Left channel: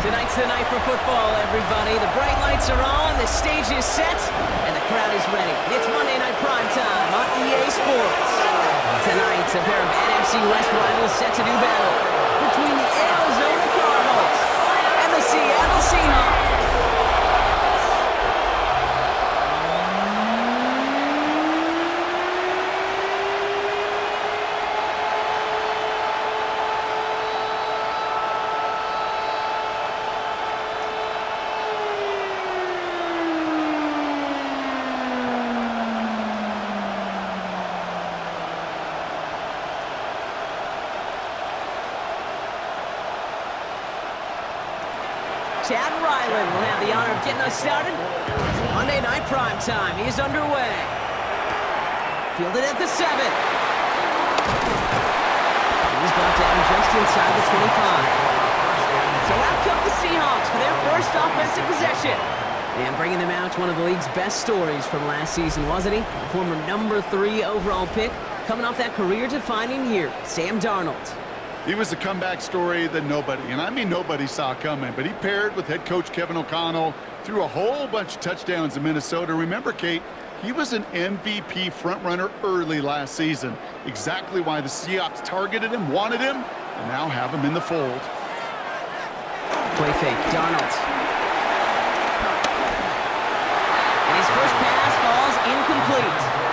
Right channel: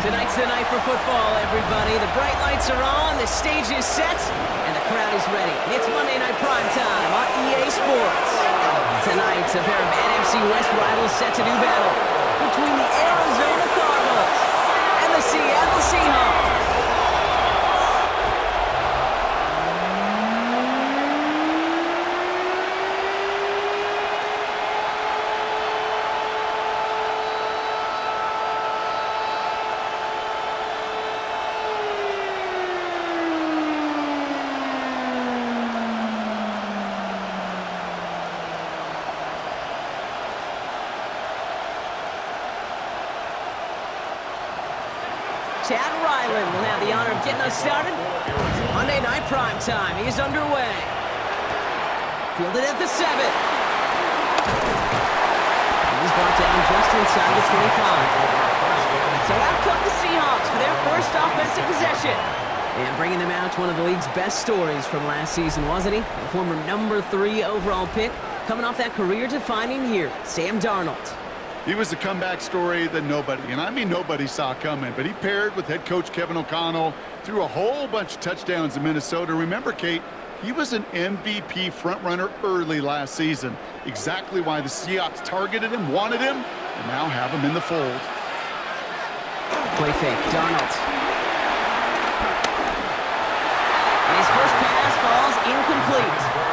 Tonight's the night for football, everybody. The bright lights are on, the stage is set, and the crowd is ready. It's Monday Night Primetime on EA Sports. Tonight, a pair of NFC West rivals set to do battle between the Arizona Cardinals and the Seattle Seahawks. Chad Ryland will have the honor of getting us started. Monday Night Primetime is underway. Fielded at the 7. He's brought down just inside the 25. So out come the Seahawks for their first offensive possession. And bringing them out, one of the league's best stories from last season, wasn't he? The former number 3 overall pick, coming off that career-defining year, Sam Darnold. He was a comeback story that nobody, and I mean nobody, saw coming. But he paired with head coach Kevin O'Connell, threw a whole bunch of touchdowns in Minnesota. Remember, Kate, he was an MVP frontrunner early last season. Exactly why the Seahawks targeted him, wanted him, and now have him in the fold. Play fake, Darnold. And his first pass falls incomplete.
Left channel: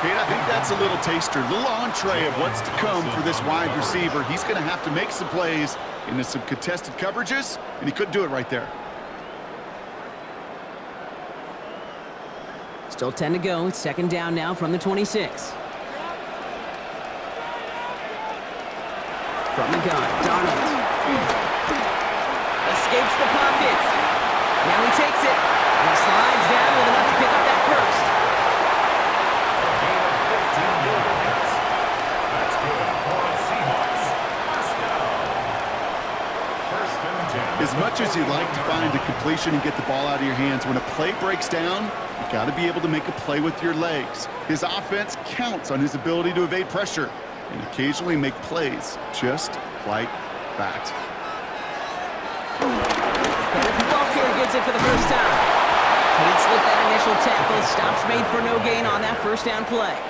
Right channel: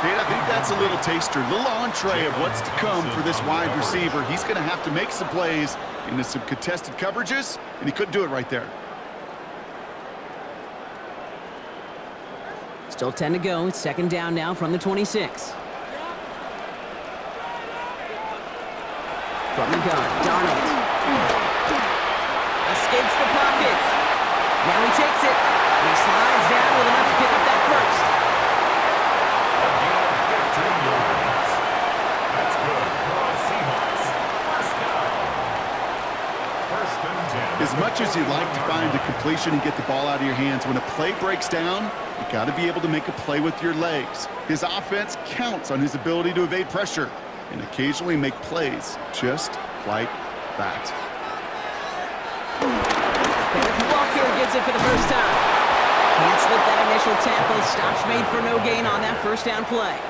Kate, I think that's a little taster, a little entree of what's to come for this wide receiver. He's going to have to make some plays into some contested coverages, and he couldn't do it right there. Still 10 to go. It's second down now from the 26. From the gun, Darnold. Escapes the pocket. Now he takes it, and he slides down with enough to pick up that first. That's good for the Seahawks. First down. First and 10. As much as you like to find a completion and get the ball out of your hands, when a play breaks down, you got to be able to make a play with your legs. His offense counts on his ability to evade pressure and occasionally make plays just like that. Kenneth Walker gets it for the first time. Can't slip that initial tackle. Stops made for no gain on that first down play.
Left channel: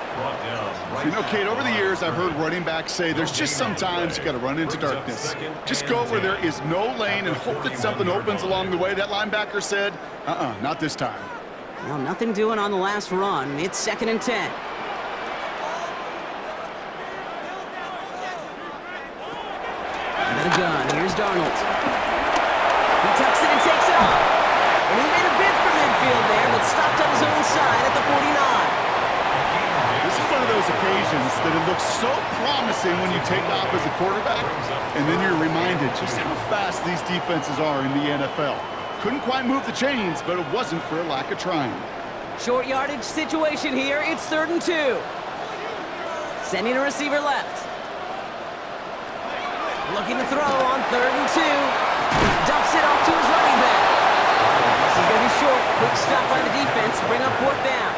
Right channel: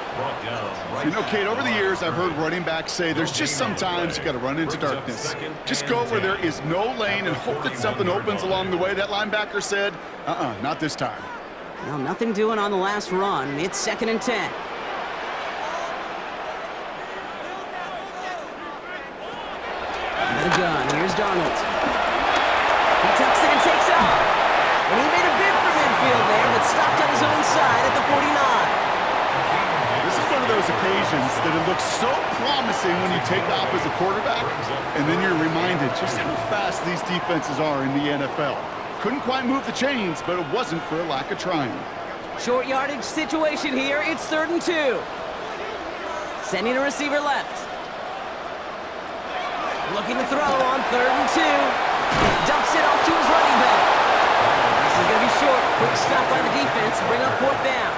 You know, Kate, over the years, I've heard running backs say there's just sometimes you got to run into darkness. Just go where there is no lane and hope that something opens along the way. That linebacker said, not this time. Well, nothing doing on the last run. It's second and 10. Under the gun, here's Darnold. He tucks it and takes off. And he made a bid for midfield there, but stopped on his own side at the 49. This is one of those occasions that it looks so promising when you take off as a quarterback, and then you're reminded just how fast these defenses are in the NFL. Couldn't quite move the chains, but it wasn't for a lack of trying. Short yardage situation here. It's 3rd and 2. Sending a receiver left. Looking to throw on 3rd and 2. Dumps it off to his running back. This is going to be short. Quick stop by the defense to bring up 4th down.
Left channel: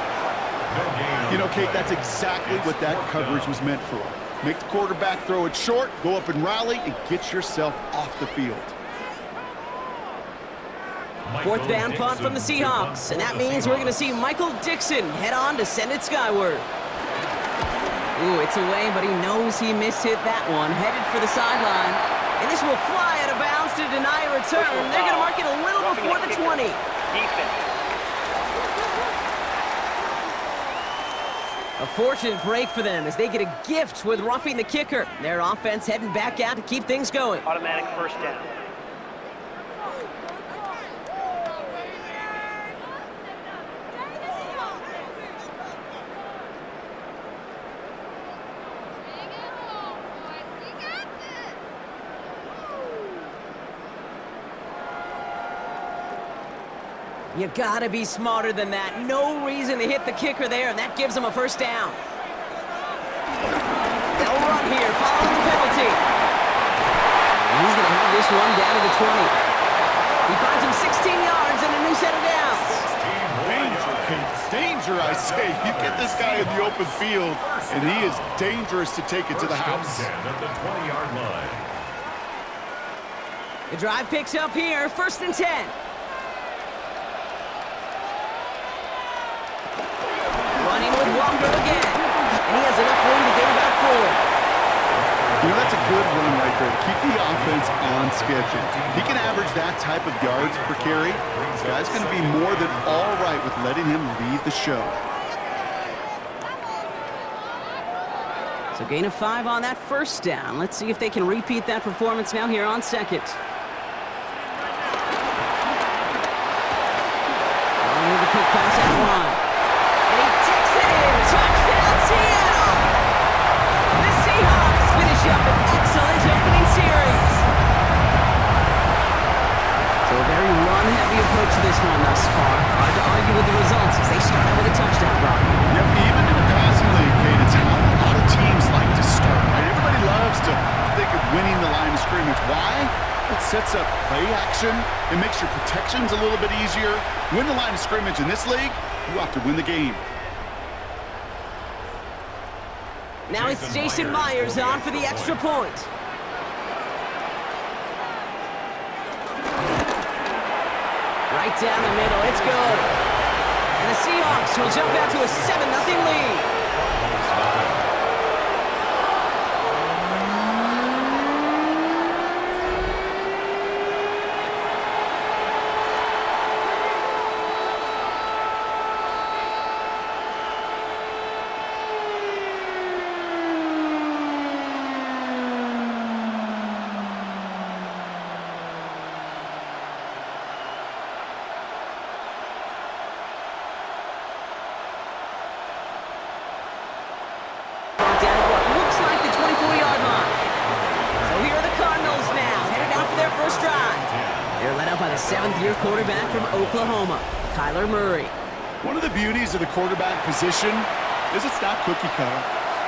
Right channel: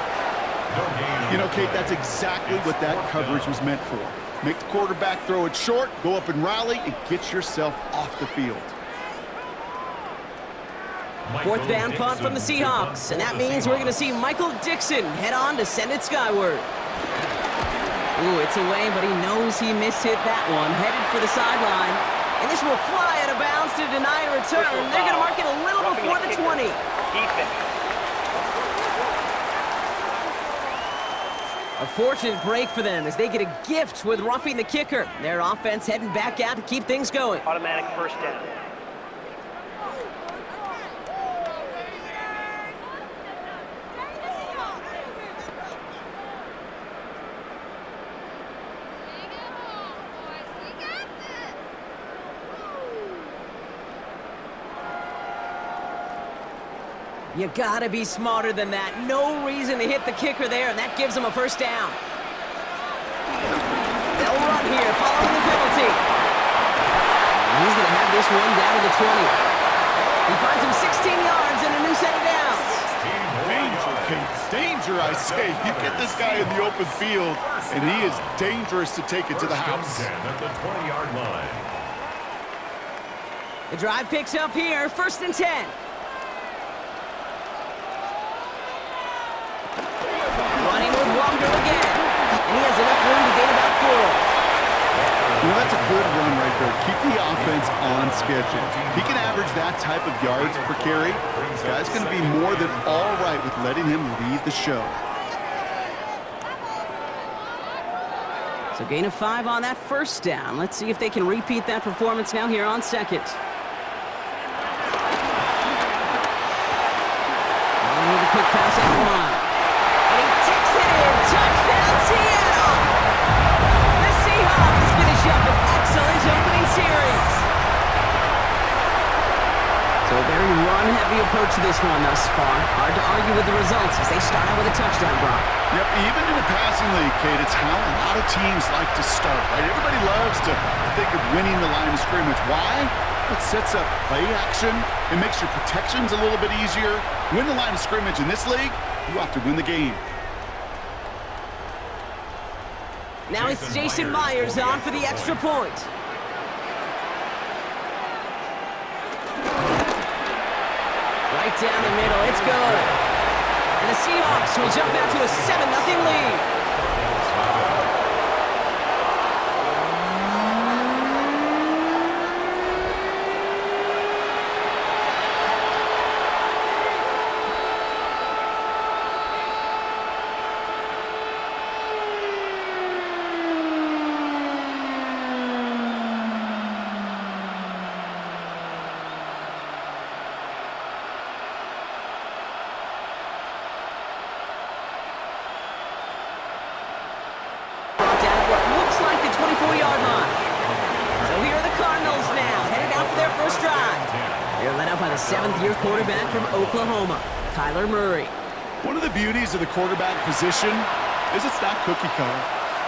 You know, Kate, that's exactly what that coverage was meant for. Make the quarterback throw it short, go up and rally, and get yourself off the field. 4th down punt from the Seahawks, and that means we're going to see Michael Dixon head on to send it skyward. Ooh, it's away, but he knows he mishit that one. Headed for the sideline, and this will fly out of bounds to deny a return. They're going to mark it a little before the 20. A fortunate break for them as they get a gift with roughing the kicker. Their offense heading back out to keep things going. Automatic first down. You gotta be smarter than that. No reason to hit the kicker there, and that gives them a first down. They'll run here, following the penalty. And he's gonna have this one down to the 20. He finds him 16 yards and a new set of downs. Danger, Kate. Danger, I say. You get this guy in the open field, and he is dangerous to take it to the house. At the 20-yard line. The drive picks up here, 1st and 10. Running with Walker again. And he has enough room to gain about 4. You know, that's a good run right there. Keep the offense on schedule. If he can average that type of yards per carry, this guy's going to be more than all right with letting him lead the show. So gain of 5 on that 1st down. Let's see if they can repeat that performance now here on 2nd. With a quick pass at 1. And he takes it in. Touchdown, Seattle! The Seahawks finish up an excellent opening series. So a very run-heavy approach to this one thus far. Hard to argue with the results as they start out with a touchdown, Brock. Yep, even in a passing league, Kate, it's how a lot of teams like to start, right? Everybody loves to think of winning the line of scrimmage. Why? It sets up play action. It makes your protections a little bit easier. Win the line of scrimmage in this league, you have to win the game. Now it's Jason Myers on for the extra point. Right down the middle, it's good. And the Seahawks will jump out to a 7-0 lead. Down at what looks like the 24-yard line. So here are the Cardinals now, headed out for their first drive. They're led out by the 7th-year quarterback from Oklahoma, Kyler Murray. One of the beauties of the quarterback position is it's not cookie cutter.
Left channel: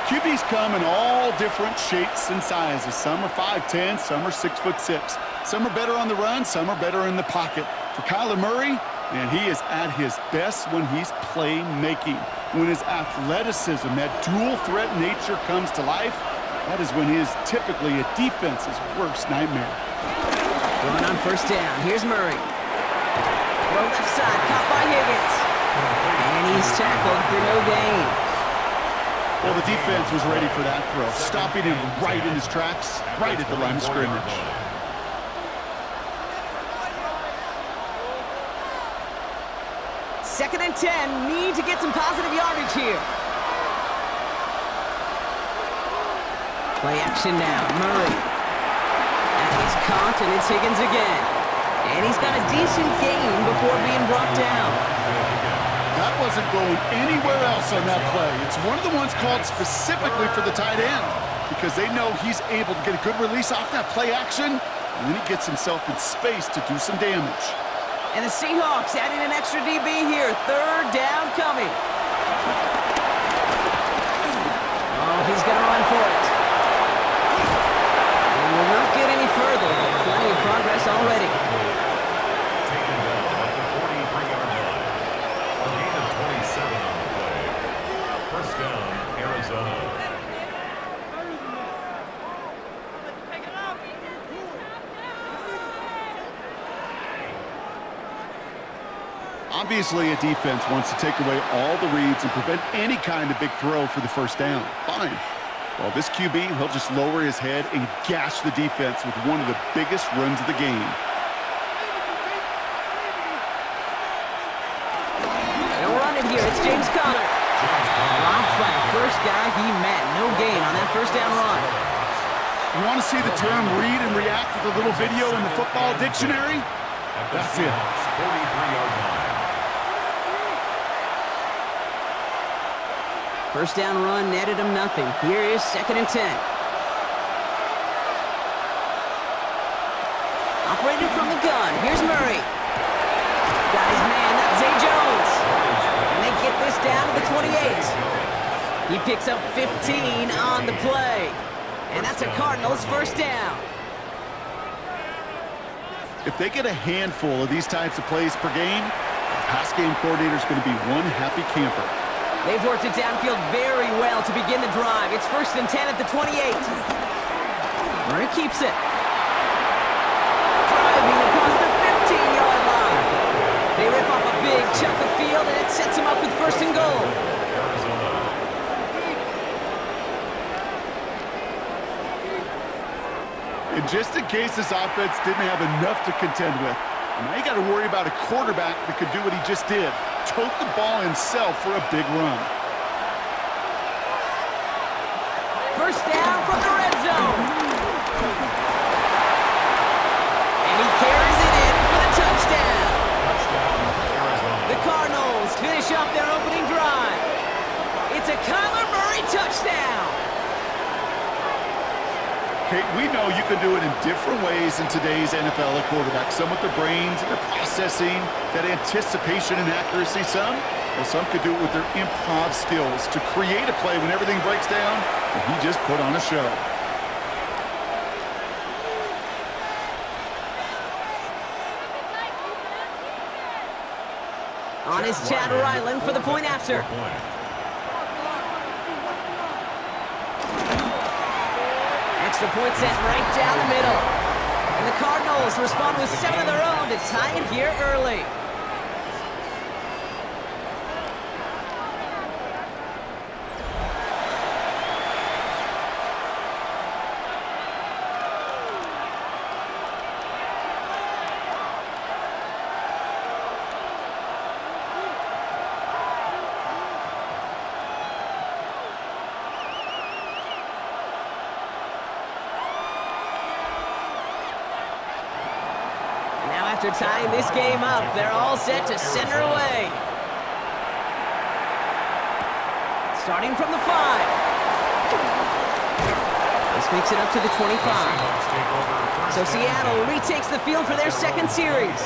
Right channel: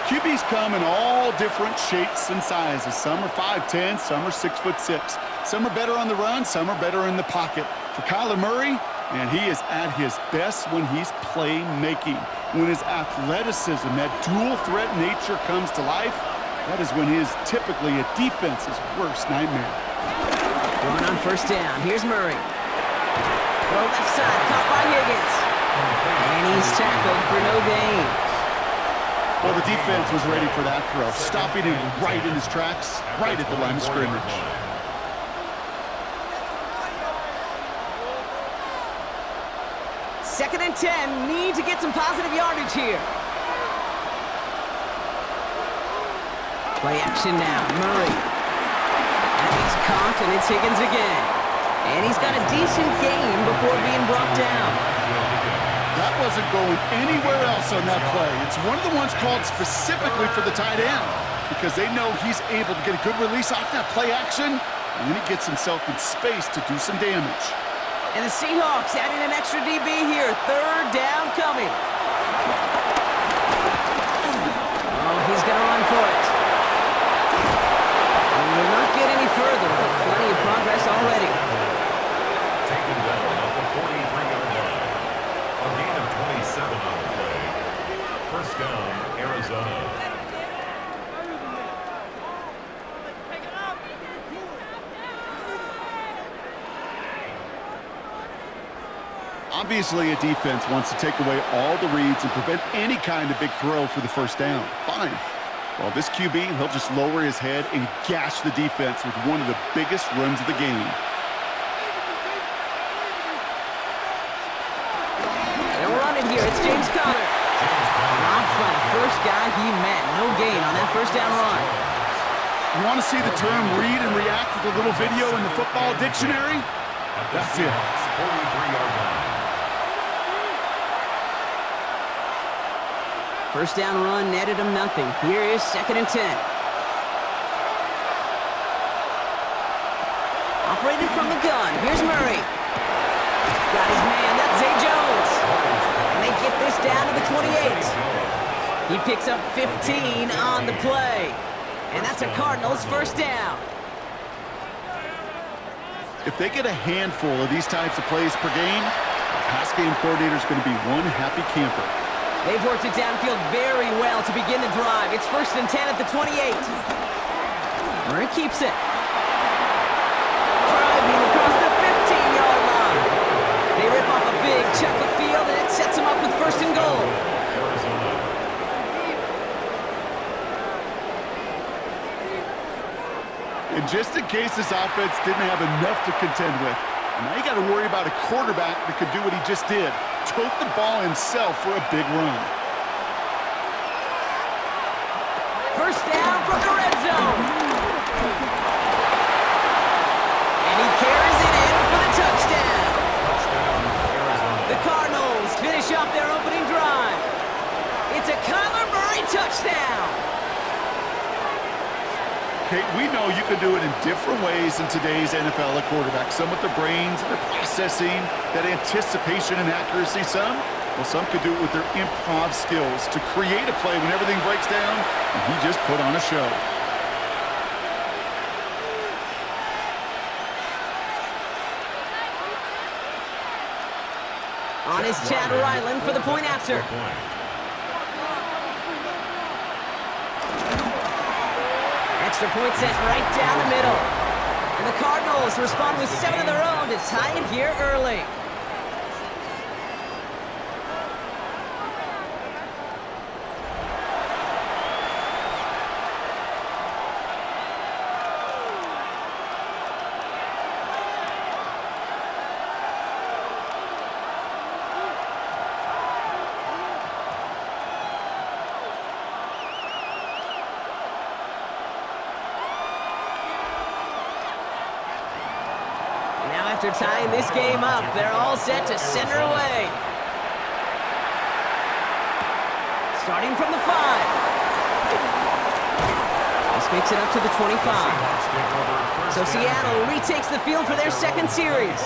QBs come in all different shapes and sizes. Some are 5'10", some are 6'6". Some are better on the run, some are better in the pocket. For Kyler Murray, man, he is at his best when he's playmaking. When his athleticism, that dual threat nature comes to life, that is when he is typically a defense's worst nightmare. Run on 1st down. Here's Murray. Throw left side, caught by Higgins. And he's tackled for no gain. Well, the defense was ready for that throw, stopping him right in his tracks, right at the line of scrimmage. Second and 10, need to get some positive yardage here. Play action now, Murray. And he's caught, and it's Higgins again. And he's got a decent gain before being brought down. That wasn't going anywhere else on that play. It's one of the ones called specifically for the tight end because they know he's able to get a good release off that play action, and then he gets himself in space to do some damage. And the Seahawks adding an extra DB here. 3rd down coming. Oh, he's going to run for it. And will not get any further, but plenty of progress already. Taken down at the 43-yard line. A gain of 27 on the play. 1st down, Arizona. Obviously, a defense wants to take away all the reads and prevent any kind of big throw for the 1st down. Fine. Well, this QB, he'll just lower his head and gash the defense with one of the biggest runs of the game. They'll run it here. It's James Conner. Dropped by the first guy he met. No gain on that 1st down run. You want to see the term read and react with a little video in the football dictionary? That's it. 43-yard line. 1st down run netted him nothing. Here is 2nd and 10. Operated from the gun. Here's Murray. Got his man. That's Zay Jones. And they get this down to the 28. He picks up 15 on the play. And that's a Cardinals 1st down. If they get a handful of these types of plays per game, the pass game coordinator is going to be one happy camper. They've worked it downfield very well to begin the drive. It's 1st and 10 at the 28. Murray keeps it. chunk of field, and it sets him up with first and goal. Arizona. And just in case this offense didn't have enough to contend with, now you got to worry about a quarterback that could do what he just did, tote the ball himself for a big run. First down from the red zone. And he carries it in for the touchdown. Touchdown, Arizona. The Cardinals finish off their opening drive. It's a Kyler Murray touchdown. Kate, we know you can do it in different ways in today's NFL at quarterback. Some with their brains and their processing, that anticipation and accuracy. Some could do it with their improv skills to create a play when everything breaks down, and he just put on a show. On his Chad Ryland for the point after. Extra point sent right down the middle. And the Cardinals respond with 7 of their own to tie it here early. Now after tying this game up, they're all set to send her away. Starting from the 5. This makes it up to the 25. So Seattle retakes the field for their second series.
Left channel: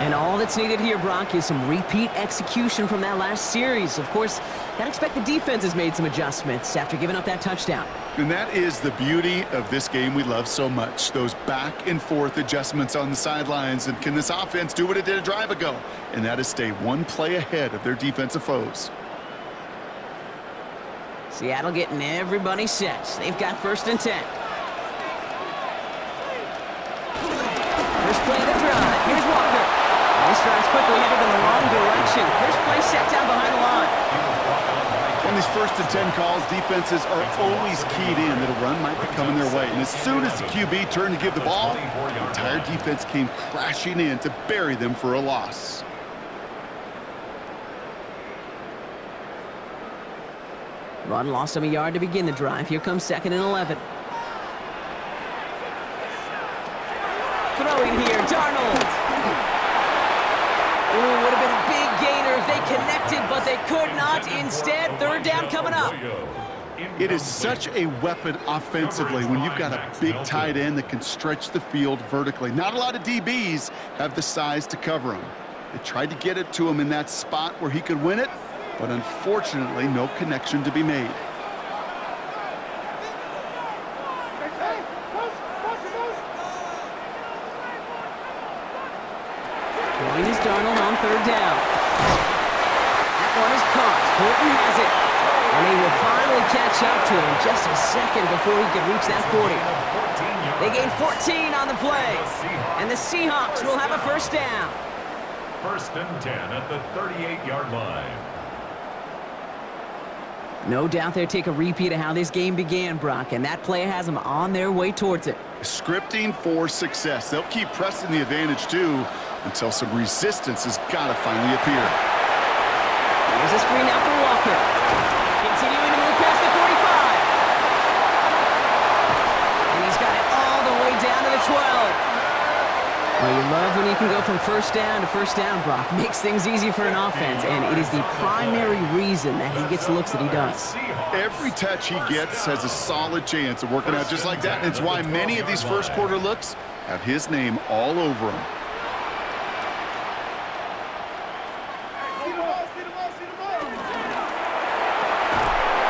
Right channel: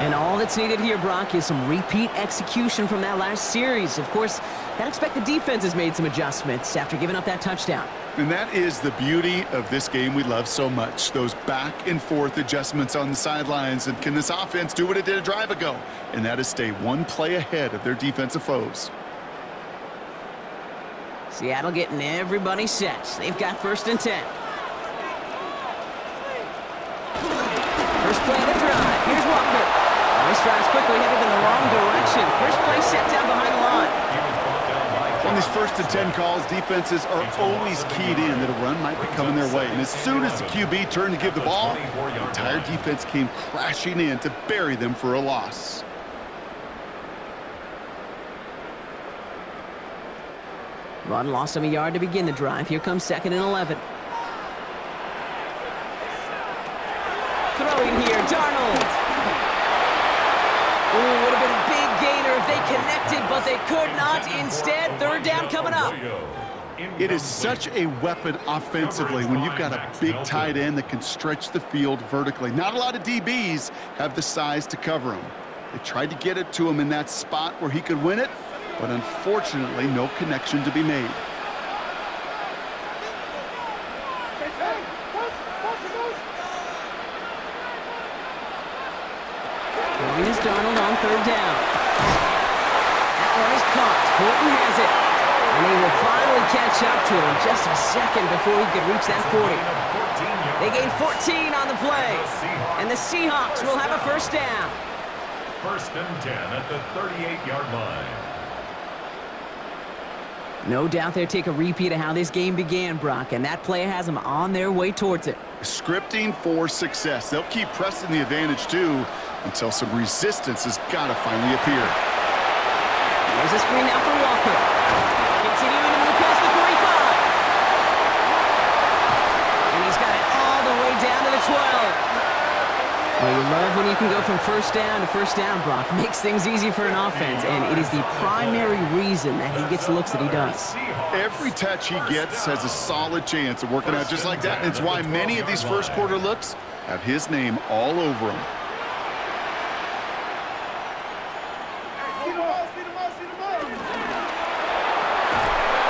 And all that's needed here, Brock, is some repeat execution from that last series. Of course, gotta expect the defense has made some adjustments after giving up that touchdown. And that is the beauty of this game we love so much. Those back and forth adjustments on the sidelines. And can this offense do what it did a drive ago? And that is stay one play ahead of their defensive foes. Seattle getting everybody set. They've got first and 10. First play of the drive. Here's Walker. This drive's quickly headed in the wrong direction. First play set down behind the line. On these first and 10 calls, defenses are always keyed in that a run might be coming their way. And as soon as the QB turned to give the ball, the entire defense came crashing in to bury them for a loss. Run lost him a yard to begin the drive. Here comes 2nd and 11. Throwing here, Darnold. Ooh, would have been a big gainer if they connected, but they could not. Instead, 3rd down coming up. It is such a weapon offensively when you've got a big tight end that can stretch the field vertically. Not a lot of DBs have the size to cover him. They tried to get it to him in that spot where he could win it, but unfortunately, no connection to be made. Throwing is Darnold on 3rd down. That one is caught. Horton has it. And he will finally catch up to him just a second before he could reach that 40. They gain 14 on the play. And the Seahawks will have a first down. 1st and 10 at the 38-yard line. No doubt they'll take a repeat of how this game began, Brock, and that play has them on their way towards it. Scripting for success. They'll keep pressing the advantage, too, until some resistance has got to finally appear. Here's a screen now for Walker. Continuing to move past the 45. And he's got it all the way down to the 12. Well, you love when you can go from first down to first down, Brock. Makes things easy for an offense, and it is the primary reason that he gets the looks that he does. Every touch he gets has a solid chance of working out just like that, and it's why many of these first quarter looks have his name all over them.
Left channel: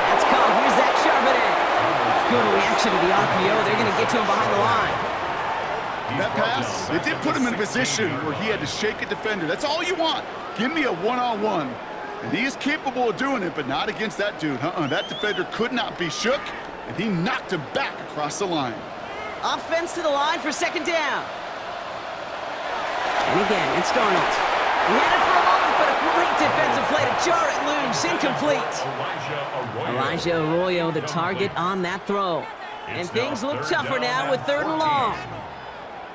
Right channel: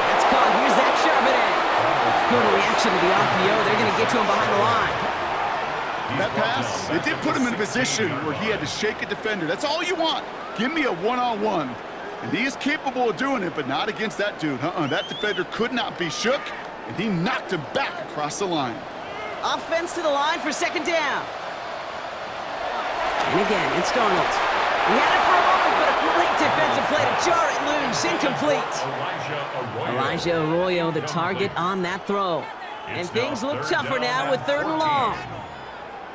That's caught. Here's Zach Charbonnet. Good reaction to the RPO. They're going to get to him behind the line. That pass, it did put him in a position where he had to shake a defender. That's all you want. Give me a one-on-one. And he is capable of doing it, but not against that dude. That defender could not be shook, and he knocked him back across the line. Offense to the line for 2nd down. And again, it's Darnold. He had it for a moment, but a great defensive play to jar it loose. Incomplete. Elijah Arroyo, the target on that throw. And things look tougher now with 3rd and long.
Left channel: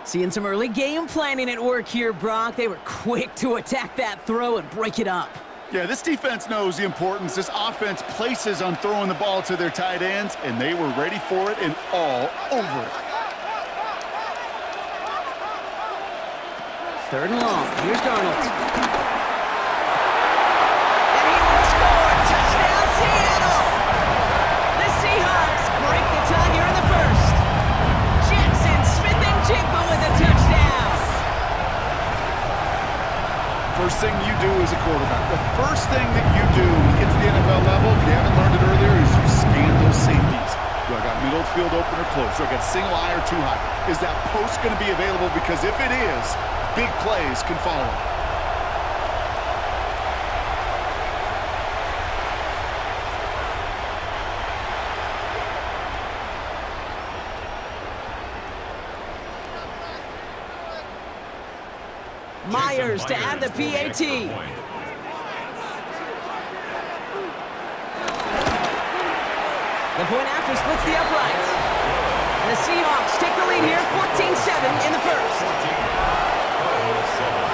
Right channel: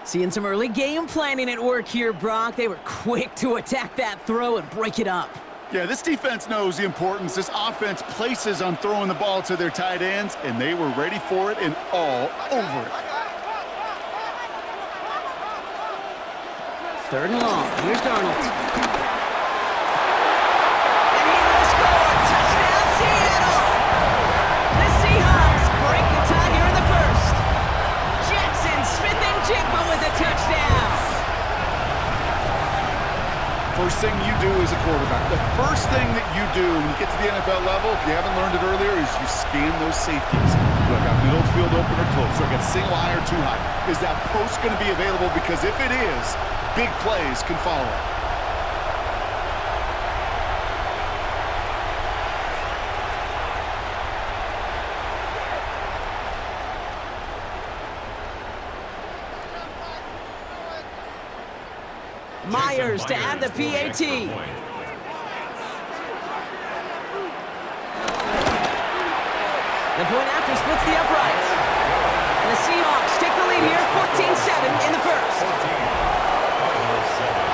Seeing some early game planning at work here, Brock. They were quick to attack that throw and break it up. Yeah, this defense knows the importance this offense places on throwing the ball to their tight ends, and they were ready for it and all over it. 3rd and long. Here's Darnold. And he will score. Touchdown, Seattle! The Seahawks break the tie here in the 1st. Jackson Smith-Njigba with a touchdown. First thing you do as a quarterback, the first thing that you do when you get to the NFL level, if you haven't learned it earlier, is you scan those safeties. Do I got middle field open or close? Do I got single high or too high? Is that post going to be available? Because if it is, big plays can follow. Myers to add the PAT. The point after splits the uprights. And the Seahawks take the lead here, 14-7 in the 1st. 7.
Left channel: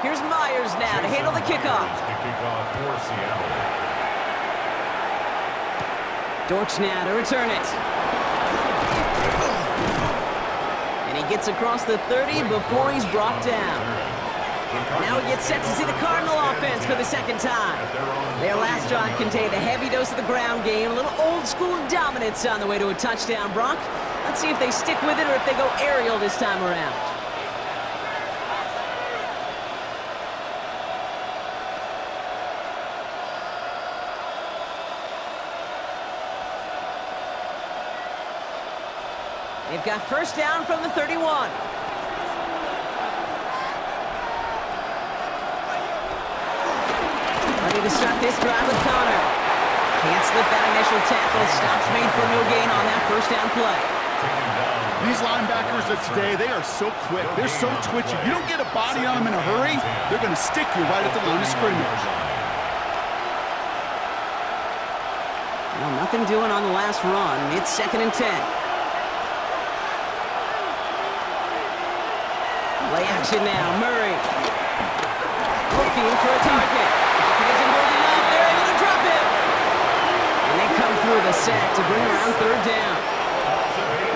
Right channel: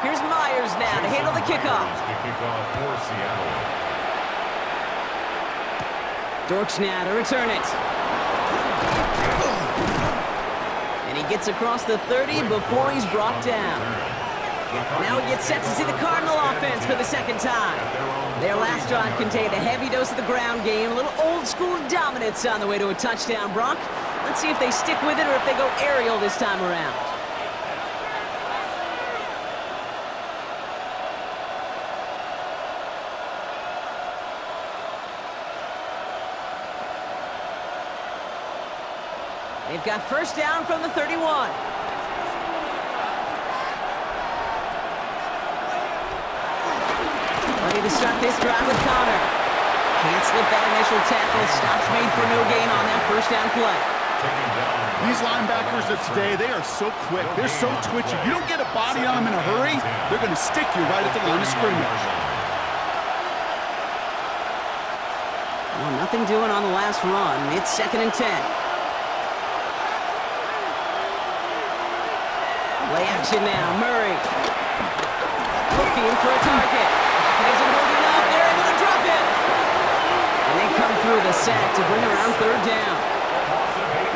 Here's Myers now to handle the kickoff. For Seattle. Dortch now to return it. And he gets across the 30 before he's brought down. Now he gets set to see the Cardinal offense for the 2nd time. Their last drive contained a heavy dose of the ground game, a little old-school dominance on the way to a touchdown, Brock. Let's see if they stick with it or if they go aerial this time around. They've got 1st down from the 31. Ready to start this drive with Connor. Can't slip that initial tackle. Stops made for no gain on that 1st down play. These linebackers of today, they are so quick. They're so twitchy. You don't get a body on them in a hurry, they're going to stick you right at the line of scrimmage. Well, nothing doing on the last run. It's 2nd and 10. Play action now, Murray. Looking for a target. Pocket isn't holding up. They're able to drop it. And they come through the sack to bring around 3rd down.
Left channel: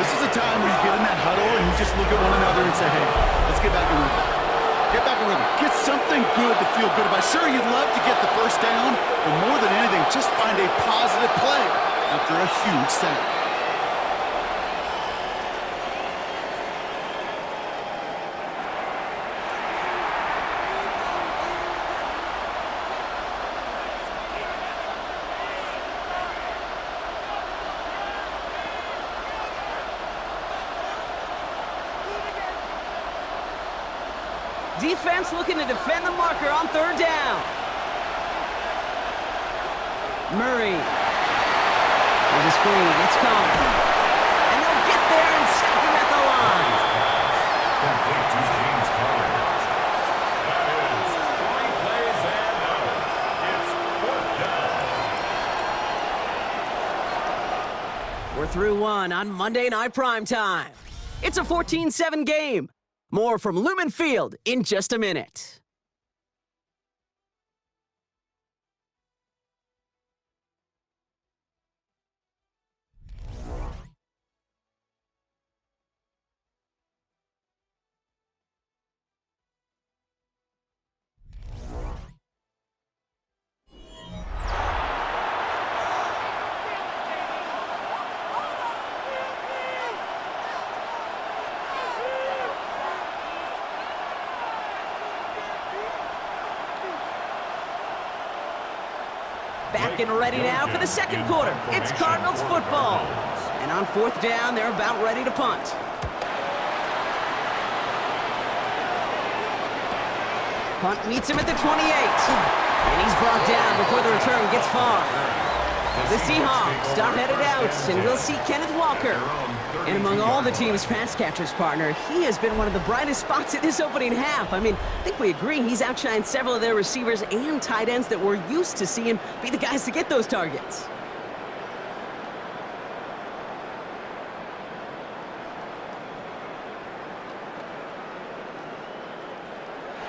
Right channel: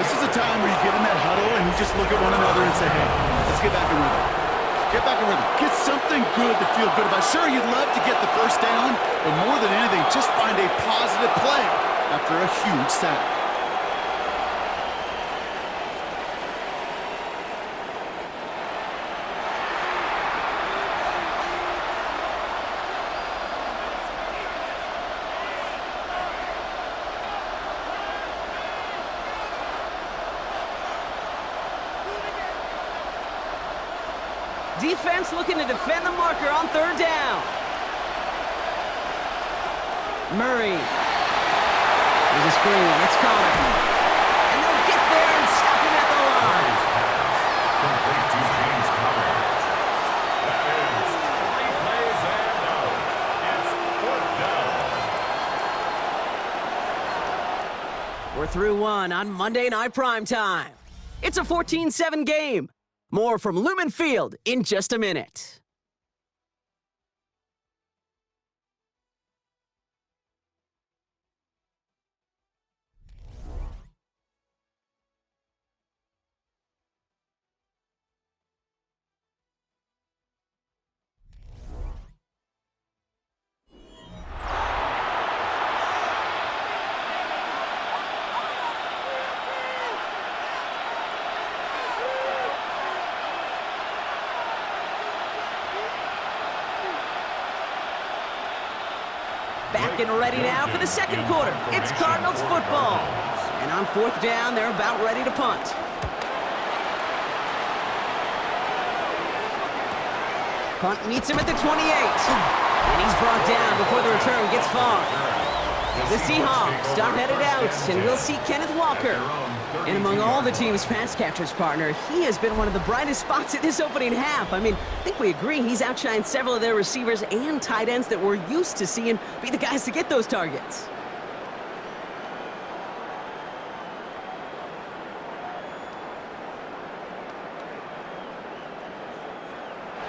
This is a time where you get in that huddle and you just look at one another and say, hey, let's get back in rhythm. Get back in rhythm. Get something good to feel good about. Sure, you'd love to get the 1st down, but more than anything, just find a positive play after a huge sack. Defense looking to defend the marker on 3rd down. Murray. There's a screen. It's Connor. And they'll get there and stop him at the line. Complete to James Conner. That is 3 plays and out. It's 4th down. We're through 1 on Monday Night Primetime. It's a 14-7 game. More from Lumen Field in just a minute. back and ready now for the second quarter. It's Cardinals football. And on fourth down, they're about ready to punt. Punt meets him at the 28. And he's brought down before the return gets far. The Seahawks are headed out, and we'll see Kenneth Walker. And among all the team's pass catchers, partner, he has been one of the brightest spots in this opening half. I mean, I think we agree he's outshined several of their receivers and tight ends that we're used to seeing be the guys to get those targets.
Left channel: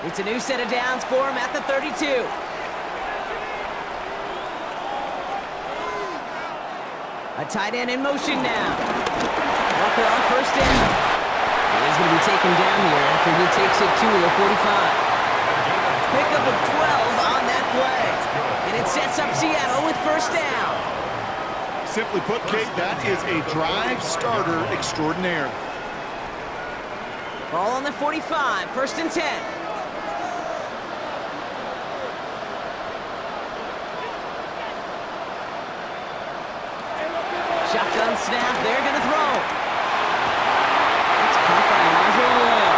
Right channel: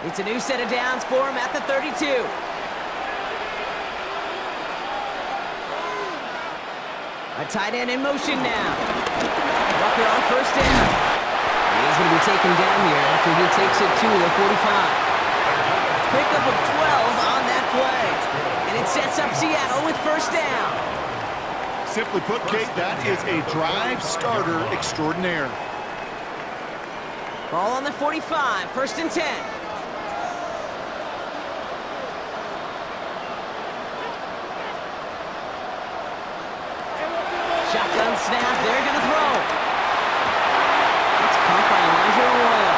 It's a new set of downs for him at the 32. A tight end in motion now. Walker on first down. And he's going to be taken down here after he takes it to the 45. Pickup of 12 on that play. And it sets up Seattle with first down. Simply put, Kate, that is a drive starter extraordinaire. Ball on the 45, first and 10. Shotgun snap, they're going to throw. It's caught by Elijah Arroyo.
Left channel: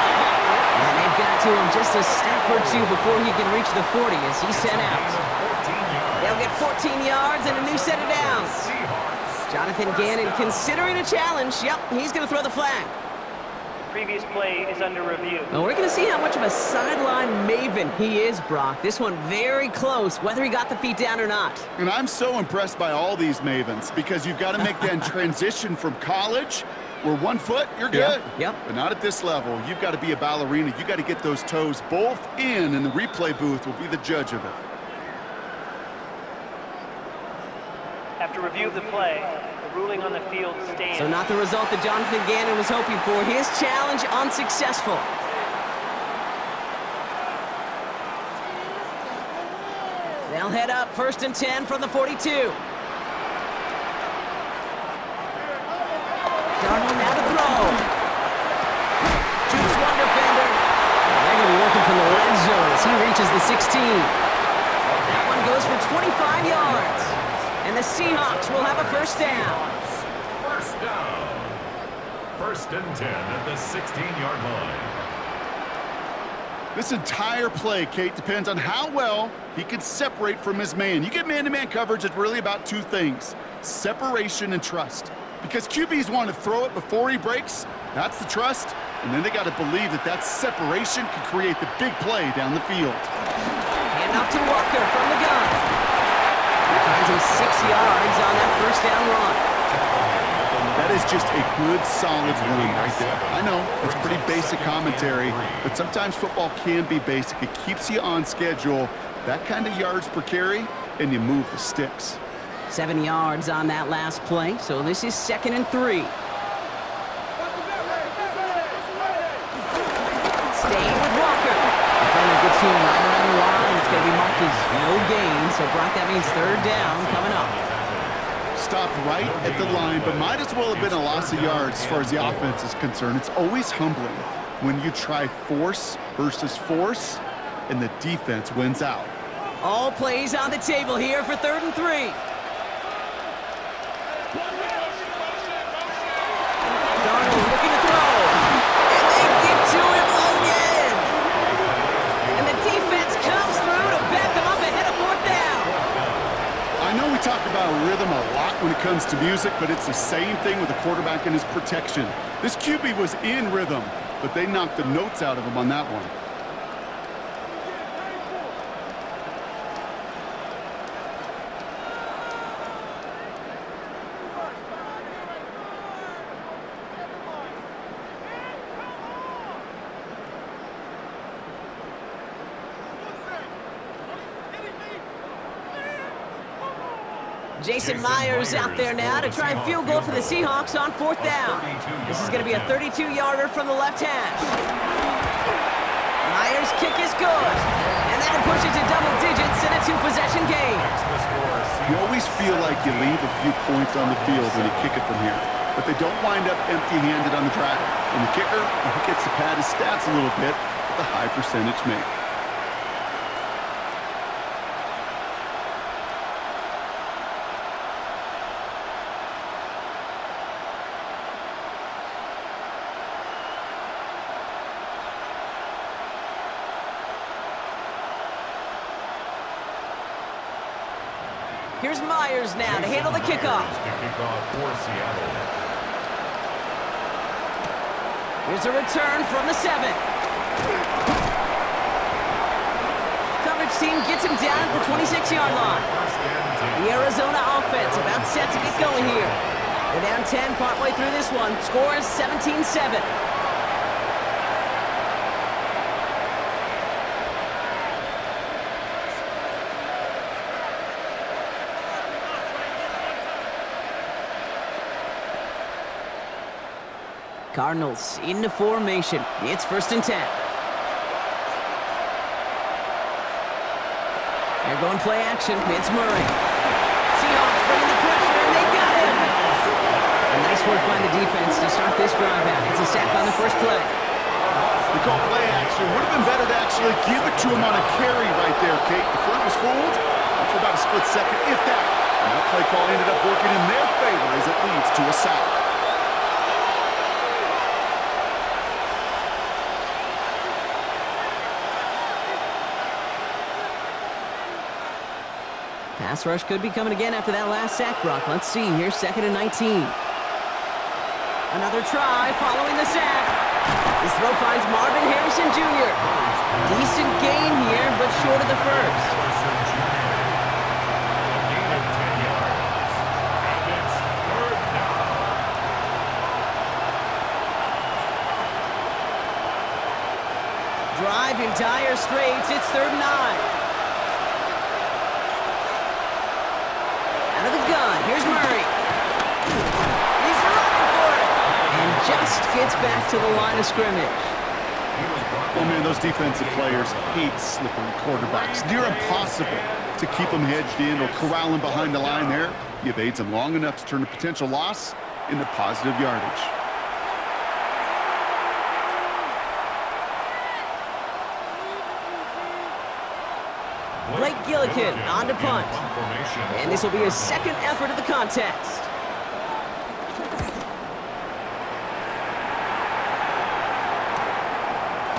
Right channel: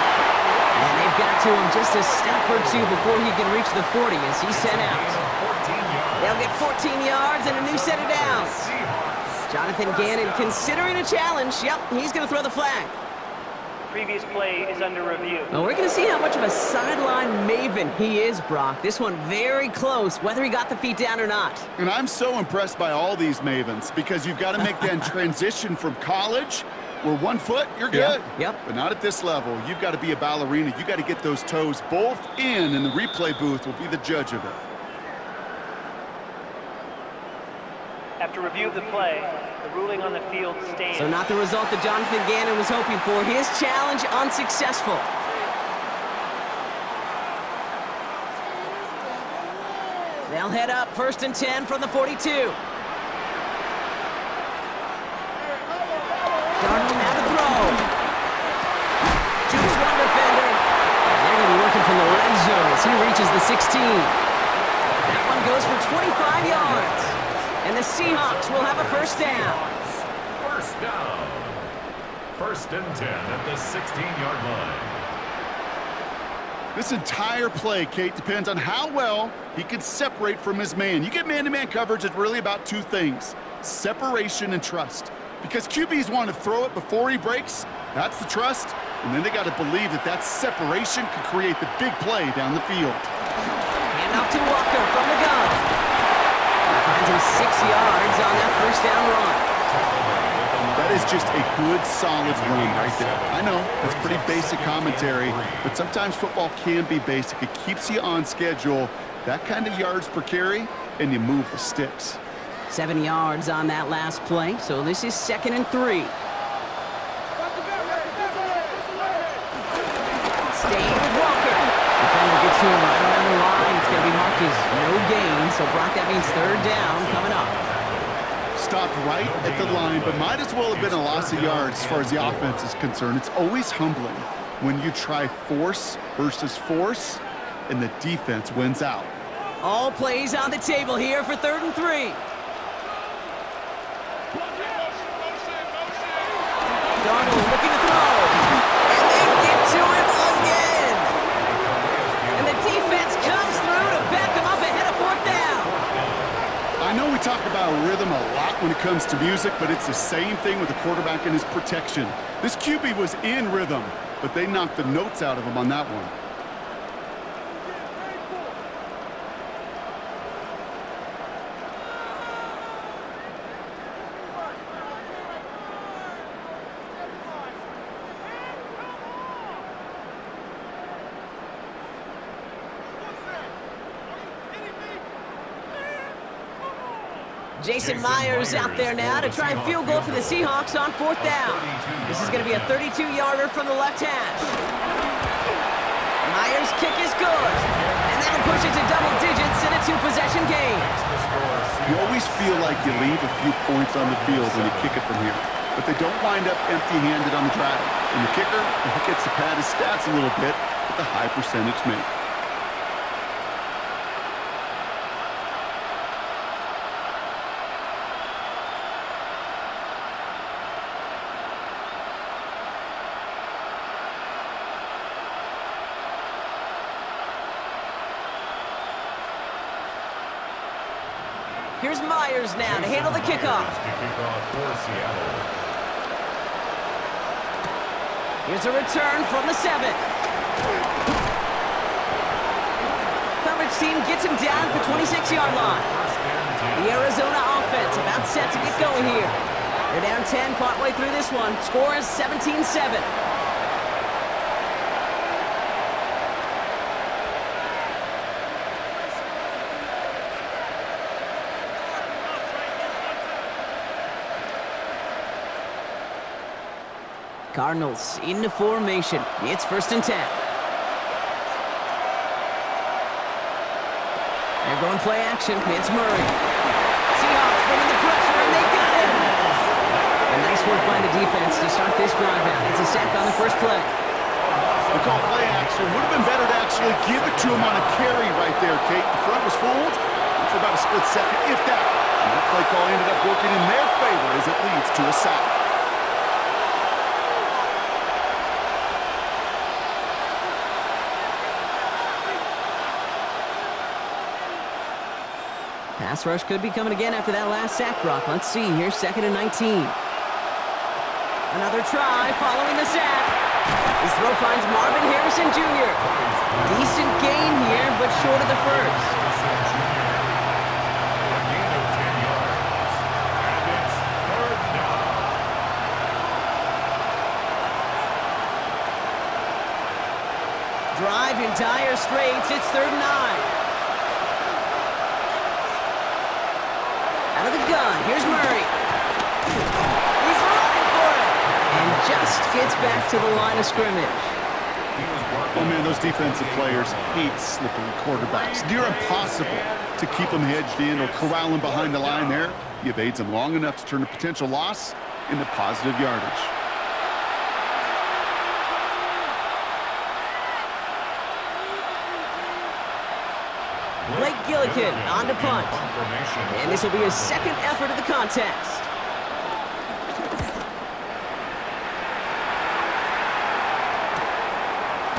And they've got to him just a step or two before he can reach the 40 as he's sent out. They'll get 14 yards and a new set of downs. Jonathan Gannon considering a challenge. Yep, he's going to throw the flag. Previous play is under review. Well, we're going to see how much of a sideline maven he is, Brock. This one very close, whether he got the feet down or not. And I'm so impressed by all these mavens because you've got to make that transition from college where 1 foot, you're good. Yep. But not at this level. You've got to be a ballerina. You've got to get those toes both in, and the replay booth will be the judge of it. After review of the play, the ruling on the field stands. So not the result that Jonathan Gannon was hoping for. His challenge unsuccessful. They'll head up first and 10 from the 42. Darnold now to throw. Jukes one defender. And they're going to be working from the red zone as he reaches the 16. That one goes for 25 yards. And the Seahawks will have a first down. First down. First and 10 at the 16-yard line. This entire play, Kate, depends on how well he can separate from his man. You get man-to-man coverage, it's really about two things: separation and trust. Because QBs want to throw it before he breaks, that's the trust, and then they got to believe that that separation could create the big play down the field. Hand off to Walker from the gun. He finds him 6 yards on that first down run. That is just a good, solid run right there. I know, it's pretty basic commentary, but sometimes football can be basic. It keeps you on schedule, that kind of yards per carry, and you move the sticks. 7 yards on that last play, so this is 2nd and 3. Staying with Walker. Defender gets to him right around the line. It's going to be marked as no gain, so Brock, that means third down coming up. Stopped right at the line, but might as well have been a loss of yards as far as the offense is concerned. It's always humbling when you try force versus force, and the defense wins out. All plays on the table here for 3rd and 3. Darnold looking to throw. And they get to him again. And the defense comes through to back him up ahead of 4th down. I know we talk about rhythm a lot when it comes to music, but it's the same thing with the quarterback and his protection. This QB was in rhythm, but they knocked the notes out of him on that one. Jason Myers out there now to try a field goal for the Seahawks on 4th down. This is going to be a 32-yarder from the left hash. Myers' kick is good, and that'll push it to double digits in a 2-possession game. You always feel like you leave a few points on the field when you kick it from here, but they don't wind up empty-handed on the drive. And the kicker, he gets to pad his stats a little bit with a high percentage make. Here's Myers now to handle the kickoff. To kick off for Seattle. Here's a return from the 7. Coverage team gets him down at the 26-yard line. The Arizona offense about set to get going here. They're down 10 partway through this one. Score is 17-7. Cardinals into formation. It's 1st and 10. They're going play action. It's Murray. Seahawks bringing the pressure, and they got him. A nice work by the defense to start this drive out. It's a sack on the first play. The call play action. Would have been better to actually give it to him on a carry right there, Kate. The front was fooled for about a split second, if that. And that play call ended up working in their favor as it leads to a sack. Pass rush could be coming again after that last sack, Brock. Let's see. Here's 2nd and 19. Another try following the sack. His throw finds Marvin Harrison Jr. Decent gain here, but short of the first. A gain of 10 yards. And it's 3rd down. Drive in dire straits. It's 3rd and 9. Out of the gun, here's Murray. He's running for it. And just gets back to the line of scrimmage. Oh, man, those defensive players hate slippery quarterbacks. Near impossible to keep them hedged in or corral them behind the line there. He evades them long enough to turn a potential loss into positive yardage. Blake Gillikin on to punt. And this will be his 2nd effort of the contest.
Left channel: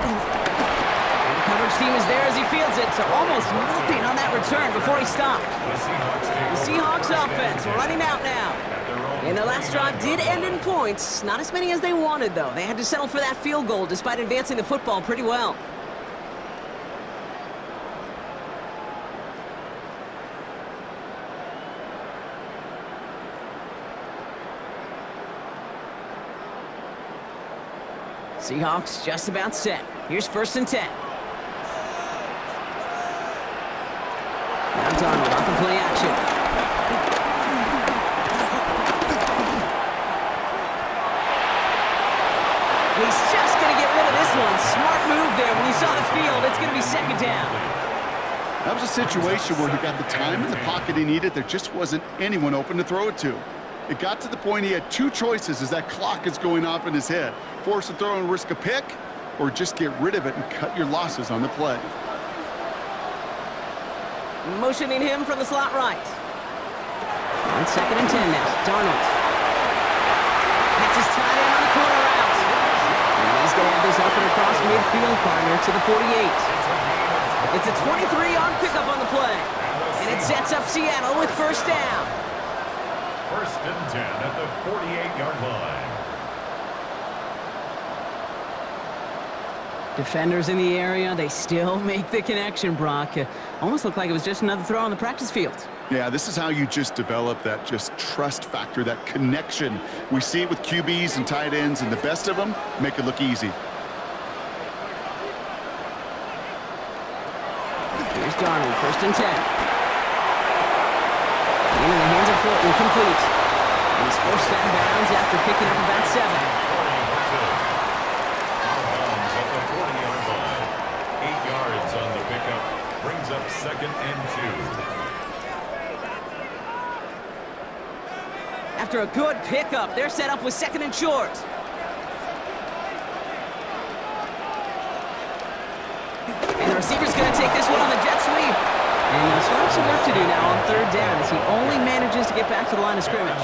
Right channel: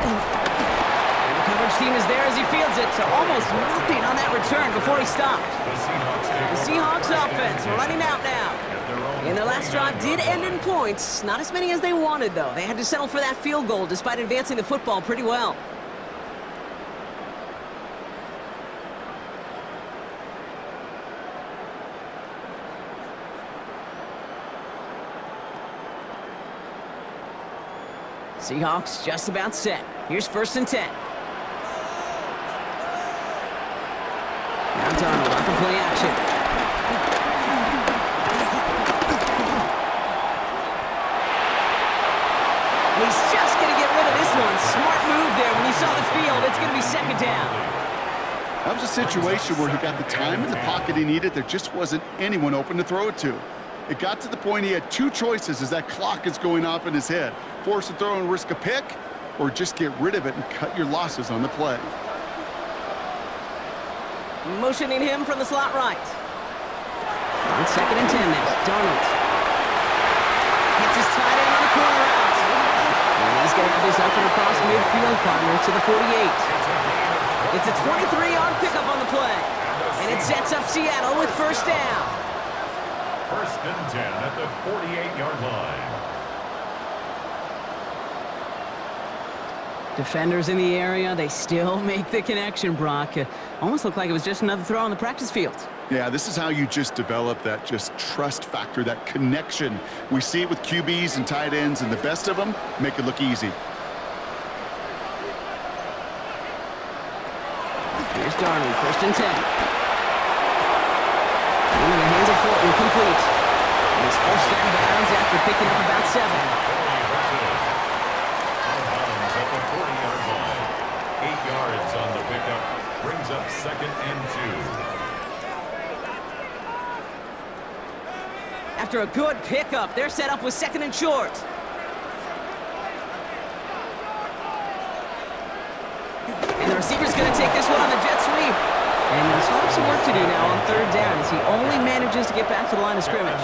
And the coverage team is there as he fields it, so almost nothing on that return before he stopped. The Seahawks offense running out now. And their last drive did end in points. Not as many as they wanted, though. They had to settle for that field goal despite advancing the football pretty well. Seahawks just about set. Here's 1st and 10. Now Darnold on the play action. And he's just going to get rid of this one. Smart move there when he saw the field. It's going to be 2nd down. That was a situation where he got the time in the pocket he needed. There just wasn't anyone open to throw it to. It got to the point he had 2 choices as that clock is going off in his head. Force a throw and risk a pick, or just get rid of it and cut your losses on the play. Motioning him from the slot right. On 2nd and 10 now. Darnold gets his tight end on the corner out. And he's going to have this up and across midfield, partner, to the 48. It's a 23-yard pickup on the play. And it sets up Seattle with 1st down. 1st and 10 at the 48-yard line. Defenders in the area, they still make the connection, Brock. Almost looked like it was just another throw on the practice field. Yeah, this is how you just develop that just trust factor, that connection. We see it with QBs and tight ends, and the best of them make it look easy. Here's Darnold, 1st and 10. Into the hands of Horton, complete. And he's forced out of bounds after picking up about 7. Out of bounds at the 40-yard line. 8 yards on the pickup. Brings up 2nd and 2. After a good pickup, they're set up with 2nd and short. And the receiver's going to take this one on the jet sweep. And still have some work to do now on 3rd down as he only manages to get back to the line of scrimmage.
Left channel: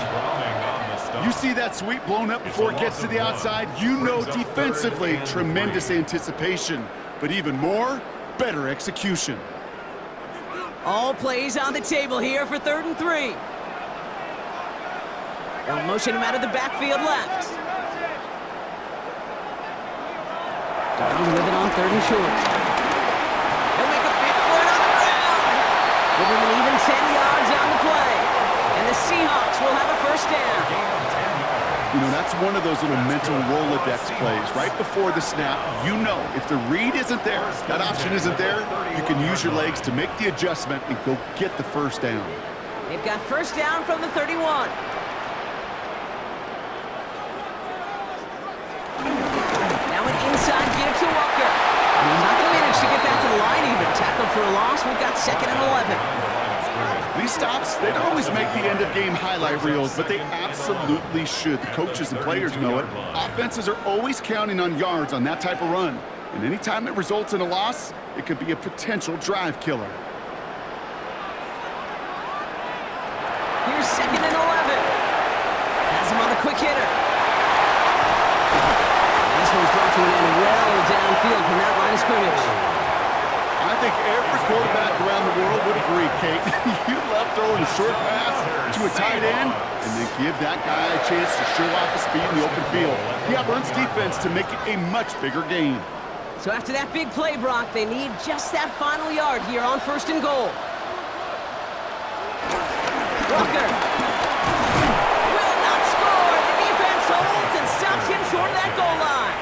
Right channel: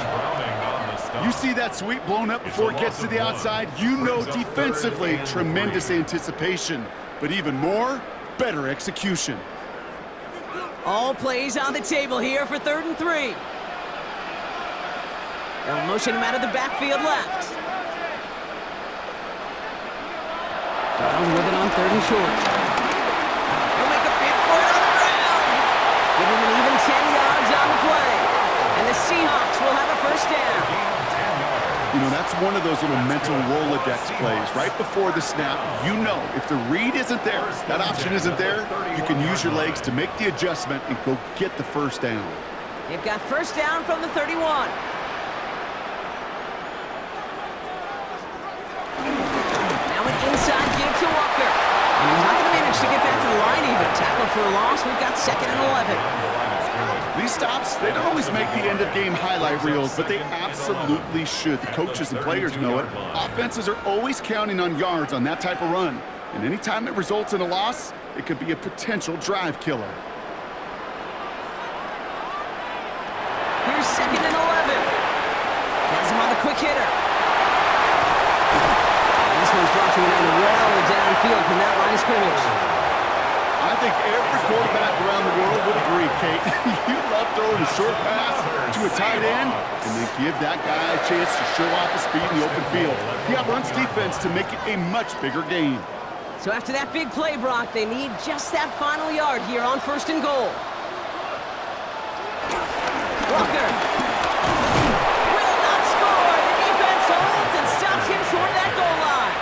You see that sweep blown up before it gets to the outside, you know defensively, tremendous anticipation. But even more, better execution. All plays on the table here for 3rd and 3. They'll motion him out of the backfield left. Darnold with it on 3rd and short. He'll make a big for it on the ground. Give him an even 10 yards on the play. And the Seahawks will have a 1st down. You know, that's one of those little mental Rolodex plays. Right before the snap, you know if the read isn't there, that option isn't there, you can use your legs to make the adjustment and go get the 1st down. They've got 1st down from the 31. Now an inside give to Walker. And he's not going to manage to get back to the line even. Tackled for a loss. We've got 2nd and 11. These stops, they don't always make the end-of-game highlight reels, but they absolutely should. The coaches and players know it. Offenses are always counting on yards on that type of run. And anytime it results in a loss, it could be a potential drive killer. Here's 2nd and 11. Has him on the quick hitter. And this one's brought to an end well downfield from that line of scrimmage. I think every quarterback around the world would agree, Kate. You love throwing a short pass to a tight end and then give that guy a chance to show off his speed in the open field. He outruns defense to make it a much bigger gain. So after that big play, Brock, they need just that final yard here on 1st and goal. Walker will not score. The defense holds and stops him short of that goal line.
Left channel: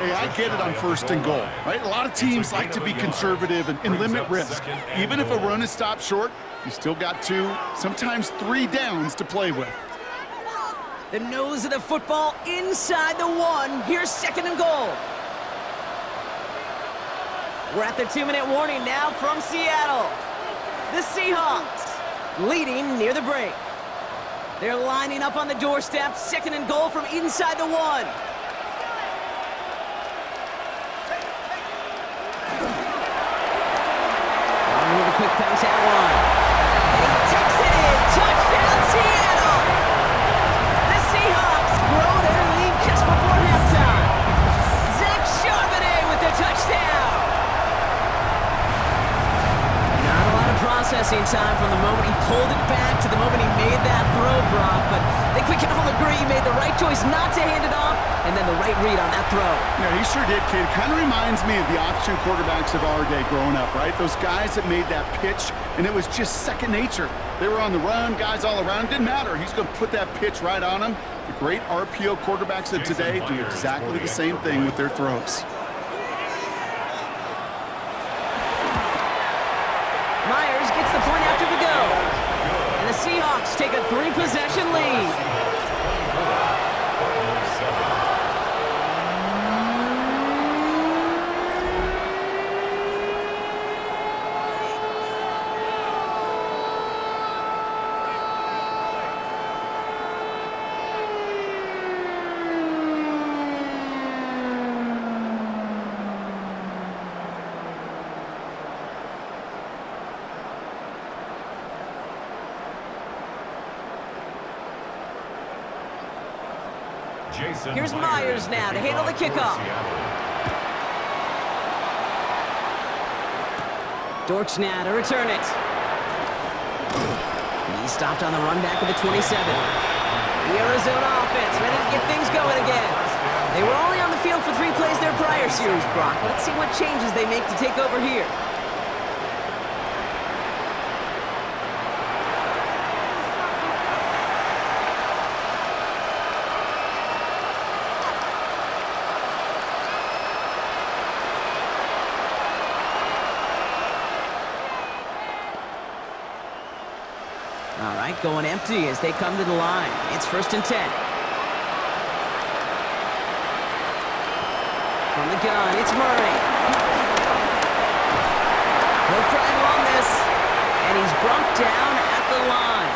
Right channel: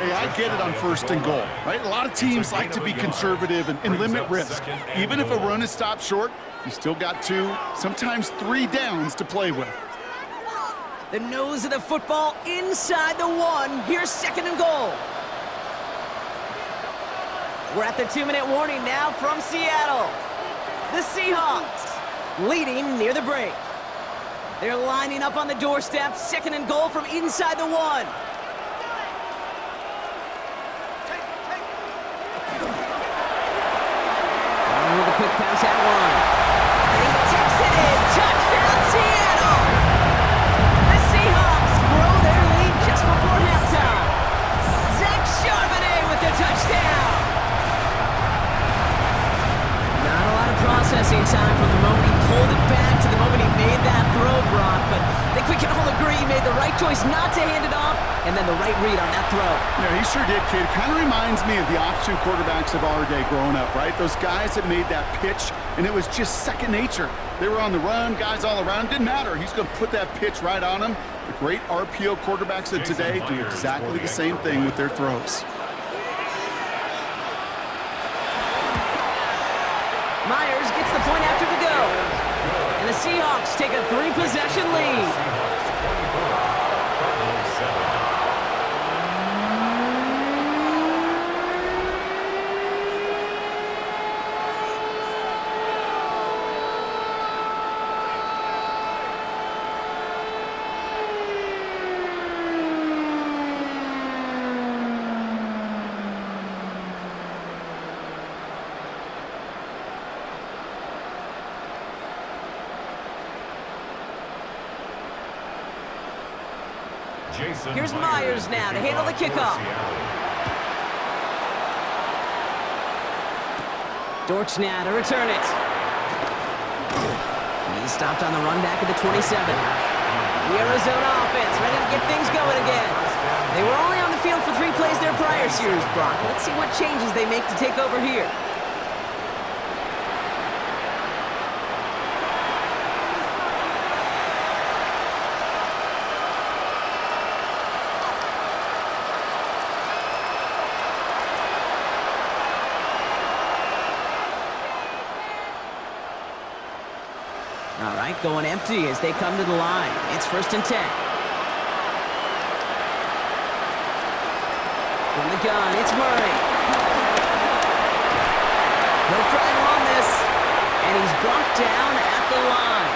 Hey, I get it on 1st and goal, right? A lot of teams like to be conservative and limit risk. Even if a run is stopped short, you still got 2, sometimes 3 downs to play with. The nose of the football inside the 1. Here's 2nd and goal. We're at the 2-minute warning now from Seattle. The Seahawks leading near the break. They're lining up on the doorstep. 2nd and goal from inside the 1. With a quick pass at 1. And he takes it in. Touchdown, Seattle! The Seahawks grow their lead just before halftime. Zach Charbonnet with the touchdown. Not a lot of processing time from the moment he pulled it back to the moment he made that throw, Brock. But I think we can all agree he made the right choice not to hand it off and then the right read on that throw. Yeah, he sure did, kid. Kind of reminds me of the option quarterbacks of our day growing up, right? Those guys that made that pitch, and it was just second nature. They were on the run, guys all around. Didn't matter. He's going to put that pitch right on him. The great RPO quarterbacks of today do exactly the same thing with their throws. Myers gets the point after the go. And the Seahawks take a 3-possession lead. Cardinals 7. Here's Myers now to handle the kickoff. Dortch now to return it. He stopped on the run back of the 27. The Arizona offense ready to get things going again. They were only on the field for 3 plays their prior series, Brock. Let's see what changes they make to take over here. All right, going empty as they come to the line. It's 1st and 10. From the gun, it's Murray. He'll try and run this, and he's brought down at the line.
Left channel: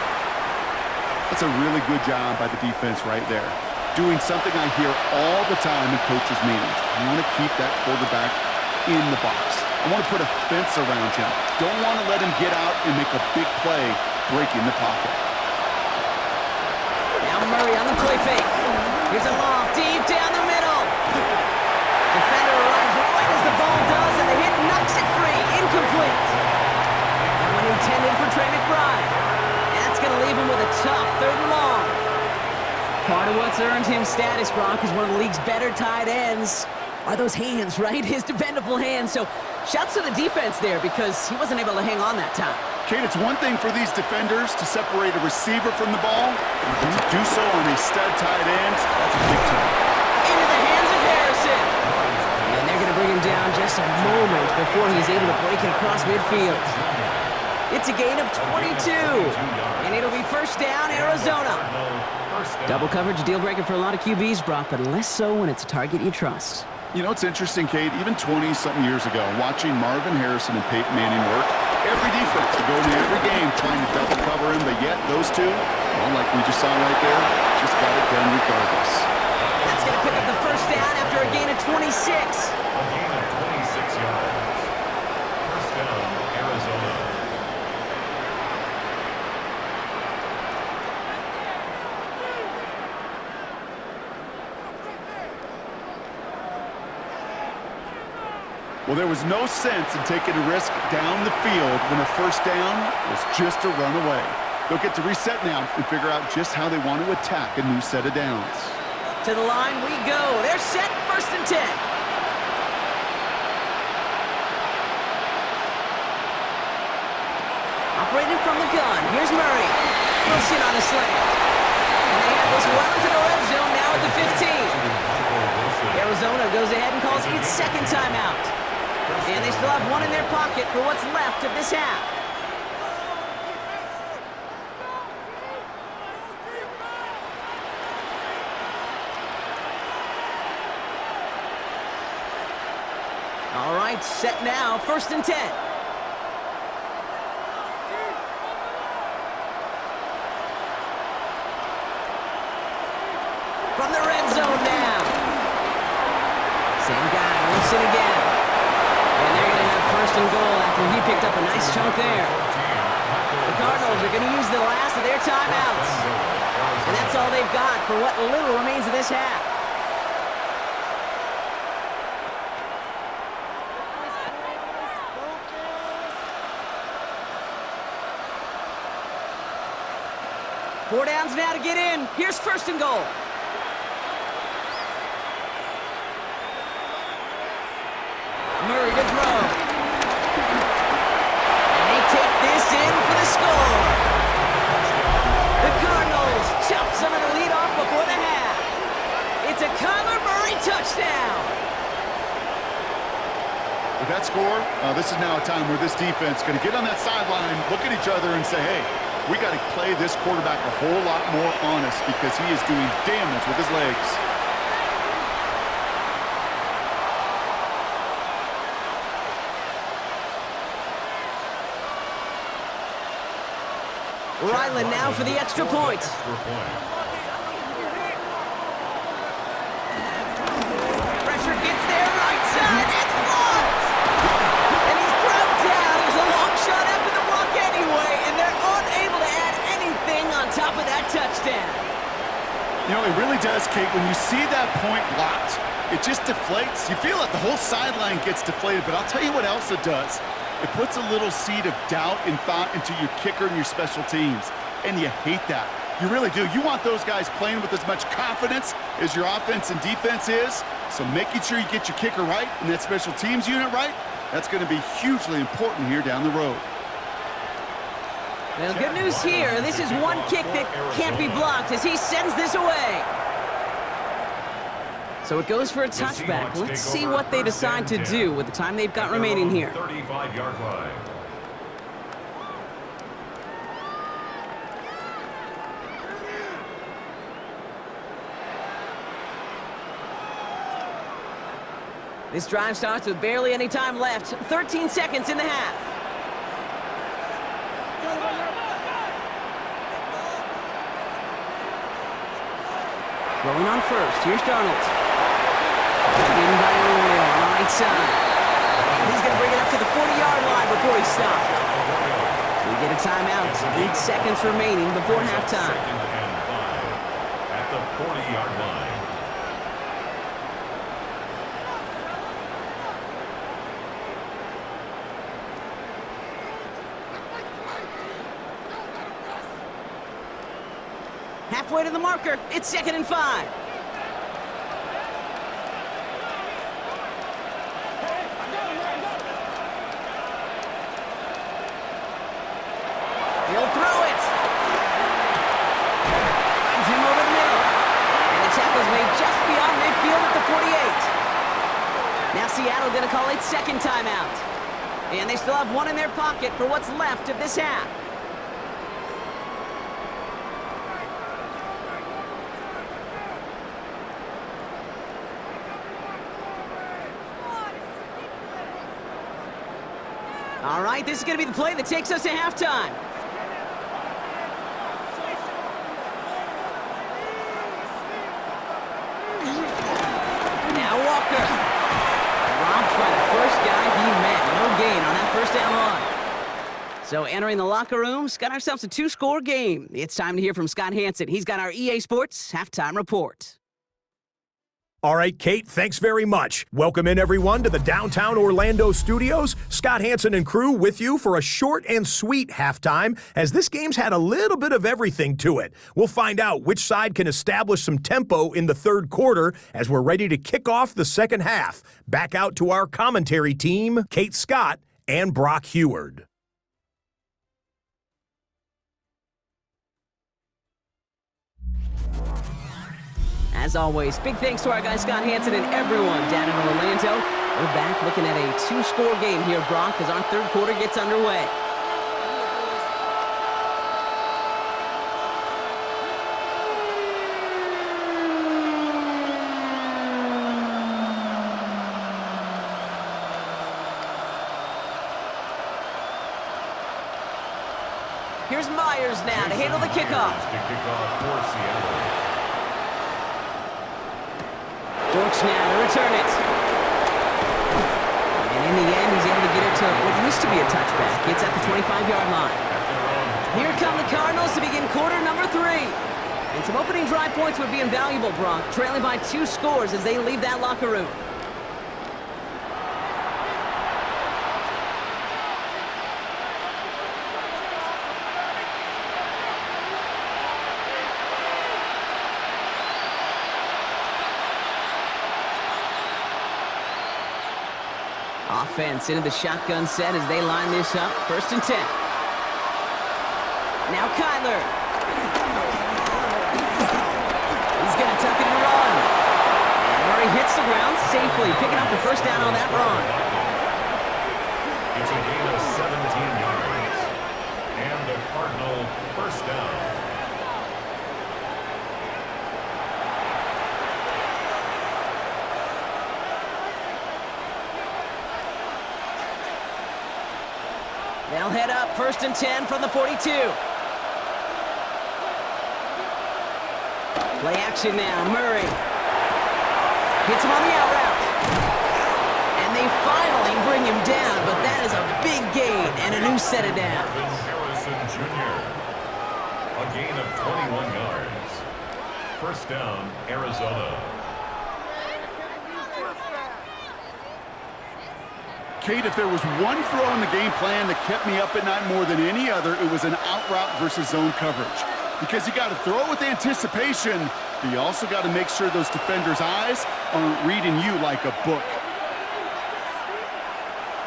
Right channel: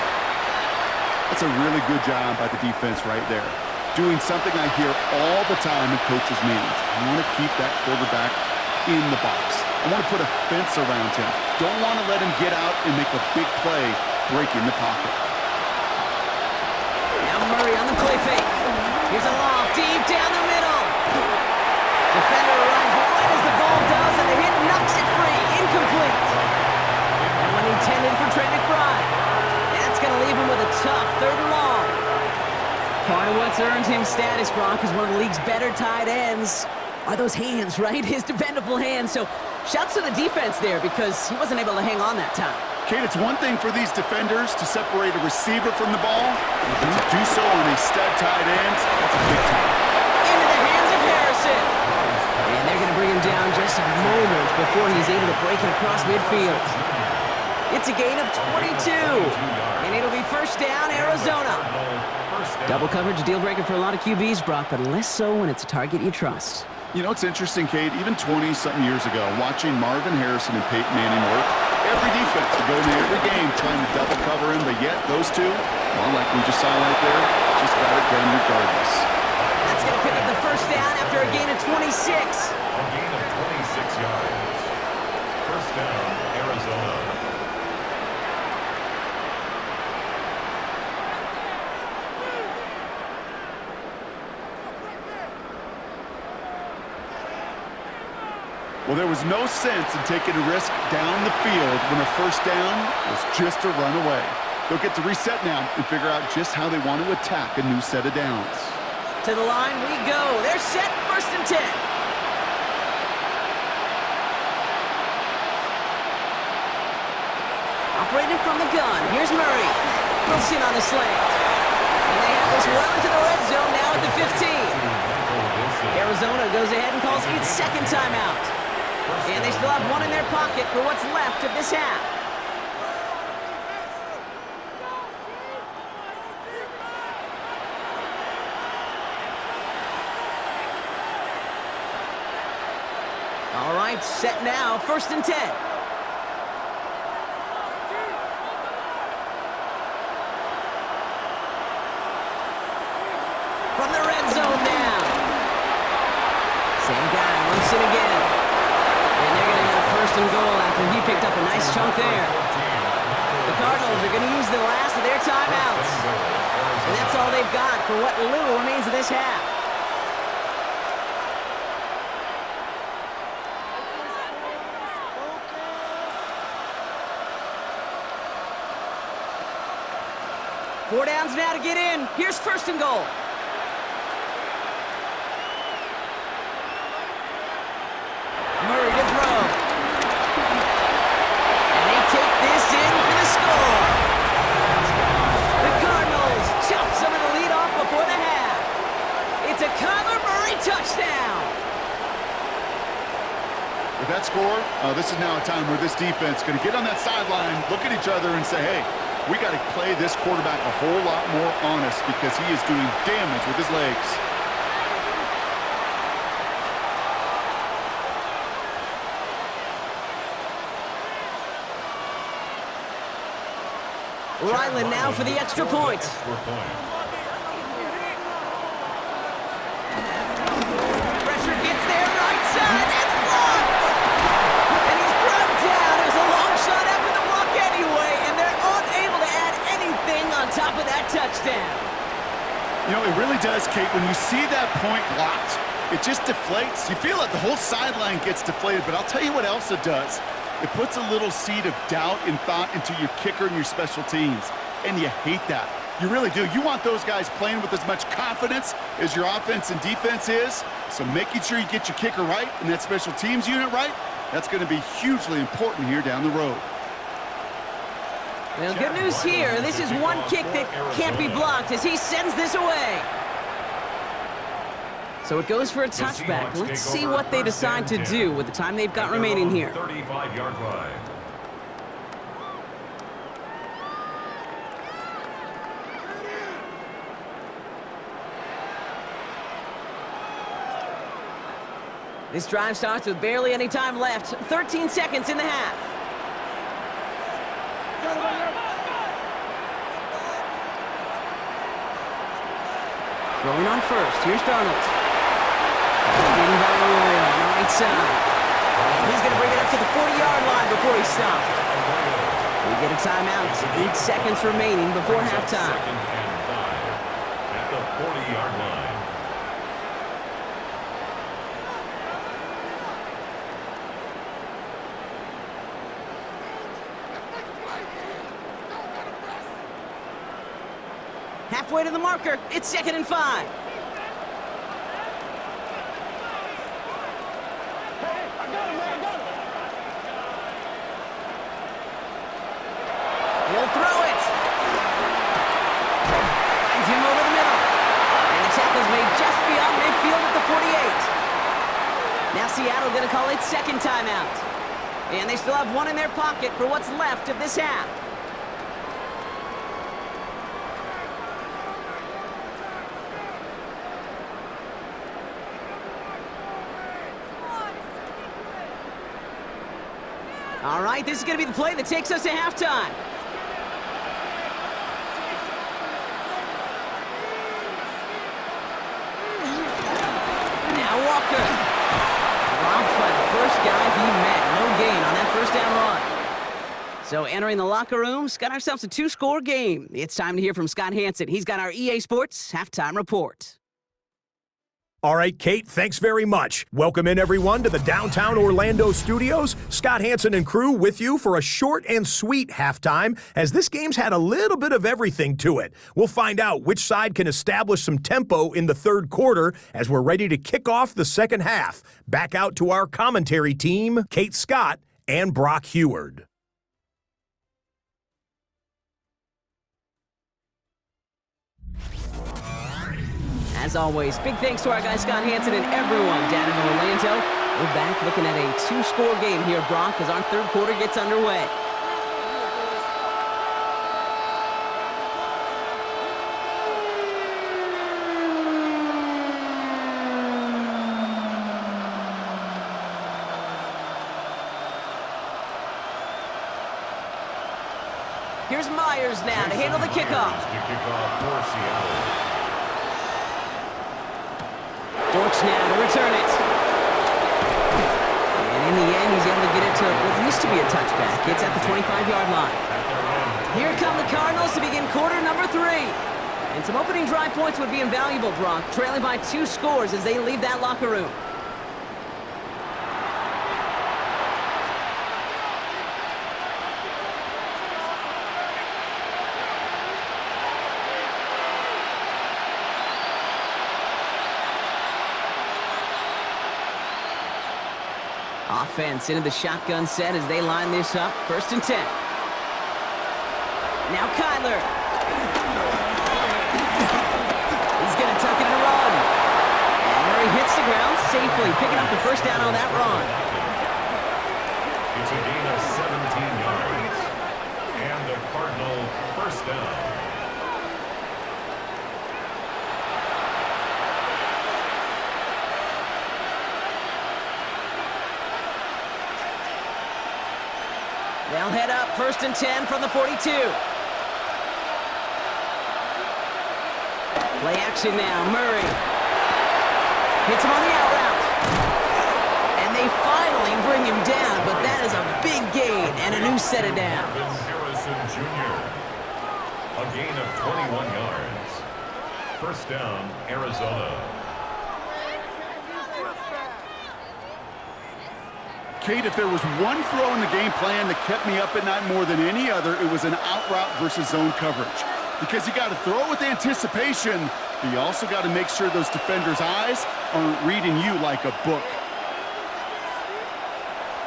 That's a really good job by the defense right there. Doing something I hear all the time in coaches' meetings. I want to keep that quarterback in the box. I want to put a fence around him. Don't want to let him get out and make a big play breaking the pocket. Now Murray on the play fake. Here's a loft deep down the middle. Defender arrives right as the ball does, and the hit knocks it free. Incomplete. intended for Trey McBride. That's going to leave him with a tough 3rd and long. Part of what's earned him status, Brock, is one of the league's better tight ends. Are those hands, right? His dependable hands. So shouts to the defense there because he wasn't able to hang on that time. Kate, it's one thing for these defenders to separate a receiver from the ball, but to do so on a stud tight end, that's a big time. Into the hands of Harrison. And they're going to bring him down just a moment before he's able to break it across midfield. It's a gain of 22, and it'll be 1st down, Arizona. Double coverage, deal breaker for a lot of QBs, Brock, but less so when it's a target you trust. You know, it's interesting, Kate, even 20-something years ago, watching Marvin Harrison and Peyton Manning work, every defense would go into every game trying to double cover him, but yet those two, well, like we just saw right there, just got it done regardless. That's going to pick up the 1st down after a gain of 26. A gain of 26 yards. 1st down, Arizona. Well, there was no sense in taking a risk down the field when a 1st down was just a run away. They'll get to reset now and figure out just how they want to attack a new set of downs. To the line we go. They're set, 1st and 10. Operating from the gun. Here's Murray. Wilson on a slant. And they have this well into the red zone now at the 15. Arizona goes ahead and calls its 2nd timeout. And they still have one in their pocket for what's left of this half. All right, set now, 1st and 10. From the red zone now. Same guy, Wilson again. And they're going to have 1st and goal after he picked up a nice chunk there. The Cardinals are going to use the last of their timeouts. And that's all they've got for what little remains of this half. Four downs now to get in. Here's 1st and goal. Murray to throw. And they take this in for the score. The Cardinals chop some of the lead off before the half. It's a Kyler Murray touchdown. With that score, this is now a time where this defense is going to get on that sideline, look at each other and say, hey, we got to play this quarterback a whole lot more honest because he is doing damage with his legs. Ryland now for the extra point. Pressure gets there, right side, it's blocked! And he's grabbed down. It was a long shot after the block anyway, and they're unable to add anything on top of that touchdown. You know, it really does, Kate. When you see that point blocked, it just deflates. You feel it. The whole sideline gets deflated, but I'll tell you what else it does. It puts a little seed of doubt and thought into your kicker and your special teams, and you hate that. You really do. You want those guys playing with as much confidence as your offense and defense is, so making sure you get your kicker right and that special teams unit right, that's going to be hugely important here down the road. Well, good news here. This is one kick that can't be blocked as he sends this away. So it goes for a touchback. Let's see what they decide to do with the time they've got remaining here. 35-yard line. This drive starts with barely any time left. 13 seconds in the half. Throwing on first. Here's Darnold. Pulled in by Arroyo on the right side. And he's going to bring it up to the 40-yard line before he stopped. We get a timeout. 8 seconds remaining before halftime. 2nd and 5 at the 40-yard line. halfway to the marker. It's 2nd and 5. He'll throw it. Finds him over the middle. And the tackle's made just beyond midfield at the 48. Now Seattle going to call its 2nd timeout. And they still have one in their pocket for what's left of this half. All right, this is going to be the play that takes us to halftime. Now Walker. Dropped by the first guy he met. No gain on that first down run. So entering the locker rooms, got ourselves a 2-score game. It's time to hear from Scott Hansen. He's got our EA Sports halftime report. All right, Kate, thanks very much. Welcome in, everyone, to the downtown Orlando studios. Scott Hansen and crew with you for a short and sweet halftime, as this game's had a little bit of everything to it. We'll find out which side can establish some tempo in the 3rd quarter as we're ready to kick off the 2nd half. Back out to our commentary team, Kate Scott and Brock Heward. As always, big thanks to our guy Scott Hansen and everyone down in Orlando. We're back looking at a 2-score game here, Brock, as our 3rd quarter gets underway. Here's Myers now to handle the kickoff. To kick off for Seattle. Dortch now to return it. And in the end, he's able to get it to what used to be a touchback. It's at the 25-yard line. Here come the Cardinals to begin quarter number 3. And some opening drive points would be invaluable, Brock, trailing by 2 scores as they leave that locker room. Offense into the shotgun set as they line this up. 1st and 10. Now Kyler. He's going to tuck it and run. And Murray hits the ground safely, picking up the 1st down on that run. It's a gain of 17 yards. And a Cardinal 1st down. They'll head up 1st and 10 from the 42. Play action now, Murray. Hits him on the out route. And they finally bring him down, but that is a big gain and a new set of downs. Harrison Jr. A gain of 21 yards. 1st down, Arizona. Kate, if there was one throw in the game plan that kept me up at night more than any other, it was an out route versus zone coverage. Because you got to throw it with anticipation, but you also got to make sure those defenders' eyes aren't reading you like a book.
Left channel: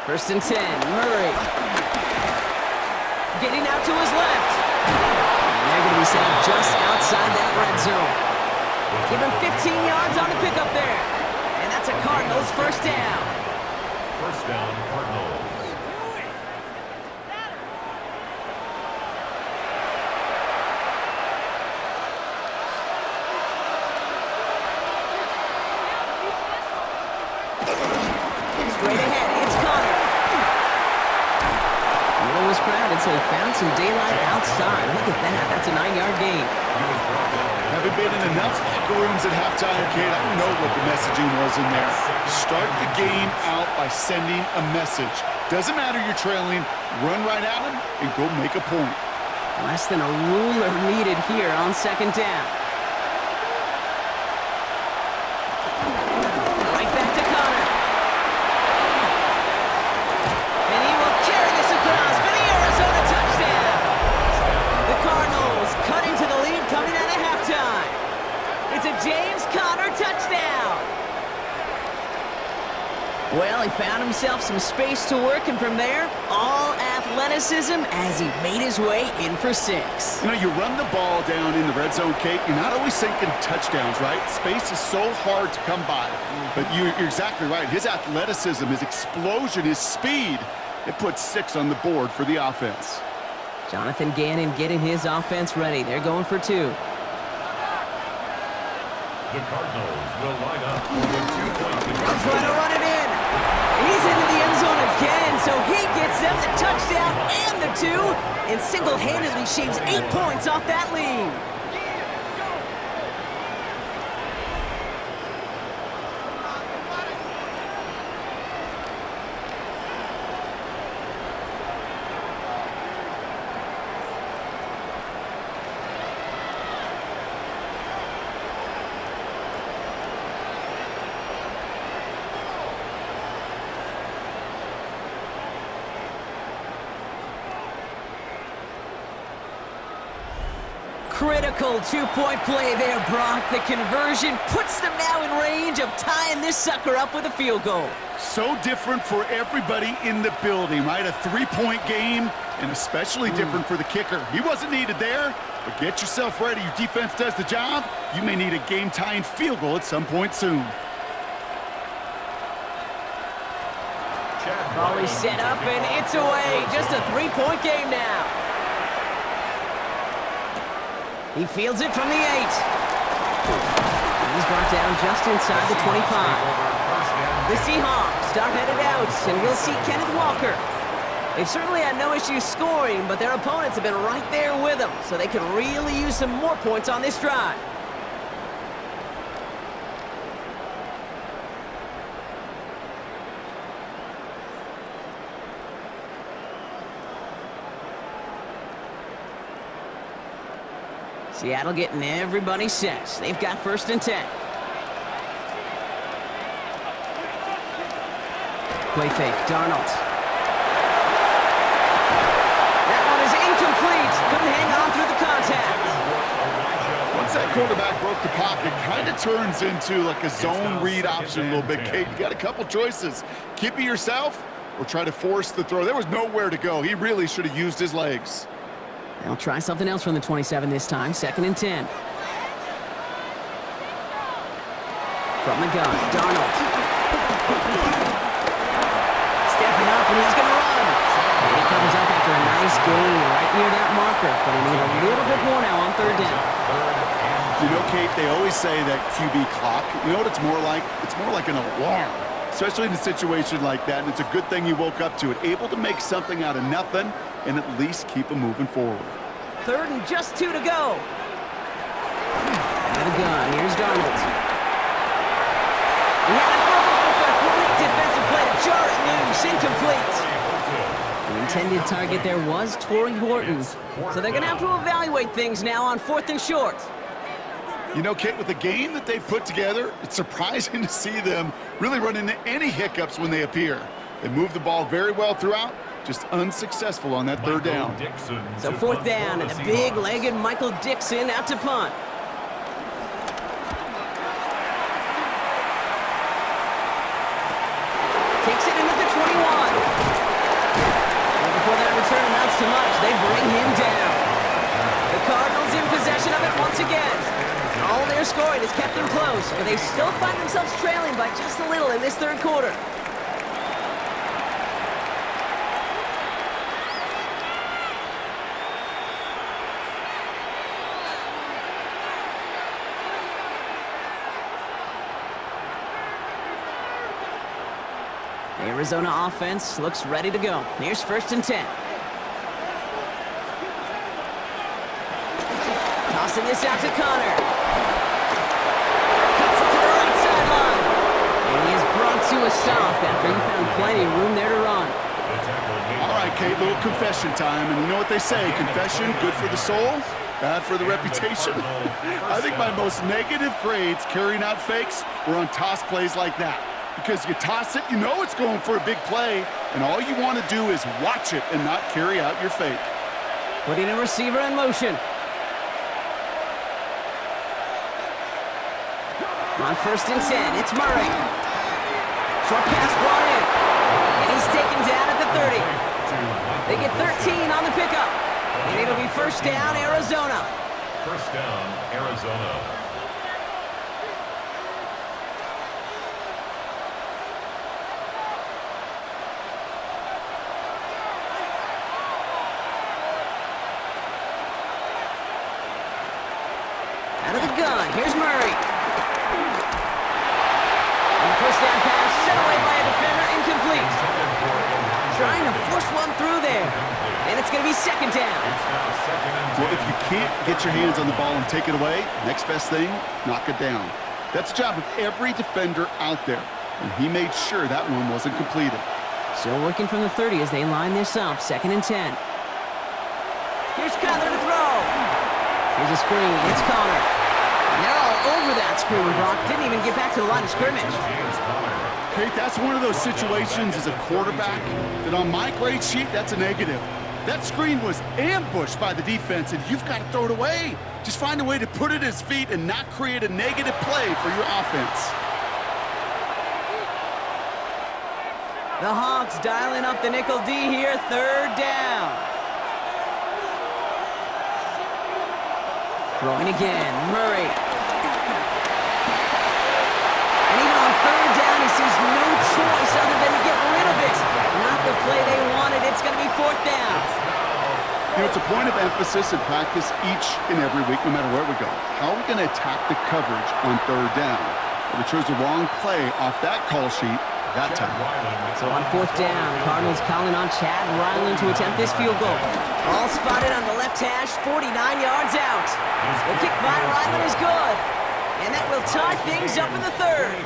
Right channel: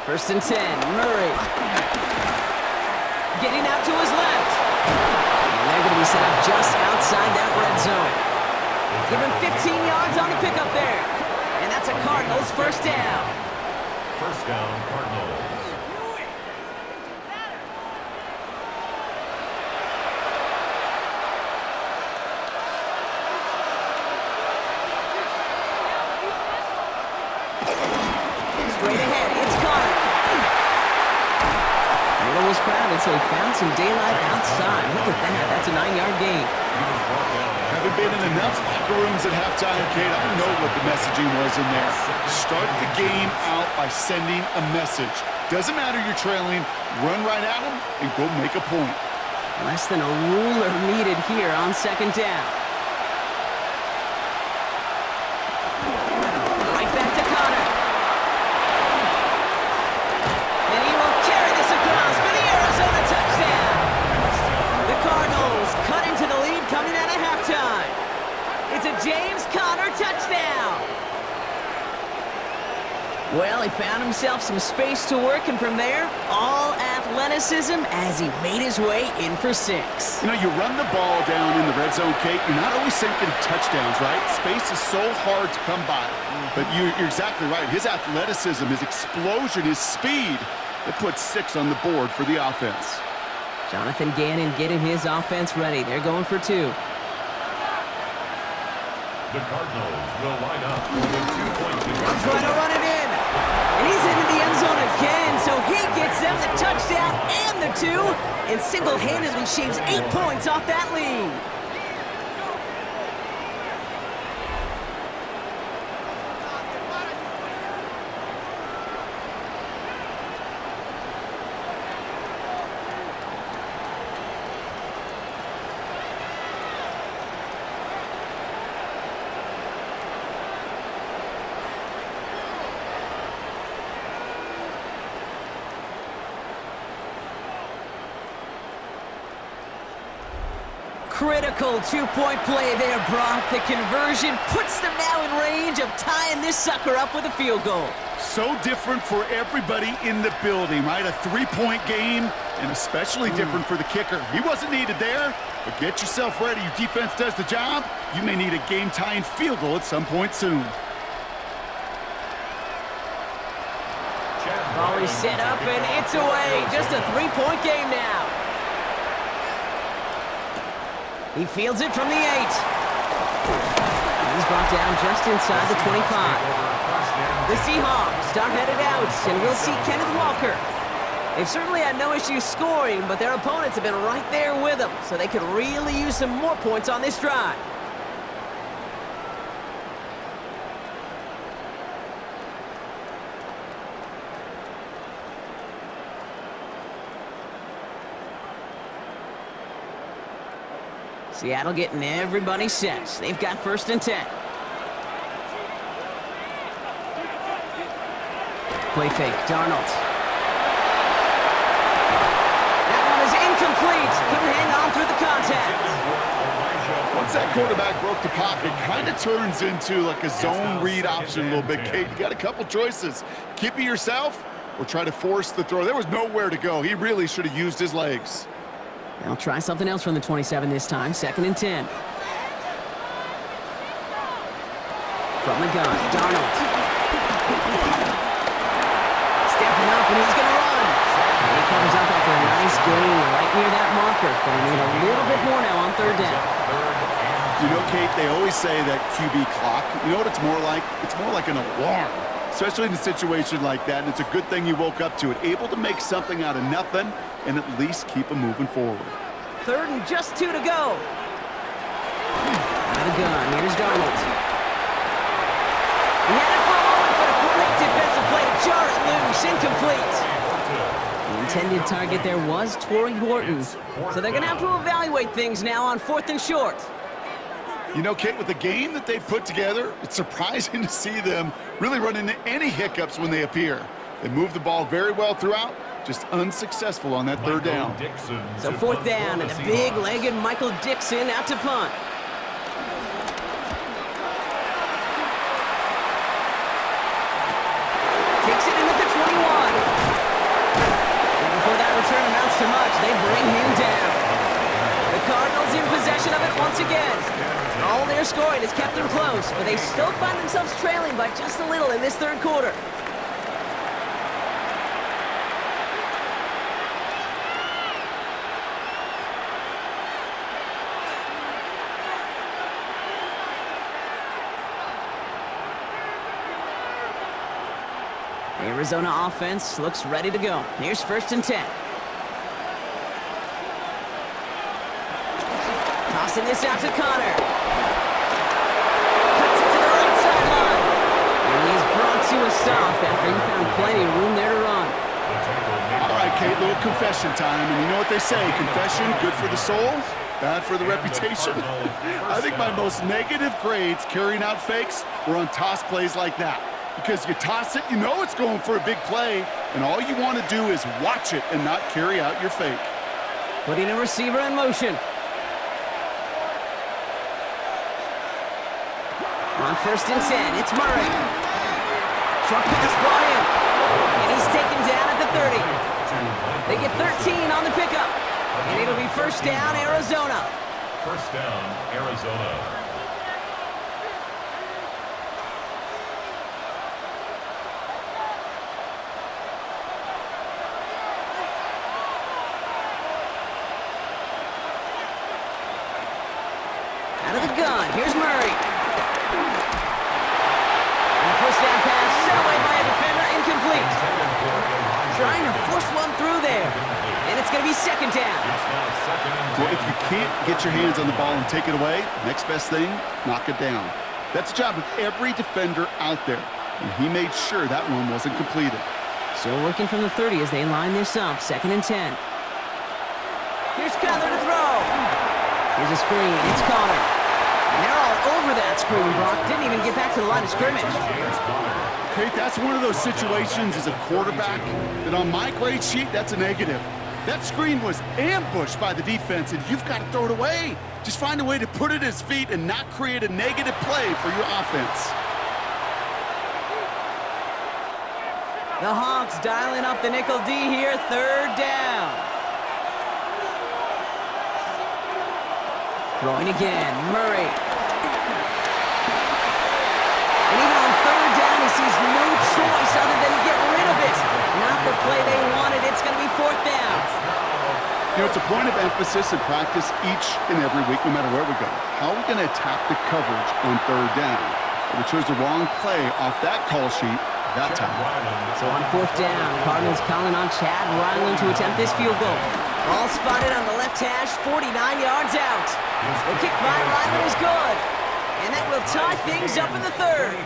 1st and 10, Murray. Getting out to his left. And they're going to be set up just outside that red zone. Give him 15 yards on the pickup there. And that's a Cardinals 1st down. 1st down, Cardinals. Straight ahead, it's Connor. Middle was crowded, so he found some daylight outside. Look at that. That's a 9-yard gain. Having been in enough locker rooms at halftime, Kate, I know what the messaging was in there. Start the game out by sending a message. Doesn't matter you're trailing, run right at them and go make a point. Less than a ruler needed here on 2nd down. Right back to Connor. And he will carry this across for the Arizona touchdown. The Cardinals cut into the lead coming out of halftime. It's a James Conner touchdown. Well, he found himself some space to work, and from there, all athleticism as he made his way in for 6. You know, you run the ball down in the red zone, Kate, you're not always thinking touchdowns, right? Space is so hard to come by. But you're exactly right. His athleticism, his explosion, his speed, it puts 6 on the board for the offense. Jonathan Gannon getting his offense ready. They're going for 2. The Cardinals will line up for the 2-point victory. They'll try to run it in. And he's into the end zone again, so he gets them the touchdown and the 2, and single-handedly shaves 8 points off that lead. Critical 2-point play there, Brock. The conversion puts them now in range of tying this sucker up with a field goal. So different for everybody in the building, right? A 3-point game, and especially different for the kicker. He wasn't needed there, but get yourself ready. Your defense does the job. You may need a game-tying field goal at some point soon. Ball is set up, and it's away. Just a 3-point game now. He fields it from the 8. He's brought down just inside the 25. The Seahawks are headed out, and we'll see Kenneth Walker. They've certainly had no issues scoring, but their opponents have been right there with them, so they could really use some more points on this drive. Seattle getting everybody set. They've got 1st and 10. Play fake, Darnold. That one is incomplete. Couldn't hang on through the contact. Once that quarterback broke the pocket, kind of turns into like a zone read option a little bit, Kate. You got a couple choices. Keep it yourself or try to force the throw. There was nowhere to go. He really should have used his legs. They'll try something else from the 27 this time. 2nd and 10. From the gun, Darnold. Stepping up, and he's going to run. And he covers up after a nice gain right near that marker. Going to need a little bit more now on 3rd down. You know, Kate, they always say that QB clock. You know what it's more like? It's more like an alarm, especially in a situation like that. And it's a good thing you woke up to it. Able to make something out of nothing and at least keep them moving forward. 3rd and just 2 to go. Out of the gun, here's Darnold. He had it for a moment, but a great defensive play to jar it loose. Incomplete. The intended target there was Torrey Horton. So they're going to have to evaluate things now on 4th and short. You know, Kate, with the game that they've put together, it's surprising to see them really run into any hiccups when they appear. They move the ball very well throughout, just unsuccessful on that 3rd down. So 4th down, and the big-legged Michael Dixon out to punt. Takes it in at the 21. And before that return amounts to much, they bring him down. The Cardinals in possession of it once again. All their scoring has kept them close, but they still find themselves trailing by just a little in this 3rd quarter. Arizona offense looks ready to go. Here's 1st and 10. Tossing this out to Conner. Cuts it to the right sideline. And he is brought to a stop after he found plenty of room there to run. All right, Kate, little confession time. And you know what they say, confession, good for the soul, bad for the reputation. I think my most negative grades carrying out fakes were on toss plays like that. Because you toss it, you know it's going for a big play, and all you want to do is watch it and not carry out your fake. Putting a receiver in motion. On 1st and 10, it's Murray. Short pass brought in. And he's taken down at the 30. They get 13 on the pickup. And it'll be 1st down, Arizona. 1st down, Arizona. Out of the gun, here's Murray. And the 1st down pass set away by a defender, incomplete. Trying to force one through there. And it's going to be 2nd down. Well, if you can't get your hands on the ball and take it away, next best thing, knock it down. That's the job of every defender out there. And he made sure that one wasn't completed. Still working from the 30 as they line this up. 2nd and 10. Here's Connor to throw. Here's a screen. It's Connor. And they're all over that screen. Brock didn't even get back to the line of scrimmage. Kate, that's one of those situations as a quarterback that on my grade sheet, that's a negative. That screen was ambushed by the defense, and you've got to throw it away. Just find a way to put it at his feet and not create a negative play for your offense. The Hawks dialing up the nickel D here. 3rd down. Throwing again, Murray. And even on 3rd down, he sees no choice other than to get rid of it. Not the play they wanted. It's going to be 4th down. You know, it's a point of emphasis in practice each and every week, no matter where we go. How are we going to attack the coverage on 3rd down? Well, we chose the wrong play off that call sheet that time. So on 4th down, Cardinals calling on Chad Ryland to attempt this field goal. All spotted on the left hash, 49 yards out. The kick by Ryland is good. And that will tie things up in the 3rd.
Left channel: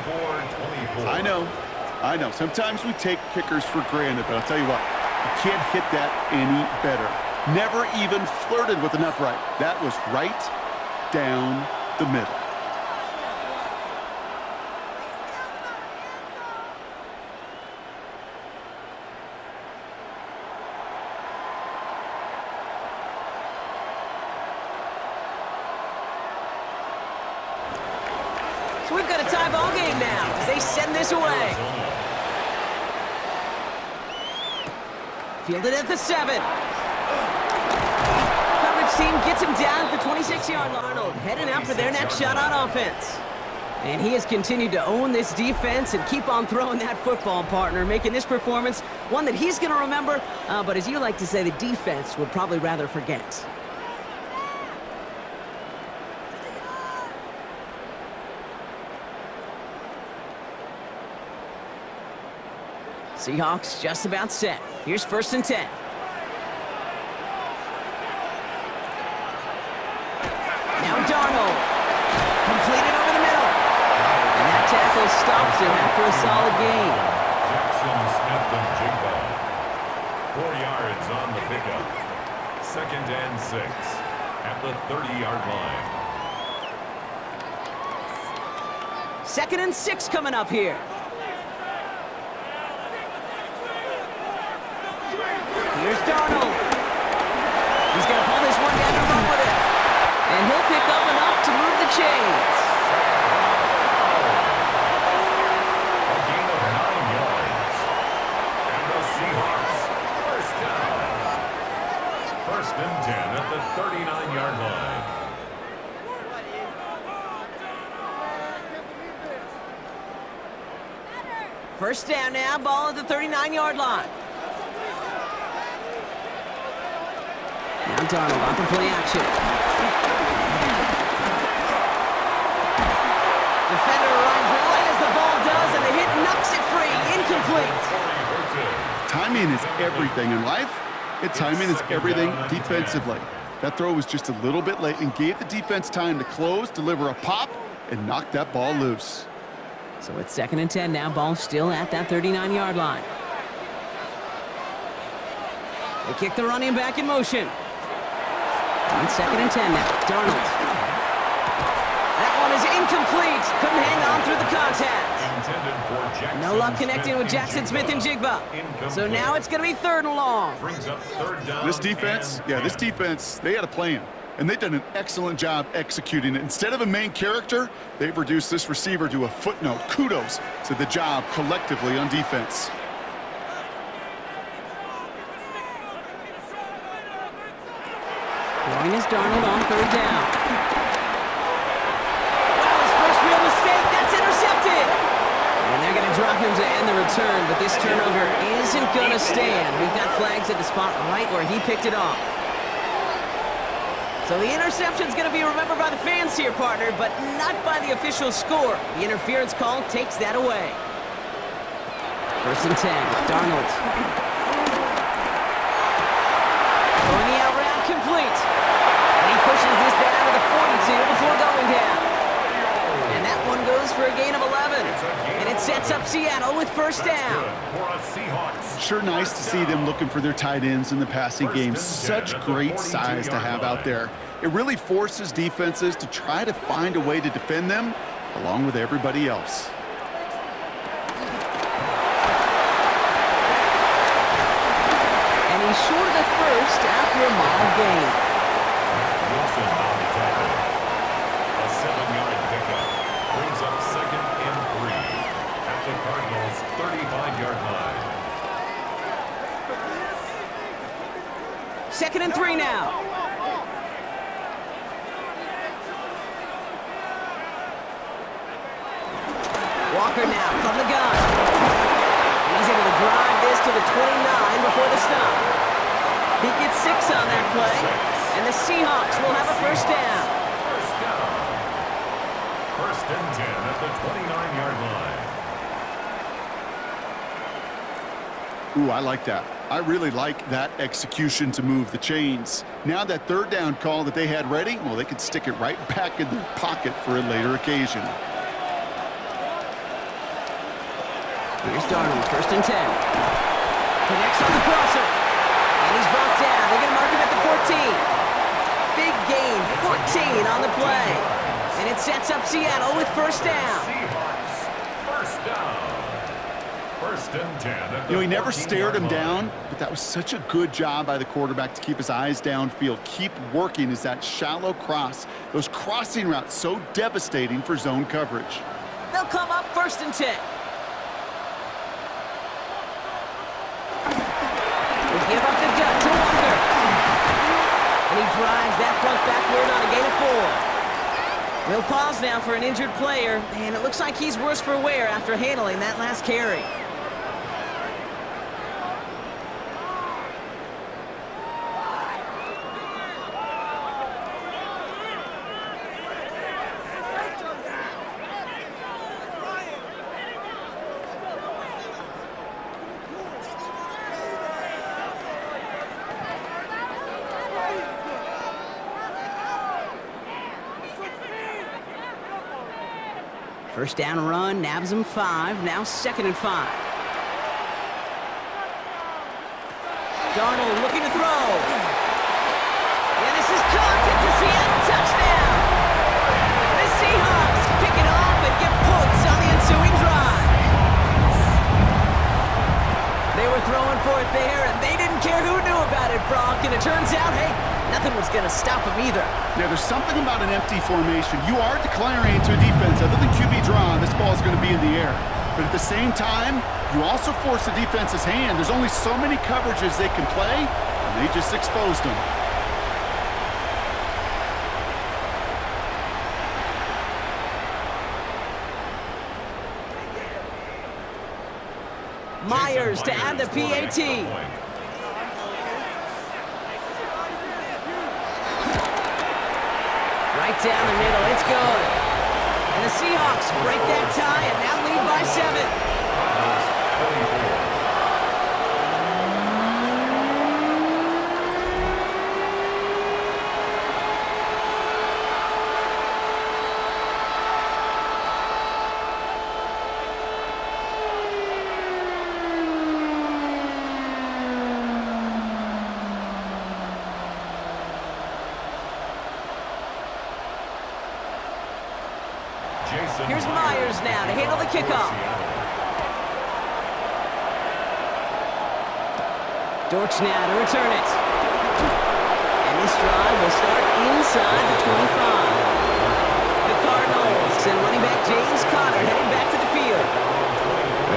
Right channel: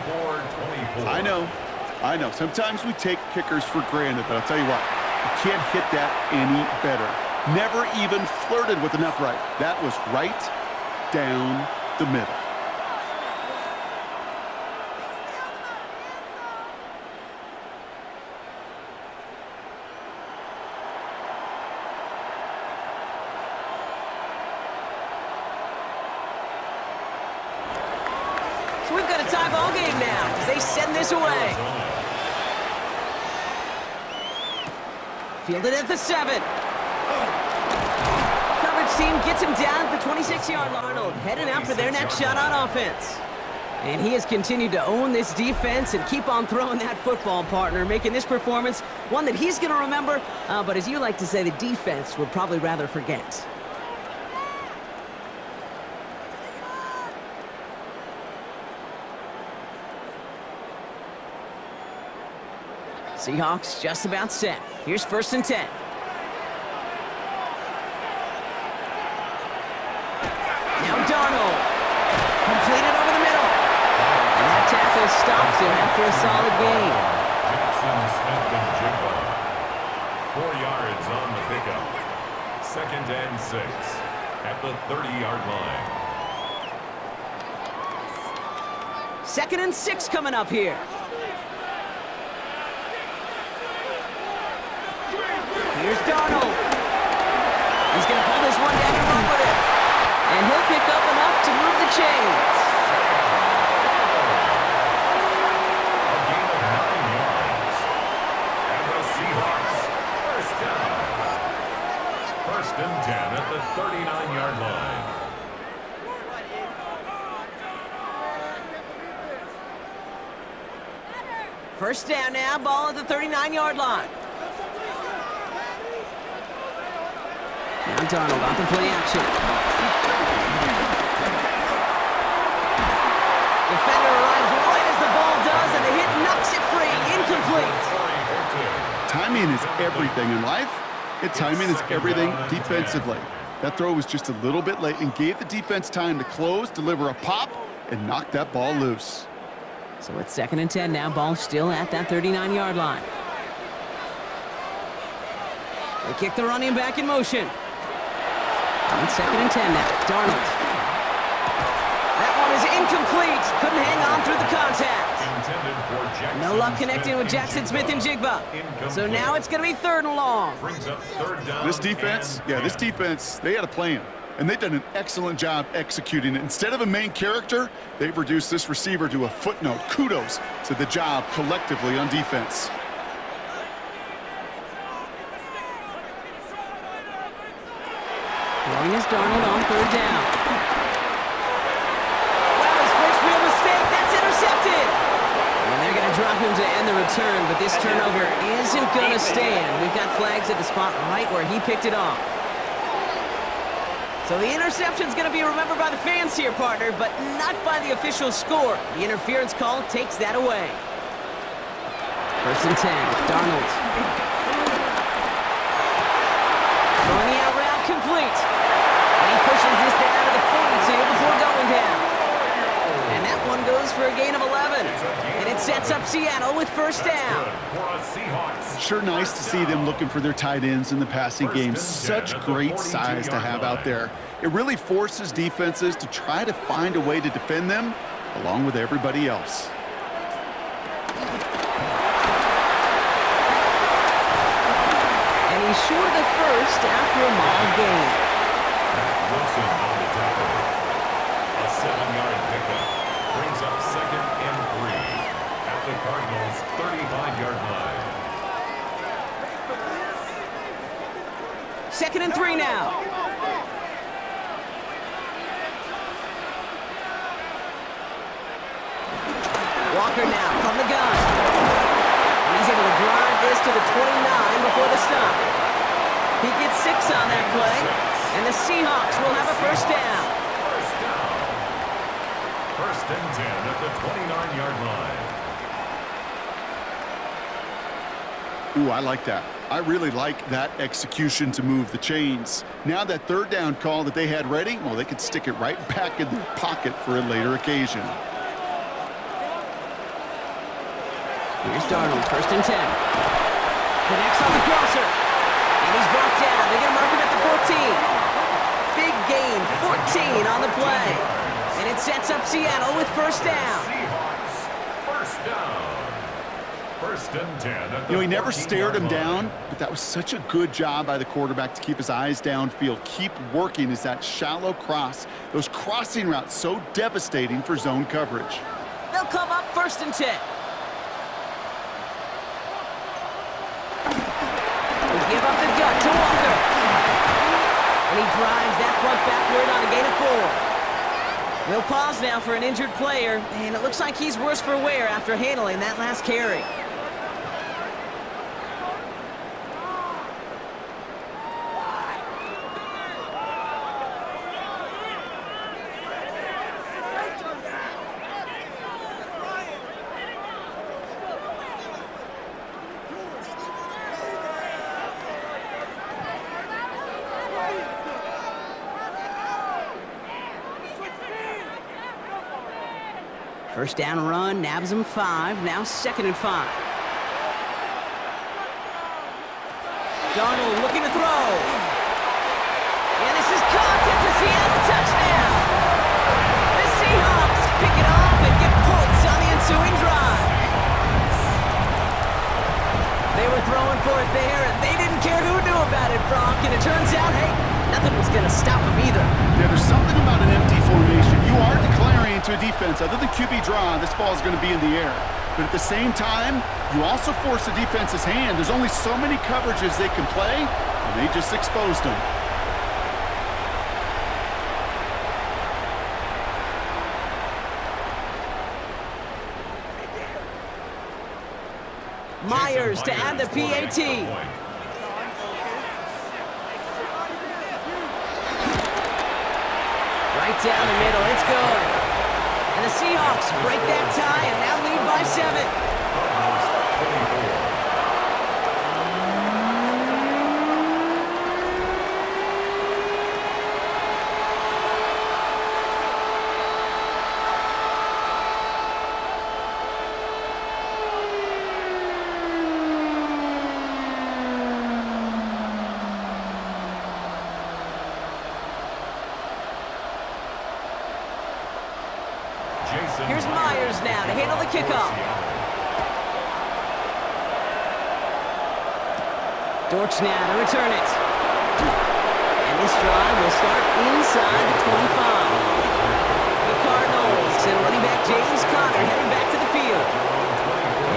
I know. Sometimes we take kickers for granted, but I'll tell you what, you can't hit that any better. Never even flirted with an upright. That was right down the middle. So we've got a tie ball game now as they send this away. Fielded at the 7. Coverage team gets him down at the 26-yard line. Arnold heading out for their next shot on offense. And he has continued to own this defense and keep on throwing that football, partner, making this performance one that he's going to remember, but as you like to say, the defense would probably rather forget. Seahawks just about set. Here's 1st and 10. Now Darnold. Completed over the middle. And that tackle stops him after a solid gain. Jackson, Smith, and Jigba. 4 yards on the pickup. 2nd and 6 at the 30-yard line. 2nd and 6 coming up here. Here's Darnold. He's going to pull this one down and run with it. And he'll pick up enough to move the chains. A gain of 9 yards. And the Seahawks, 1st down. 1st and 10 at the 39-yard line. First down now, ball at the 39-yard line. Now Darnold on the play action. Defender arrives right as the ball does, and the hit knocks it free. Incomplete. Timing is everything in life, and timing is everything defensively. That throw was just a little bit late and gave the defense time to close, deliver a pop, and knock that ball loose. So it's 2nd and 10 now, ball still at that 39-yard line. They kick the running back in motion. On 2nd and 10 now, Darnold. That one is incomplete. Couldn't hang on through the contact. No luck connecting with Jackson Smith and Jigba. So now it's going to be 3rd and long. Brings up 3rd down. This defense, they had a plan. and they've done an excellent job executing it. Instead of a main character, they've reduced this receiver to a footnote. Kudos to the job collectively on defense. Throwing is Darnold on third down. Wow, his first real mistake. That's intercepted. And they're going to drop him to end the return, but this turnover isn't going to stand. We've got flags at the spot right where he picked it off. So the interception's going to be remembered by the fans here, partner, but not by the official score. The interference call takes that away. 1st and 10, Darnold. Throwing the out route complete. And he pushes this down to the 42 before going down. And that one goes for a gain of 11. And it sets up Seattle with first down. Sure nice to see them looking for their tight ends in the passing game. Such great size to have out there. It really forces defenses to try to find a way to defend them along with everybody else. And he's short of the first after a mild gain. Wilson on the tackle. A 7-yard pickup. Brings up 2nd and 3 at the Cardinals' 35-yard line. 2nd and 3 now. Walker now from the gun. And he's able to drive this to the 29 before the stop. He gets 6 on that play, and the Seahawks will have a first down. 1st and 10 at the 29-yard line. Ooh, I like that. I really like that execution to move the chains. Now that 3rd down call that they had ready, well, they could stick it right back in their pocket for a later occasion. Here's Darnold, 1st and 10. Connects on the crosser. And he's brought down. They're going to mark him at the 14. Big gain, 14 on the play. And it sets up Seattle with first down. Seahawks, first down. 1st and 10 at the You know, he never stared him 14-yard down, line. but that was such a good job by the quarterback to keep his eyes downfield. Keep working as that shallow cross. Those crossing routes so devastating for zone coverage. They'll come up 1st and 10. They give up the gut to Walker. And he drives that front backward on a gain of 4. We'll pause now for an injured player, and it looks like he's worse for wear after handling that last carry. First down run, nabs him 5, now 2nd and 5. Darnold looking to throw. And this is caught. It's a Seattle touchdown. The Seahawks pick it off and get points on the ensuing drive. They were throwing for it there, and they didn't care who knew about it, Brock. And it turns out, hey, nothing was going to stop them either. Yeah, there's something about an empty formation. You are declaring to a defense, other than QB draw, this ball is going to be in the air. But at the same time, you also force the defense's hand. There's only so many coverages they can play, and they just exposed them. Myers to add the PAT. Right down the middle, it's good. And the Seahawks break that tie and now lead by 7. Cardinals 24. Here's Myers now to handle the kickoff. Dortch now to return it. And And this drive will start inside the 25. The Cardinals and running back James Conner heading back to the field.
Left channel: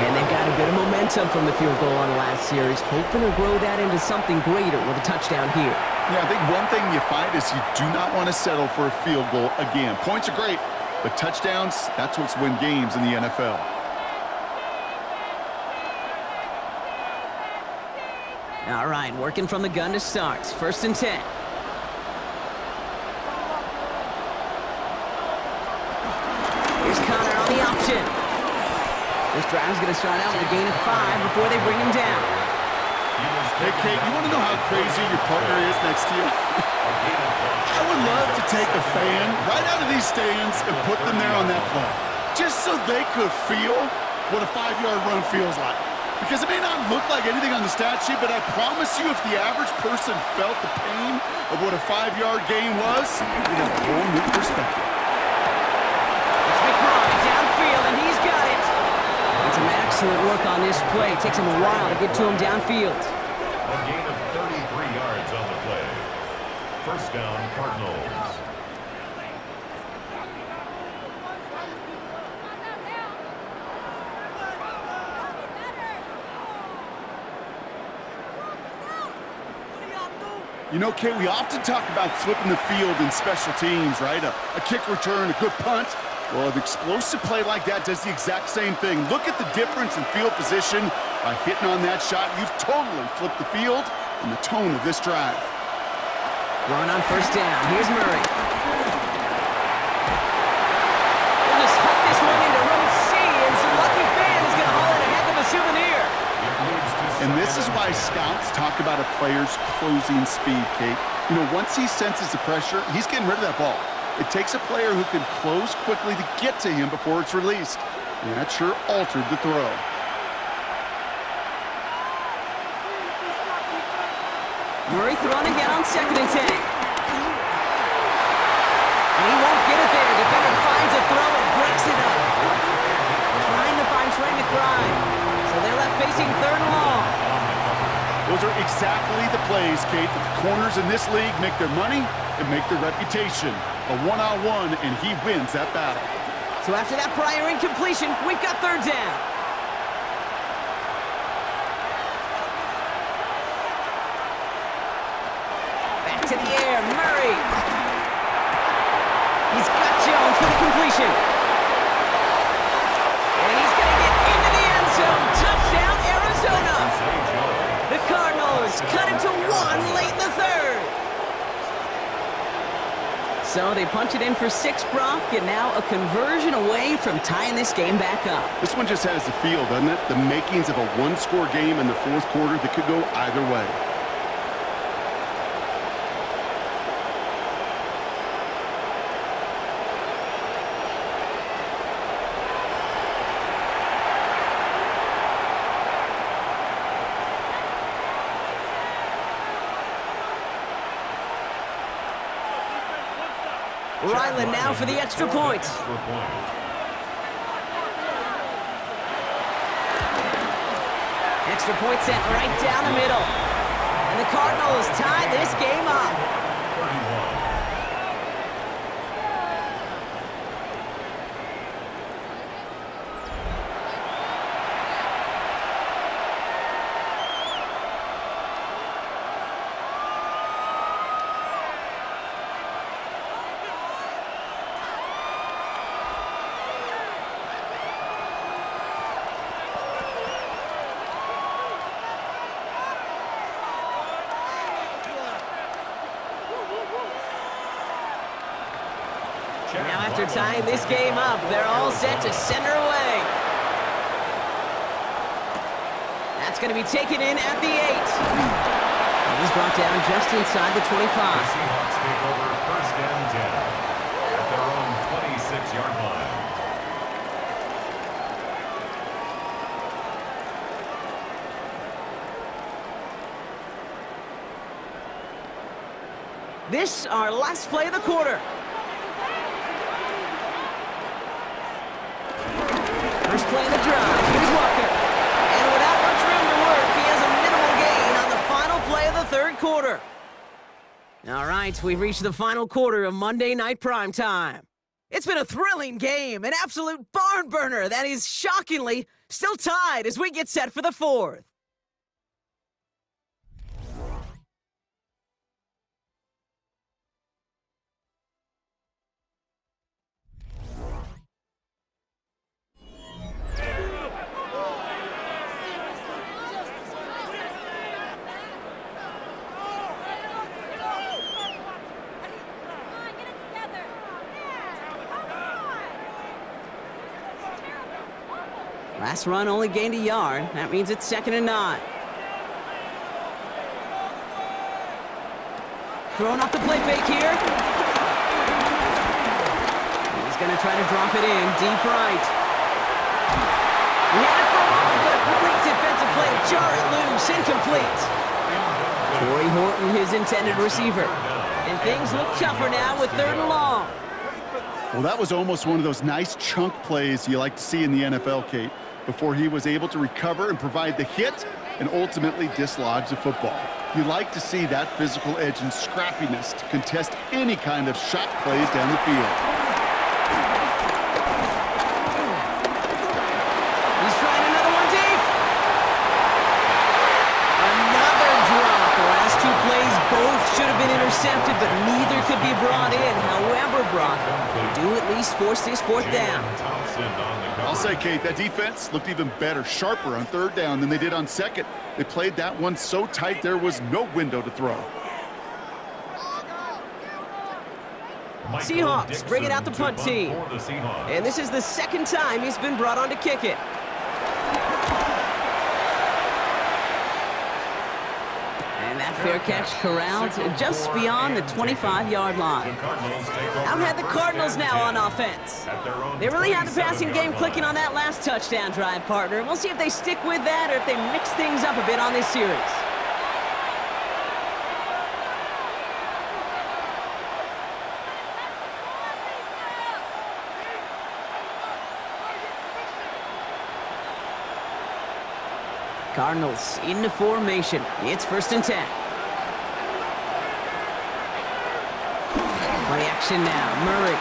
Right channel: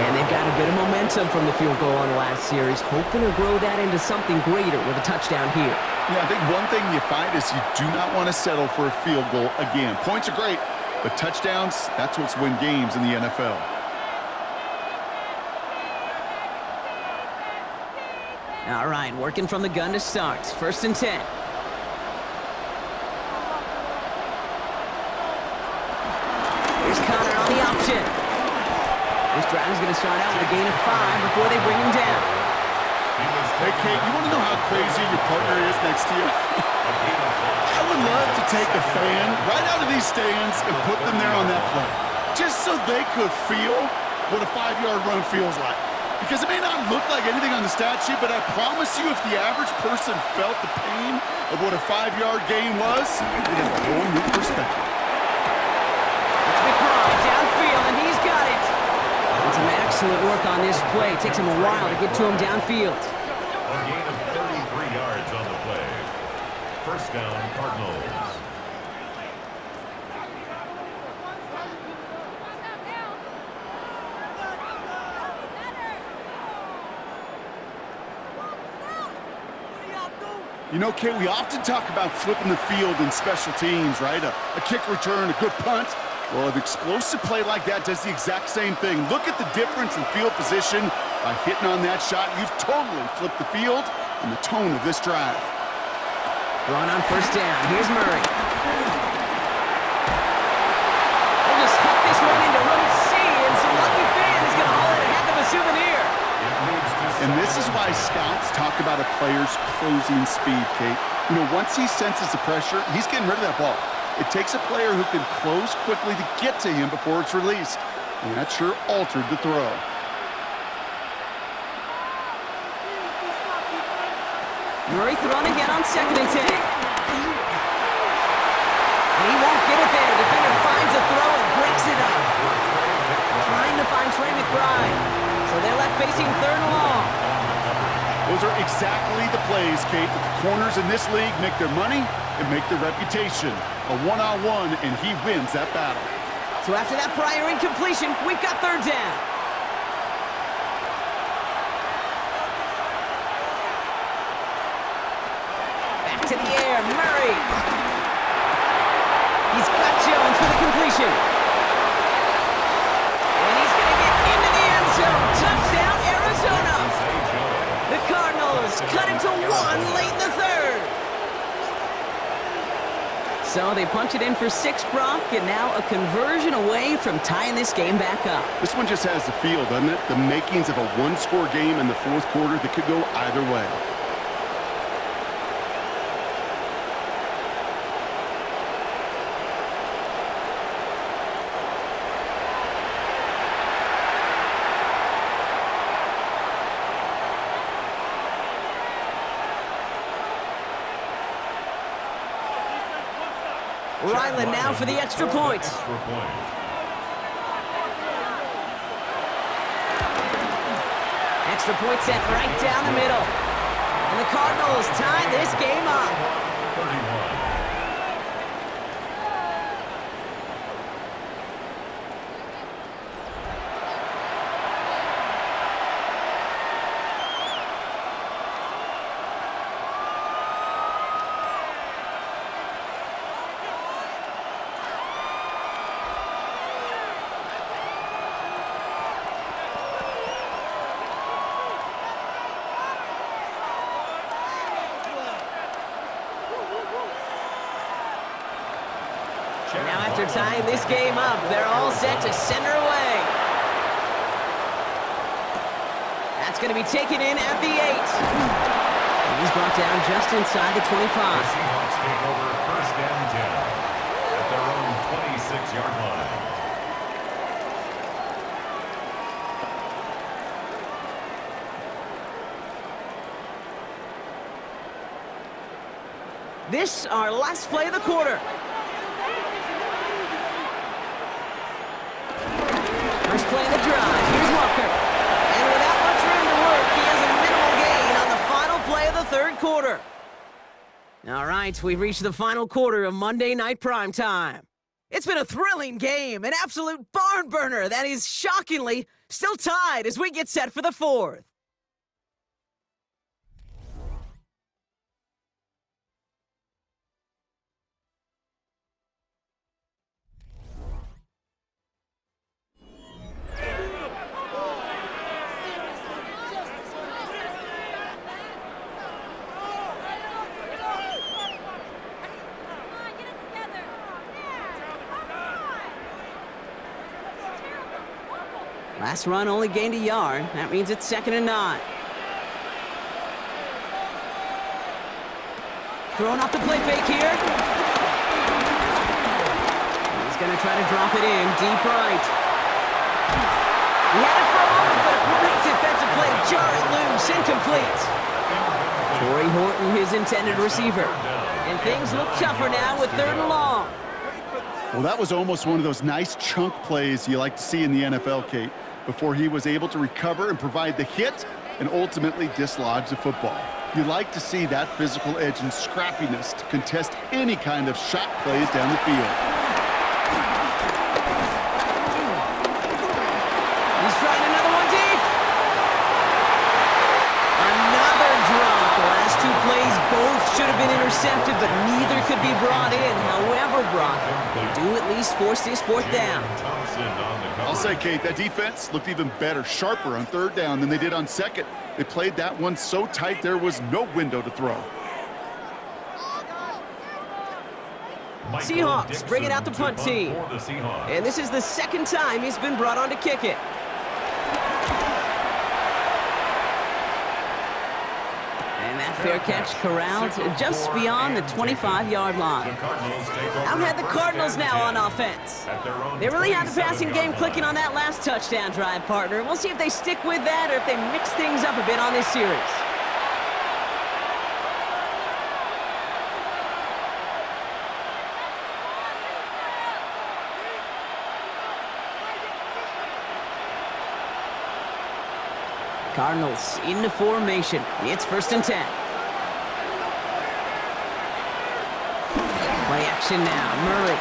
And they've got a bit of momentum from the field goal on the last series, hoping to grow that into something greater with a touchdown here. Yeah, I think one thing you find is you do not want to settle for a field goal again. Points are great, but touchdowns, that's what's win games in the NFL. All right, working from the gun to start. 1st and 10. Here's Conner on the option. This drive's going to start out with a gain of 5 before they bring him down. Hey, Kate, you want to know how crazy your partner is next to you? I would love to take a fan right out of these stands and put them there on that play, just so they could feel what a 5-yard run feels like. Because it may not look like anything on the stat sheet, but I promise you if the average person felt the pain of what a 5-yard gain was, they'd have a whole new perspective. It's McBride downfield, and he's got it. And some excellent work on this play. It takes him a while to get to him downfield. A gain of 33 yards on the play. 1st down, Cardinals. You know, Kate, we often talk about flipping the field in special teams, right? A kick return, a good punt. Well, an explosive play like that does the exact same thing. Look at the difference in field position. By hitting on that shot, you've totally flipped the field and the tone of this drive. Going on 1st down. Here's Murray. We'll just huck this one into row C, and some lucky fan is going to haul in a heck of a souvenir. And this is why scouts talk about a player's closing speed, Kate. You know, once he senses the pressure, he's getting rid of that ball. It takes a player who can close quickly to get to him before it's released. And that sure altered the throw. Murray throwing again on 2nd and 10. And he won't get it there. Defender finds a throw and breaks it up. Trying to find Trey McBride. So they're left facing 3rd and long. Those are exactly the plays, Kate, that the corners in this league make their money and make their reputation. A one-on-one, and he wins that battle. So after that prior incompletion, we've got 3rd down. Back to the air, Murray. He's got Jones for the completion. And he's going to get into the end zone. Touchdown, Arizona. The Cardinals cut it to 1 late in the 3rd. So they punch it in for 6, Brock, and now a conversion away from tying this game back up. This one just has the feel, doesn't it? The makings of a one-score game in the 4th quarter that could go either way. Ryland now for the extra point. Extra point sent right down the middle. And the Cardinals tie this game up. 31. Now after tying this game up, they're all set to send her away. That's going to be taken in at the 8. And he's brought down just inside the 25. The Seahawks take over 1st and 10 at their own 26-yard line. This our last play of the quarter. First play of the drive. Here's Walker. And without much room to work, he has a minimal gain on the final play of the 3rd quarter. All right, we've reached the final quarter of Monday Night Primetime. It's been a thrilling game, an absolute barn burner that is shockingly still tied as we get set for the fourth. Last run only gained a yard. That means it's 2nd and 9. Throwing off the play fake here. He's going to try to drop it in deep right. He had it for a moment, but a great defensive play to jar it loose. Incomplete. Torrey Horton, his intended receiver. And things look tougher now with 3rd and long. Well, that was almost one of those nice chunk plays you like to see in the NFL, Kate, before he was able to recover and provide the hit and ultimately dislodge the football. You like to see that physical edge and scrappiness to contest any kind of shot plays down the field. He's trying another one deep. Another drop. The last 2 plays both should have been intercepted, but neither could be brought in. However, Brock, they do at least force this 4th down. I'll say, Kate, that defense looked even better, sharper on 3rd down than they did on 2nd. They played that one so tight there was no window to throw. Seahawks bring it out the punt team. And this is the 2nd time he's been brought on to kick it. And that fair catch corralled just beyond the 25-yard line. Out had the Cardinals now on offense. They really had the passing game clicking on that last touchdown drive, partner. We'll see if they stick with that or if they mix things up a bit on this series. Cardinals into formation. It's 1st and 10. Play action now. Murray.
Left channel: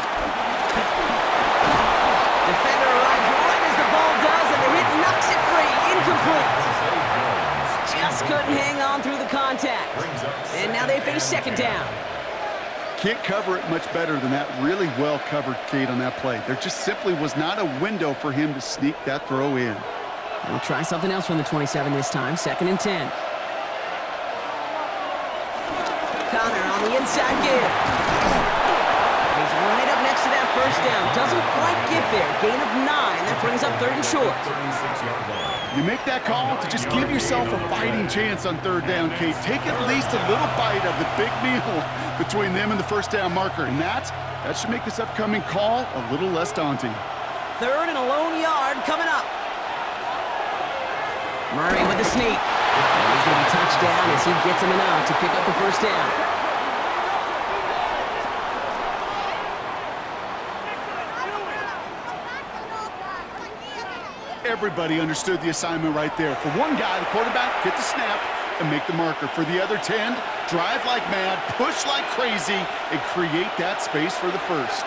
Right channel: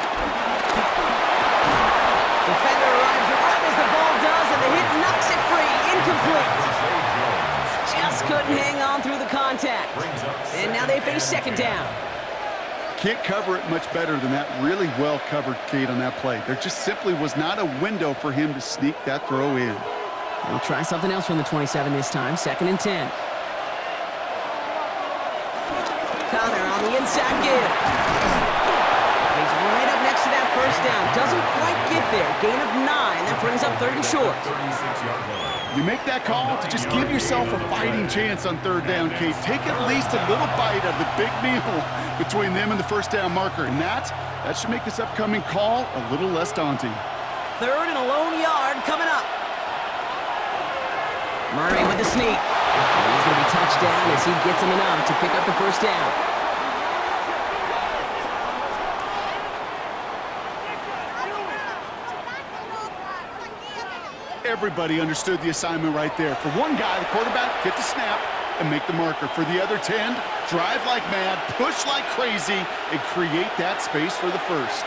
Defender arrives right as the ball does, and the hit knocks it free. Incomplete. Just couldn't hang on through the contact. And now they face 2nd down. Can't cover it much better than that. Really well covered, Kate, on that play. There just simply was not a window for him to sneak that throw in. They'll try something else from the 27 this time. 2nd and 10. Connor on the inside give. And he's right up next to that 1st down. Doesn't quite get there. Gain of 9. That brings up 3rd and short. You make that call to just give yourself a fighting chance on 3rd down, Kate. Take at least a little bite of the big meal between them and the 1st down marker. And that should make this upcoming call a little less daunting. 3rd and a lone yard coming up. Murray with the sneak. And he's going to be touched down as he gets him enough to pick up the 1st down. Everybody understood the assignment right there. For one guy, the quarterback, get the snap and make the marker. For the other 10, drive like mad, push like crazy, and create that space for the 1st.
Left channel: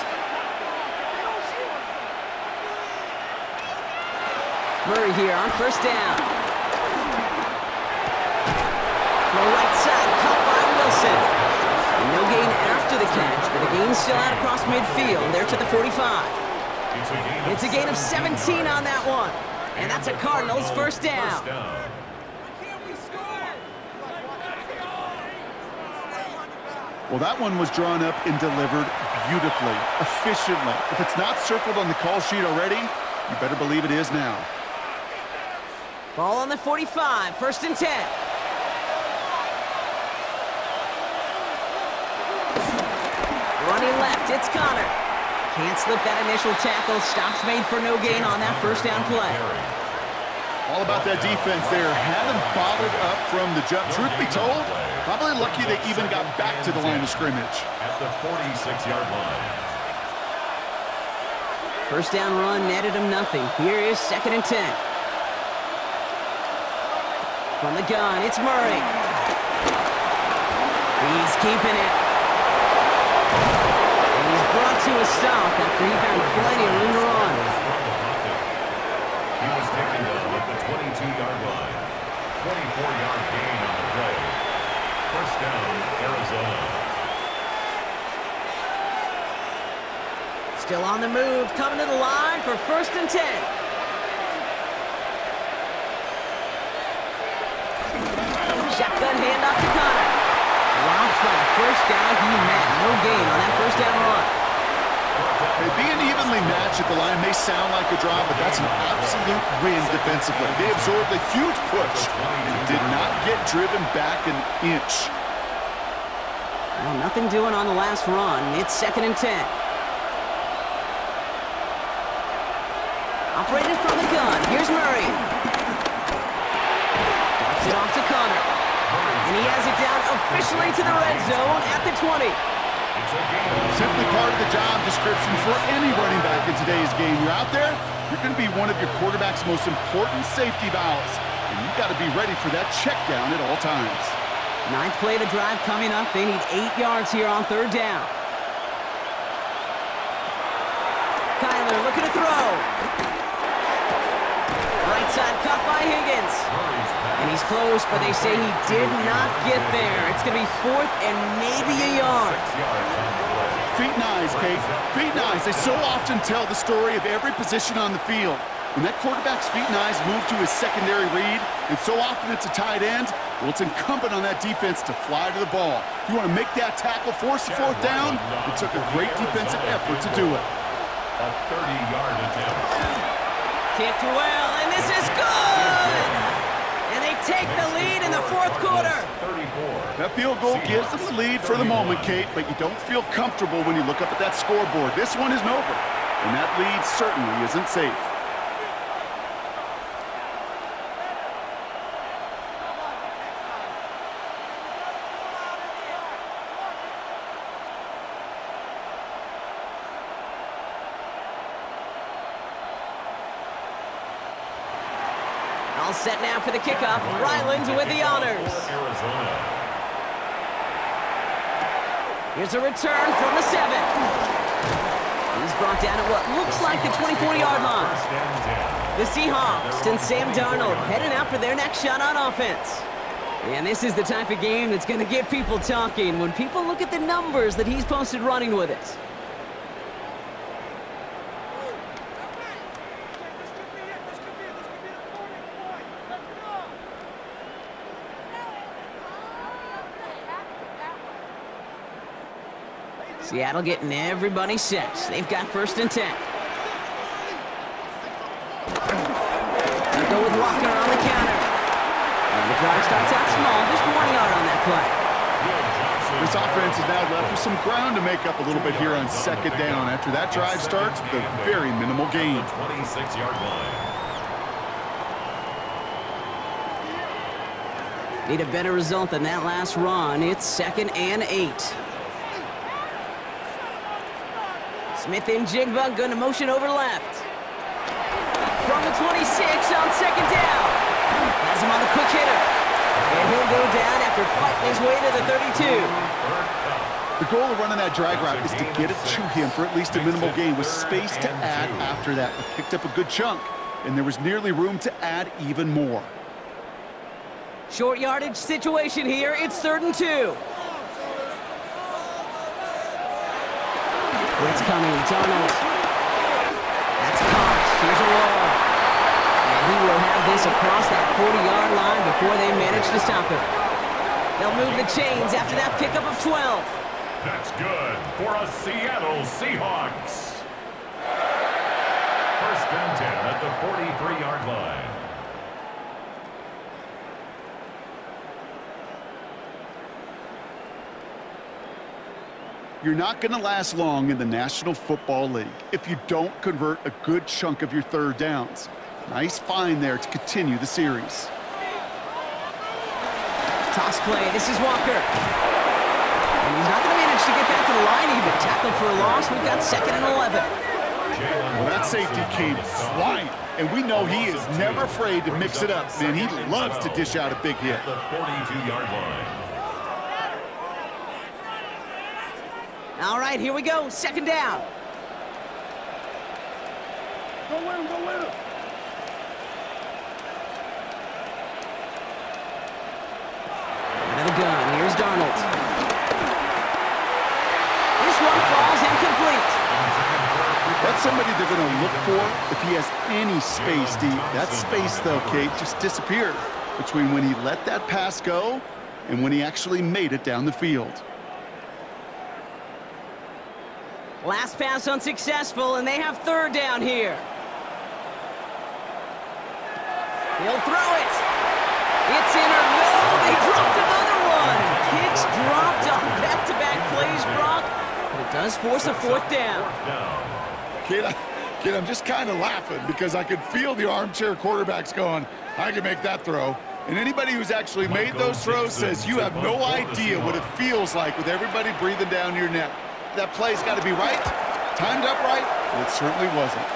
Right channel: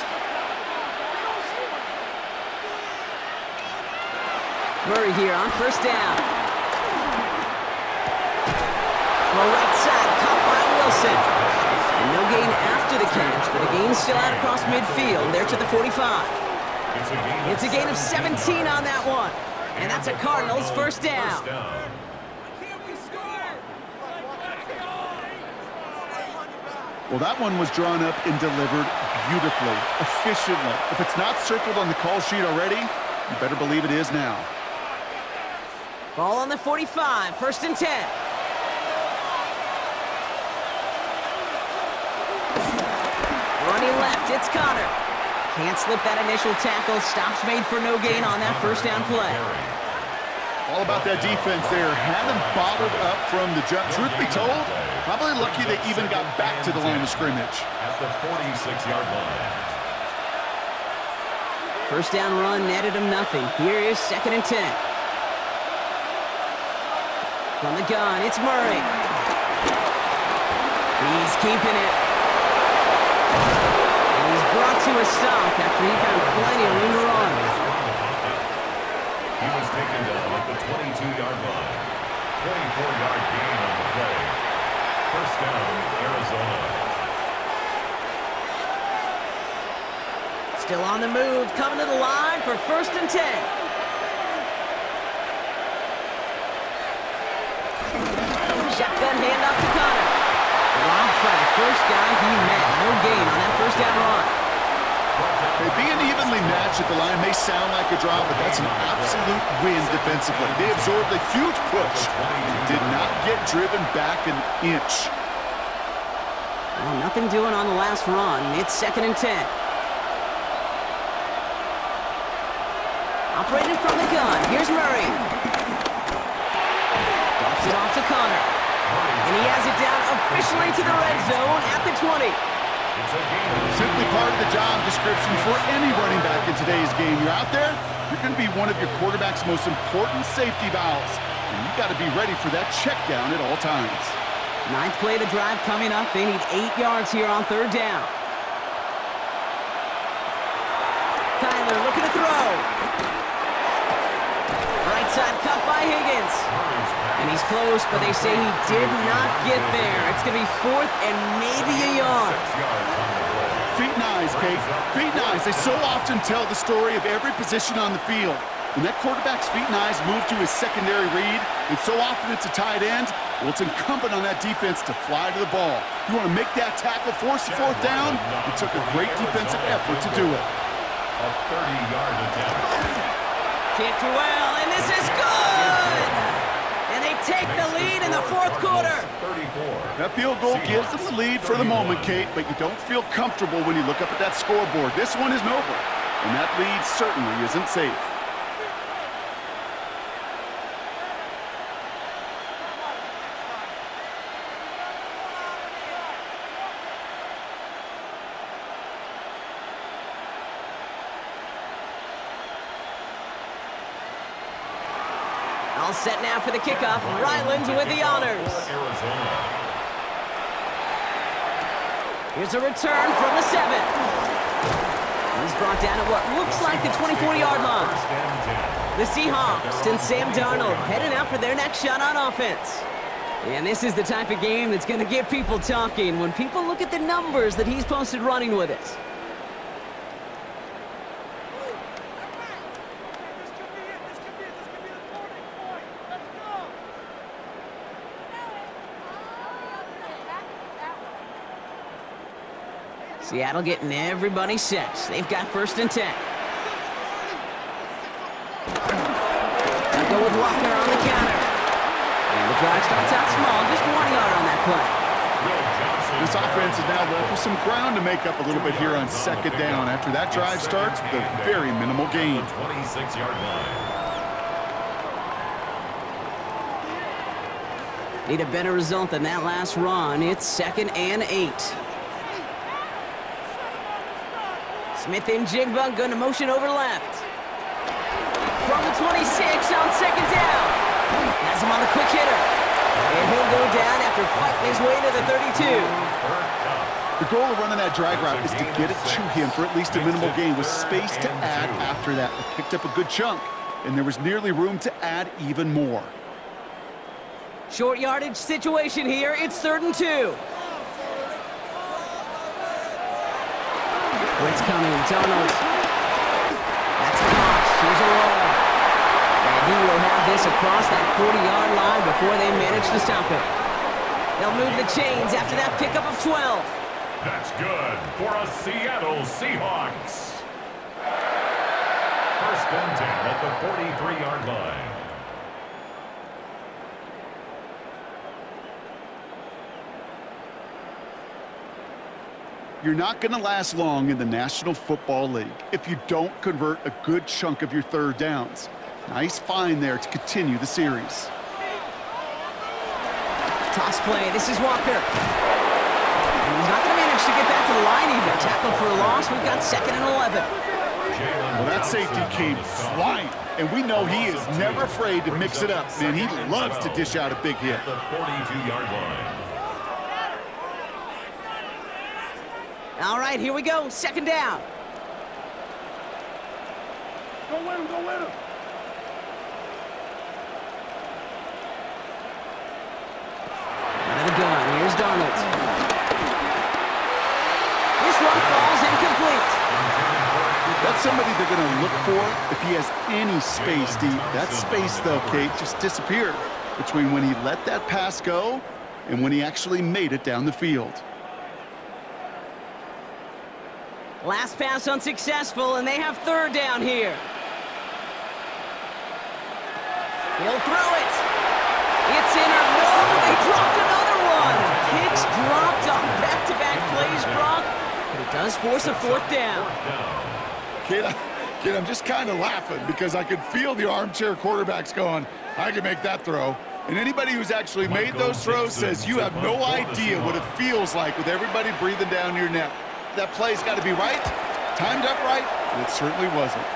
Murray here on 1st down. Throw right side, caught by Wilson. And no gain after the catch, but a gain still out across midfield. There to the 45. It's a gain of 17 on that one. And that's a Cardinals 1st down. Well, that one was drawn up and delivered beautifully, efficiently. If it's not circled on the call sheet already, you better believe it is now. Ball on the 45, 1st and 10. Running left, it's Connor. Can't slip that initial tackle. Stops made for no gain on that 1st down play. All about that defense there. Had them bottled up from the jump. Truth be told, probably lucky they even got back to the line of scrimmage. At the 46-yard line. 1st down run netted him nothing. Here is 2nd and 10. From the gun, it's Murray. He's keeping it. And he's brought to a stop after he found plenty of room to run. He was taken down at the 22-yard line. 24-yard gain on the play. First down, Arizona. Still on the move, coming to the line for 1st and 10. Shotgun handoff to Connor. Dropped by the first guy he met. No gain on that first down run. Hey, being evenly matched at the line may sound like a drop, but that's an absolute win defensively. They absorbed a huge push and did not get driven back an inch. Well, nothing doing on the last run. It's 2nd and 10. Operating from the gun. Here's Murray. Dumps it off to Connor. And he has it down officially to the red zone at the 20. Simply part of the job description for any running back in today's game. You're out there, you're going to be one of your quarterback's most important safety valves. And you got to be ready for that check down at all times. 9th play of the drive coming up. They need 8 yards here on 3rd down. Kyler looking to throw. Right side cut by Higgins. And he's close, but they say he did not get there. It's going to be 4th and maybe a yard. Feet and eyes, Kate. Feet and eyes. They so often tell the story of every position on the field. When that quarterback's feet and eyes move to his secondary read, and so often it's a tight end, well, it's incumbent on that defense to fly to the ball. You want to make that tackle, force the 4th down? It took a great defensive effort to do it. A 30-yard attempt. Kicked well, and this is good! And they take the lead in the 4th quarter. That field goal gives them the lead for the moment, Kate, but you don't feel comfortable when you look up at that scoreboard. This one isn't over, and that lead certainly isn't safe. All set now for the kickoff. Ryland with the honors. Here's a return from the 7. He's brought down at what looks like the 24-yard line. The Seahawks and Sam Darnold heading out for their next shot on offense. And this is the type of game that's going to get people talking when people look at the numbers that he's posted running with it. Seattle getting everybody set. They've got 1st and 10. They'll go with Walker on the counter. And the drive starts out small, just 1 yard on that play. This offense is now left with some ground to make up a little bit here on 2nd down after that drive starts with a very minimal gain. 26-yard line. Need a better result than that last run. It's 2nd and 8. Smith and Jigba going to motion over left. From the 26 on 2nd down. Has him on the quick hitter. And he'll go down after fighting his way to the 32. The goal of running that drag route is to get it to him for at least a minimal gain with space to add after that. They picked up a good chunk, and there was nearly room to add even more. Short yardage situation here. It's 3rd and 2. Blitz coming, Darnold. That's caught. Here's a roll. And he will have this across that 40-yard line before they manage to stop him. They'll move the chains after that pickup of 12. That's good for a Seattle Seahawks. 1st and 10 at the 43-yard line. You're not going to last long in the National Football League if you don't convert a good chunk of your 3rd downs. Nice find there to continue the series. Toss play. This is Walker. And he's not going to manage to get back to the line even. Tackled for a loss. We've got 2nd and 11. Well, that safety came flying. And we know he is never afraid to mix it up. Man, he loves to dish out a big hit. The 42-yard line. All right, here we go. Second down. Go win him, go win him. Out of the gun, here's Darnold. This one falls incomplete. That's somebody they're going to look for if he has any space deep. That space, though, Kate, just disappeared between when he let that pass go and when he actually made it down the field. Last pass unsuccessful, and they have third down here. He'll throw it. It's in or no, they dropped another one. Kicks dropped on back-to-back plays, Brock, but it does force a fourth down. Kid, I'm just kind of laughing because I could feel the armchair quarterbacks going, I can make that throw. And anybody who's actually made those throws says you have no idea what it feels like with everybody breathing down your neck. That play's got to be right, timed up right, and it certainly wasn't.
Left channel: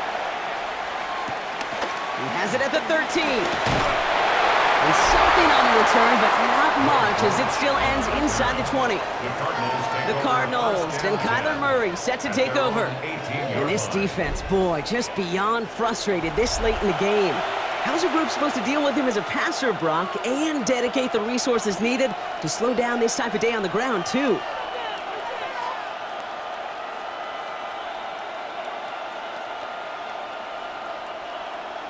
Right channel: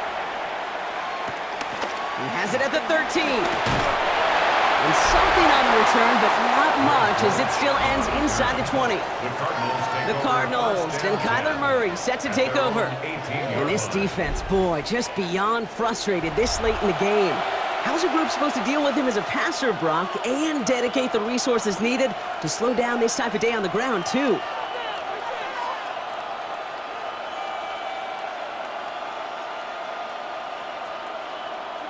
He has it at the 13. And something on the return, but not much, as it still ends inside the 20. The Cardinals and Kyler Murray set to take over. And this defense, boy, just beyond frustrated this late in the game. How's a group supposed to deal with him as a passer, Brock, and dedicate the resources needed to slow down this type of day on the ground, too?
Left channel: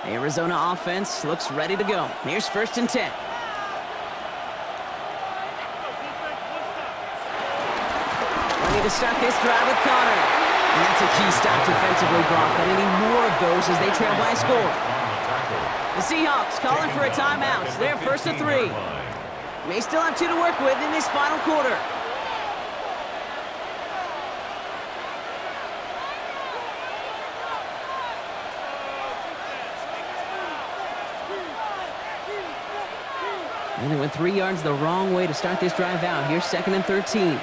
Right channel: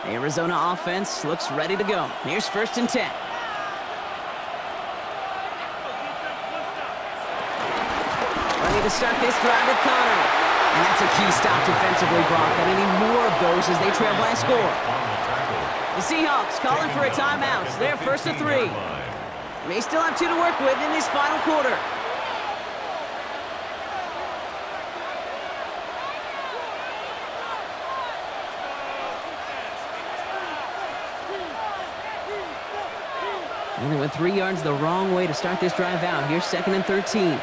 The Arizona offense looks ready to go. Here's 1st and 10. Ready to start this drive with Connor. And that's a key stop defensively, Brock. And any more of those as they trail by a score. The Seahawks calling for a timeout. They're 1st and 3. May still have 2 to work with in this final quarter. And they went 3 yards the wrong way to start this drive out. Here's 2nd and 13.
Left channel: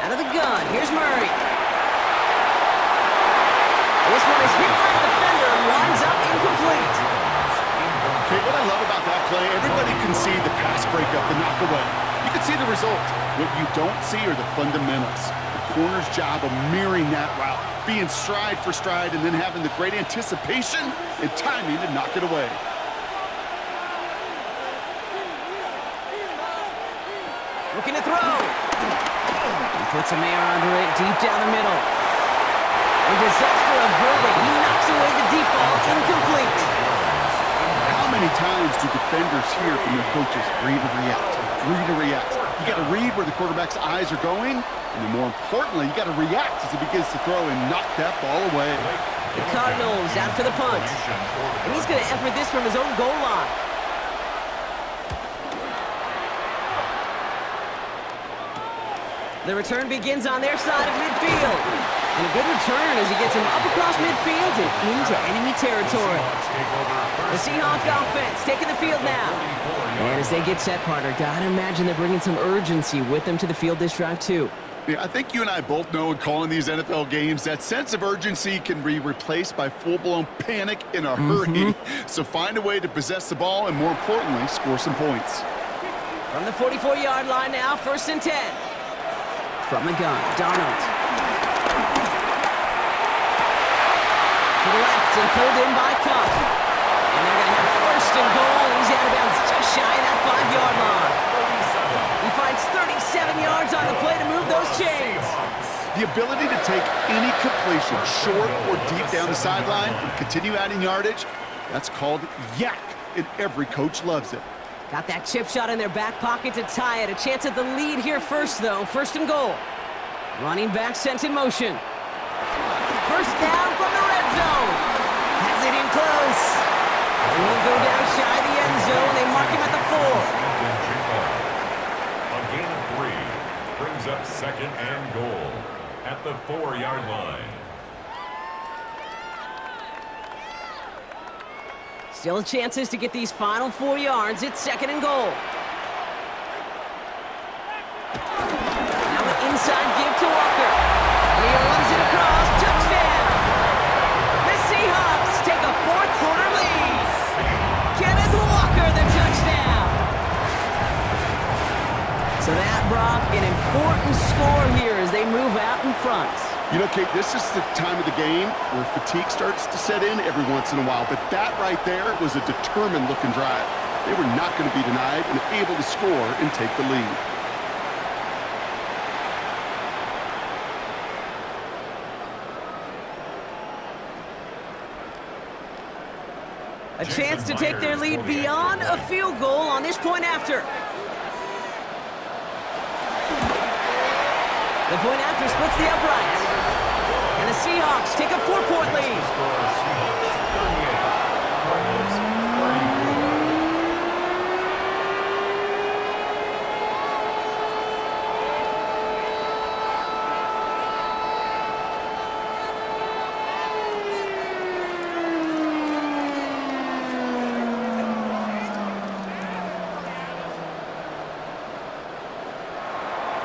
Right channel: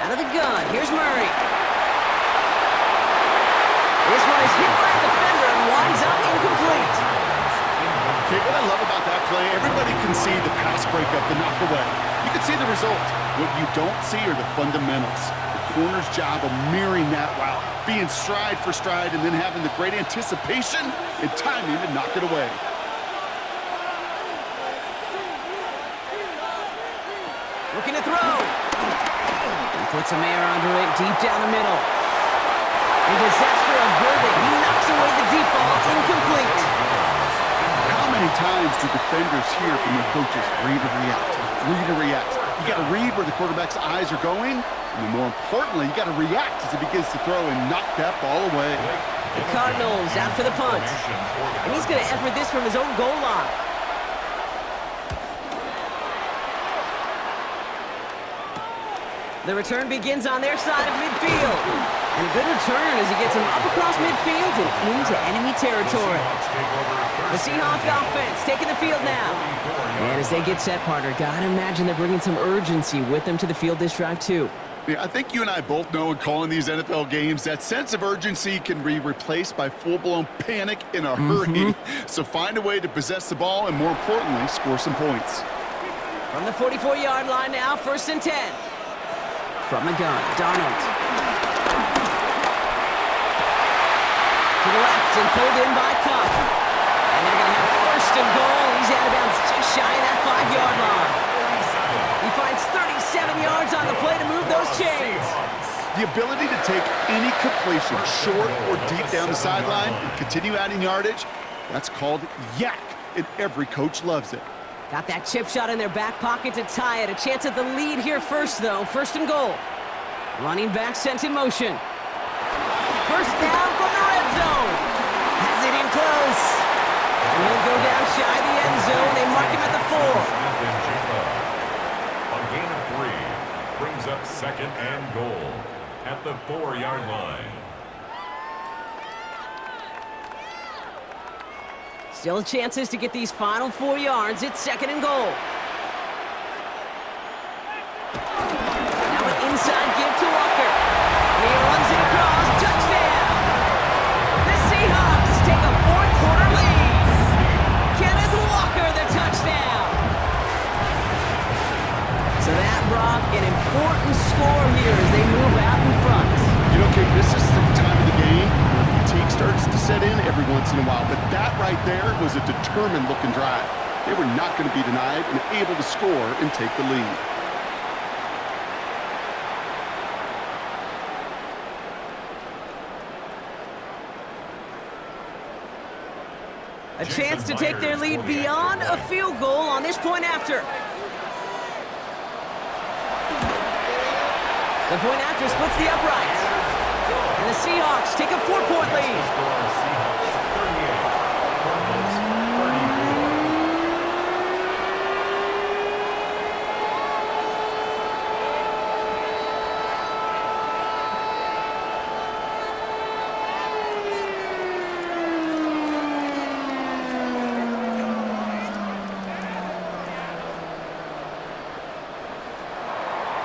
Out of the gun, here's Murray. This one is hit by a defender and winds up incomplete. Okay, what I love about that play, everybody can see the pass breakup, the knock away. You can see the result. What you don't see are the fundamentals. The corner's job of mirroring that route, being stride for stride, and then having the great anticipation and timing to knock it away. Looking to throw. He puts a Mayer under it, deep down the middle. A disaster averted. He knocks away the deep ball, incomplete. How many times do defenders hear from their coaches, read or react, read or react? You got to read where the quarterback's eyes are going, and then more importantly, you got to react as he begins to throw and knock that ball away. The Cardinals out for the punt. And he's going to effort this from his own goal line. The return begins on their side of midfield. And a good return as he gets him up across midfield and into enemy territory. The Seahawks offense taking the field now. And as they get set, partner, gotta imagine they're bringing some urgency with them to the field this drive, too. Yeah, I think you and I both know in calling these NFL games, that sense of urgency can be replaced by full-blown panic in a hurry. So find a way to possess the ball and, more importantly, score some points. From the 44-yard line now, 1st and 10. From the gun, Darnold. To the left and pulled in by Cup. And they're going to have 1st and goal. He's out of bounds just shy of that 5-yard line. He finds 37 yards on the play to move those chains. The ability to take any completion, short or deep down the sideline, and continue adding yardage, that's called yak, and every coach loves it. Got that chip shot in their back pocket to tie it. A chance at the lead here first, though. 1st and goal. Running back sent in motion. 1st down from the red zone. Has it in close. And he'll go down shy of the end zone. They mark him at the 4. A gain of 3 brings up 2nd and goal at the 4-yard line. Still chances to get these final 4 yards. It's 2nd and goal. Now an inside give to Walker. He runs it across. Touchdown! The Seahawks take a 4th-quarter lead. Kenneth Walker, the touchdown. So that, Brock, an important score here as they move out in front. You know, Kate, this is the time of the game where fatigue starts to set in every once in a while. But that right there was a determined-looking drive. They were not going to be denied and able to score and take the lead. A chance to take their lead beyond a field goal on this point after. The point after splits the uprights. And the Seahawks take a 4-point lead. Seahawks 38, Cardinals 34.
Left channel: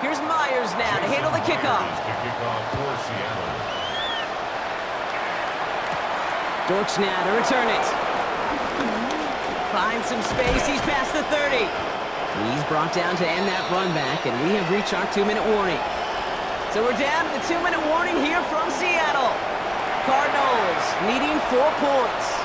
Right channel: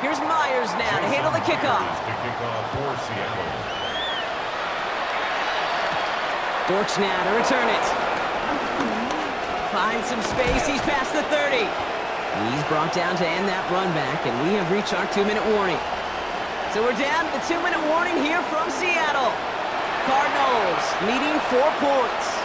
Here's Myers now to handle the kickoff. To kick off for Seattle. Dortch now to return it. Finds some space. He's past the 30. He's brought down to end that run back, and we have reached our 2-minute warning. So we're down to the 2-minute warning here from Seattle. Cardinals needing 4 points.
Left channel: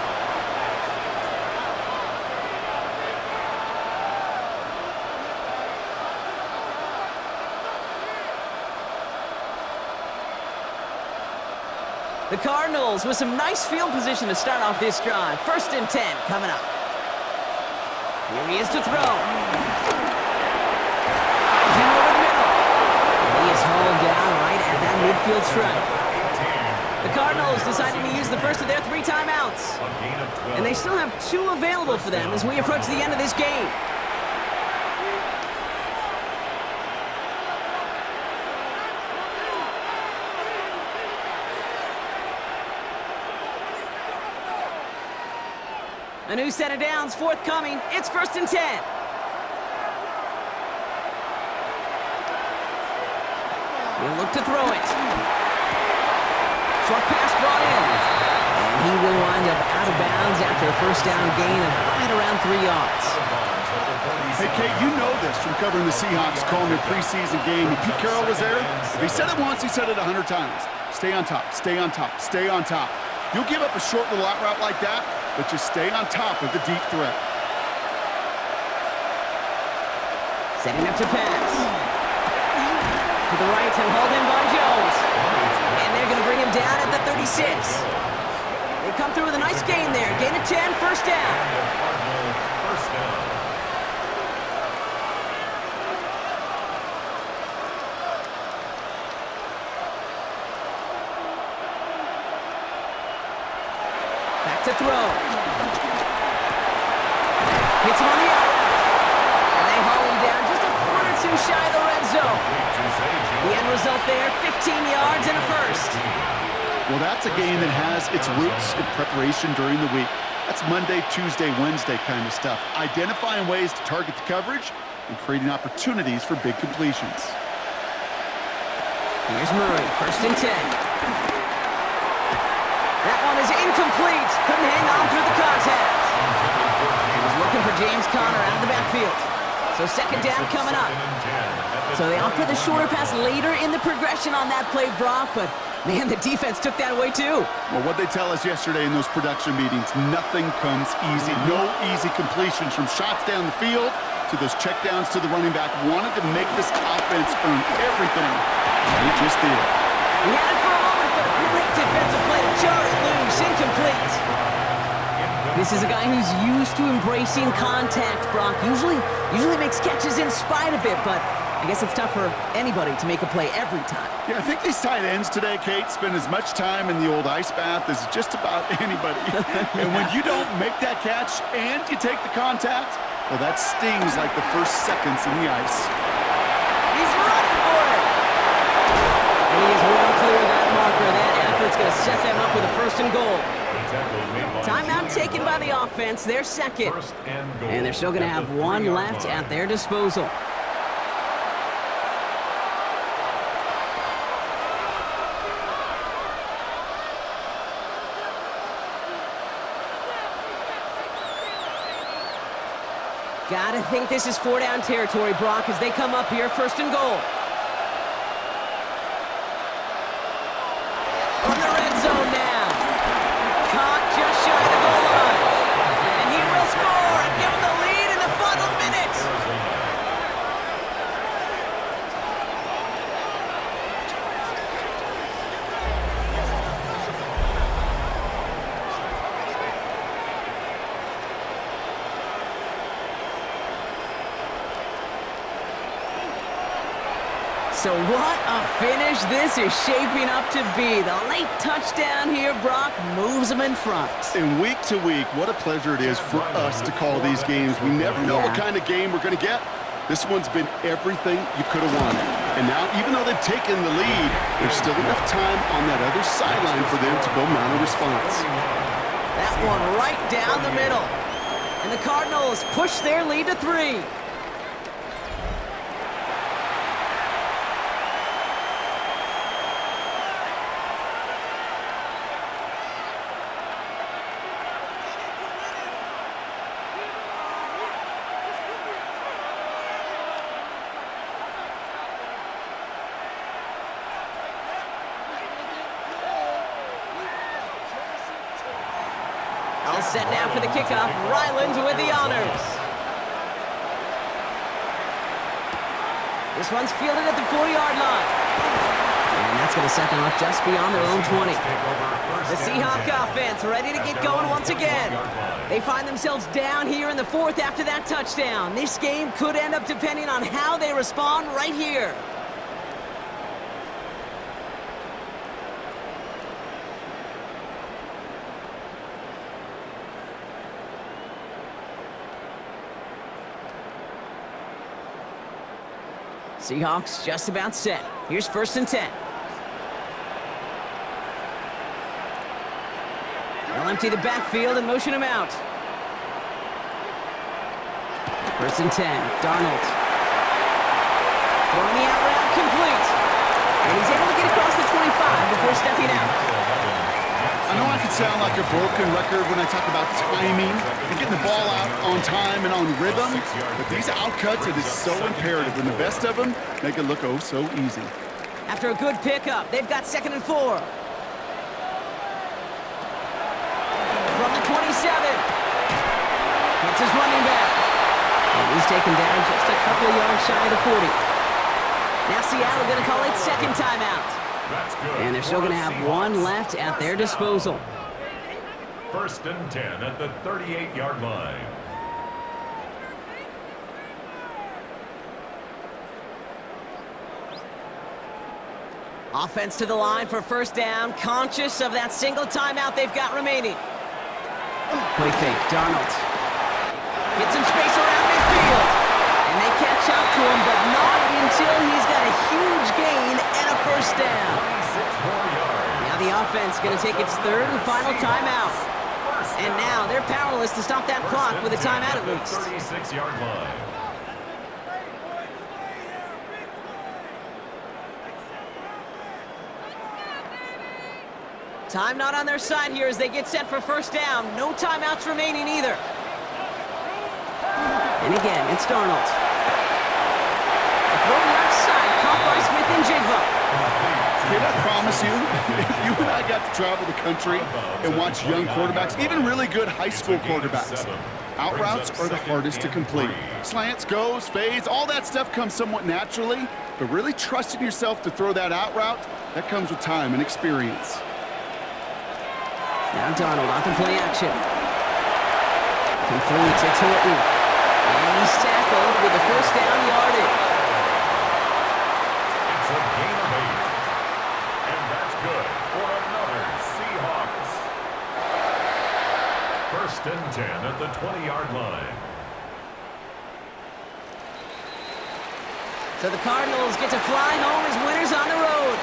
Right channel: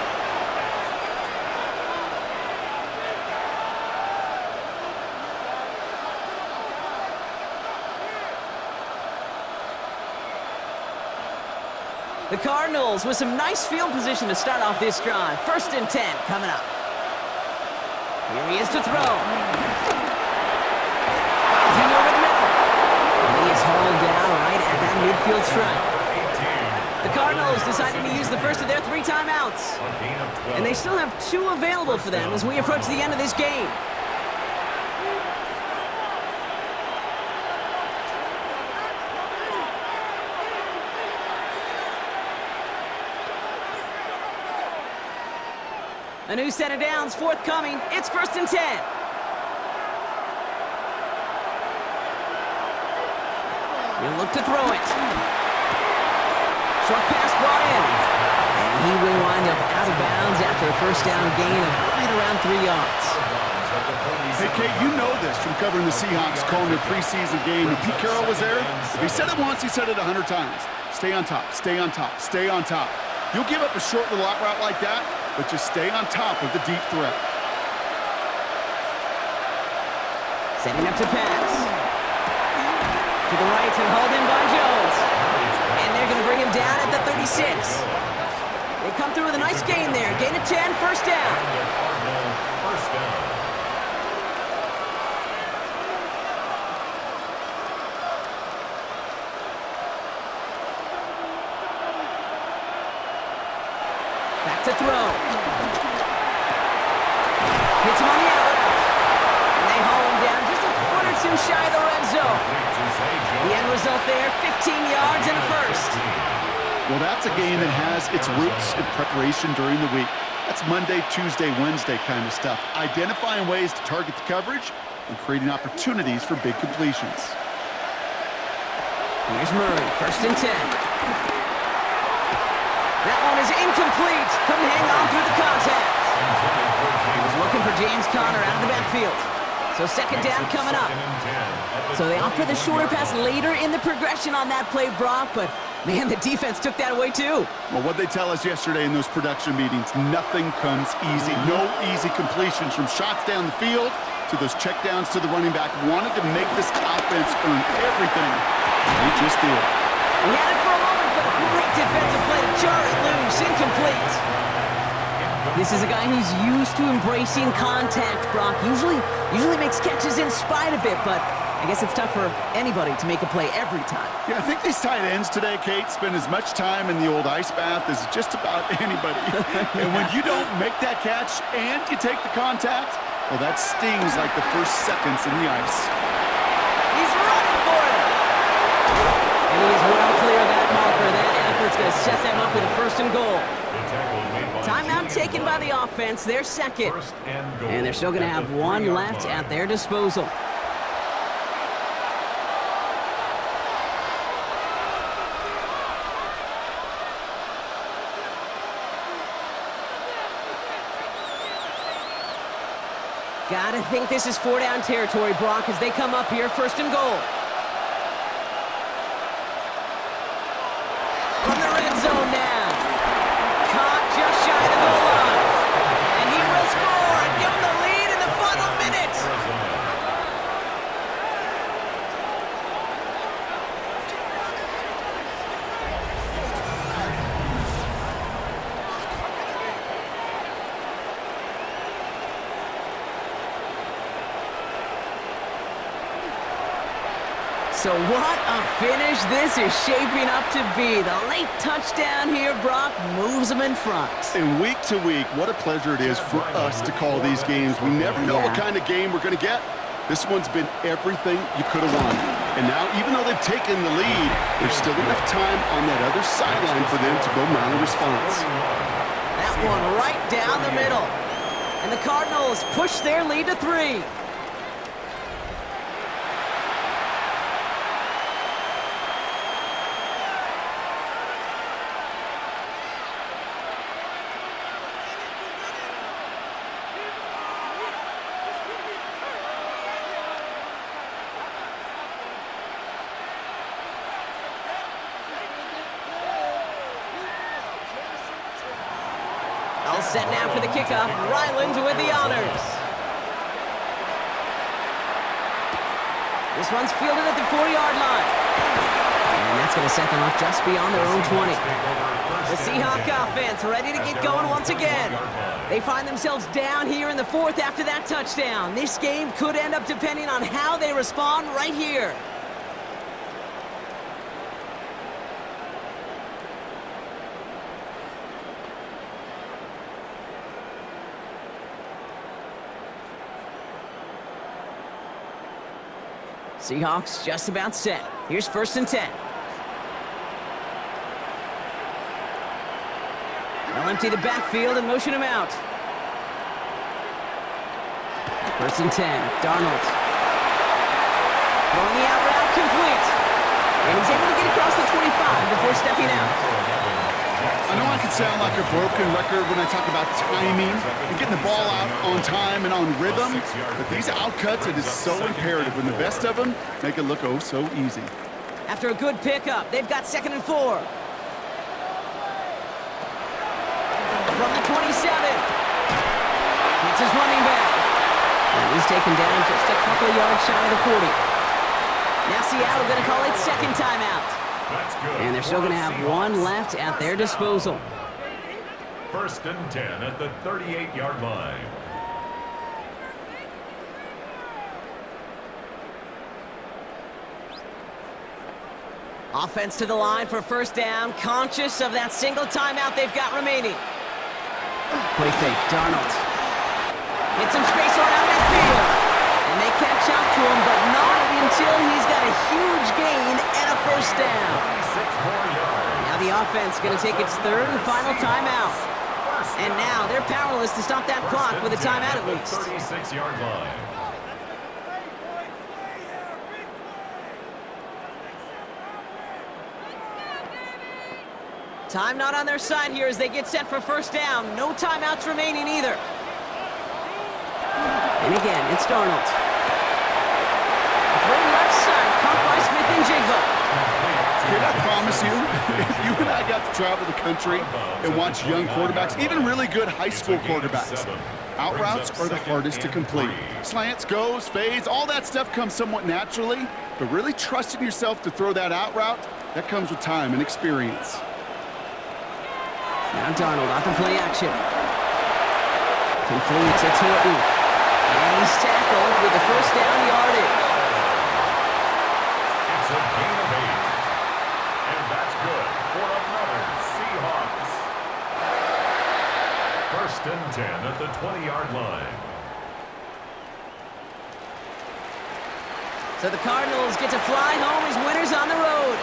The Cardinals with some nice field position to start off this drive. 1st and 10 coming up. Here he is to throw. Finds him over the middle. And he is hauled down right at that midfield stripe. The Cardinals deciding to use the first of their 3 timeouts. And they still have 2 available for them as we approach the end of this game. A new set of downs forthcoming. It's 1st and 10. He'll look to throw it. Short pass brought in. And he will wind up out of bounds after a 1st down gain of right around 3 yards. Hey, Kate, you know this from covering the Seahawks, calling their preseason game. When Pete Carroll was there, if he said it once, he said it 100 times. Stay on top, stay on top, stay on top. You'll give up a short little out route like that, but just stay on top of the deep threat. Setting up to pass. To the right and hauled in by Jones. And they're going to bring him down at the 36. They come through with a nice gain there. Gain of 10, 1st down. And the Cardinal 1st down. Back to throw. Hits him on the out route. And they haul him down just a foot or 2 shy of the red zone. The end result there, 15 yards and a 1st. Well, that's a game that has its roots in preparation during the week. That's Monday, Tuesday, Wednesday kind of stuff. Identifying ways to target the coverage and creating opportunities for big completions. Here's Murray, 1st and 10. That one is incomplete. Couldn't hang on through the contact. He was looking for James Conner out of the backfield. So 2nd down coming up. So they opt for the shorter pass later in the progression on that play, Brock, but man, the defense took that away too. Well, what they tell us yesterday in those production meetings, nothing comes easy. No easy completions from shots down the field to those checkdowns to the running back. Wanted to make this offense earn everything. They just did. He had it for a moment, but a great defensive play to jar it loose. Incomplete. This is a guy who's used to embracing contact, Brock. Usually makes catches in spite of it, but I guess it's tough for anybody to make a play every time. Yeah, I think these tight ends today, Kate, spend as much time in the old ice bath as just about anybody. And when you don't make that catch and you take the contact, well, that stings like the first seconds in the ice. He's running for it. And he is well clear of that marker. That effort's going to set them up with a 1st and goal. Timeout taken by the offense, their 2nd. And they're still going to have 1 left at their disposal. Gotta think this is 4-down territory, Brock, as they come up here, 1st and goal. From the red zone now. Caught just shy of the goal line. And he will score and give them the lead in the final minutes. So what a finish this is shaping up to be. The late touchdown here, Brock, moves them in front. And week to week, what a pleasure it is for us to call these games. We never know what kind of game we're going to get. This one's been everything you could have wanted. And now, even though they've taken the lead, there's still enough time on that other sideline for them to go mount a response. That one right down the middle. And the Cardinals push their lead to 3. All set now for the kickoff. Ryland with the honors. This one's fielded at the 4-yard line. And that's going to set them up just beyond their own 20. The Seahawks offense ready to get going once again. They find themselves down here in the 4th after that touchdown. This game could end up depending on how they respond right here. Seahawks just about set. Here's 1st and 10. They'll empty the backfield and motion him out. 1st and 10. Darnold. Throwing the out route complete. And he's able to get across the 25 before stepping out. I know I could sound like a broken record when I talk about timing and getting the ball out on time and on rhythm, but these outcuts, it is so imperative, and the best of them make it look oh so easy. After a good pickup, they've got 2nd and 4. From the 27. It's his running back. And he's taken down just a couple of yards shy of the 40. Now Seattle going to call it 2nd timeout. That's good. And they're still going to have one left at their disposal. 1st and 10 at the 38-yard line. Offense to the line for 1st down, conscious of that single timeout they've got remaining. Play fake, Darnold. Hits some space around midfield. And they catch up to him, but not until he's got a huge gain and a 1st down. 26 more yards. Now the offense going to take its 3rd and final timeout. And now they're powerless to stop that clock with a timeout at least. 36-yard line. Time not on their side here as they get set for 1st down. No timeouts remaining either. And again, it's Darnold. Throw left side, caught by Smith and Jigba. Can I promise you, if you and I got to travel the country and watch young quarterbacks, even really good high school quarterbacks, out routes are the hardest to complete. Slants, goes, fades, all that stuff comes somewhat naturally, but really trusting yourself to throw that out route, that comes with time and experience. Now Darnold off the play action. Completes, it's Horton. And he's tackled with the 1st down yardage. It's a gain of 8. And that's good for another Seahawks. 1st and 10 at the 20-yard line. So the Cardinals get to fly home as winners on the road.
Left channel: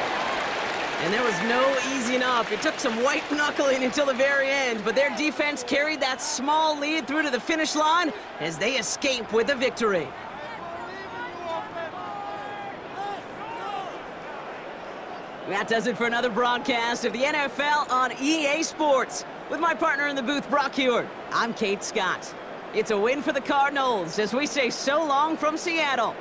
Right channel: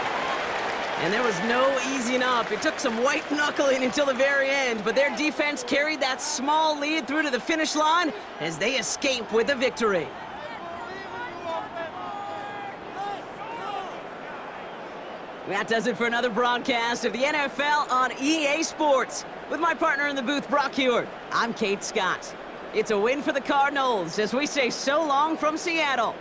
And there was no easing up. It took some white knuckling until the very end, but their defense carried that small lead through to the finish line as they escape with the victory. That does it for another broadcast of the NFL on EA Sports. With my partner in the booth, Brock Heward, I'm Kate Scott. It's a win for the Cardinals as we say so long from Seattle.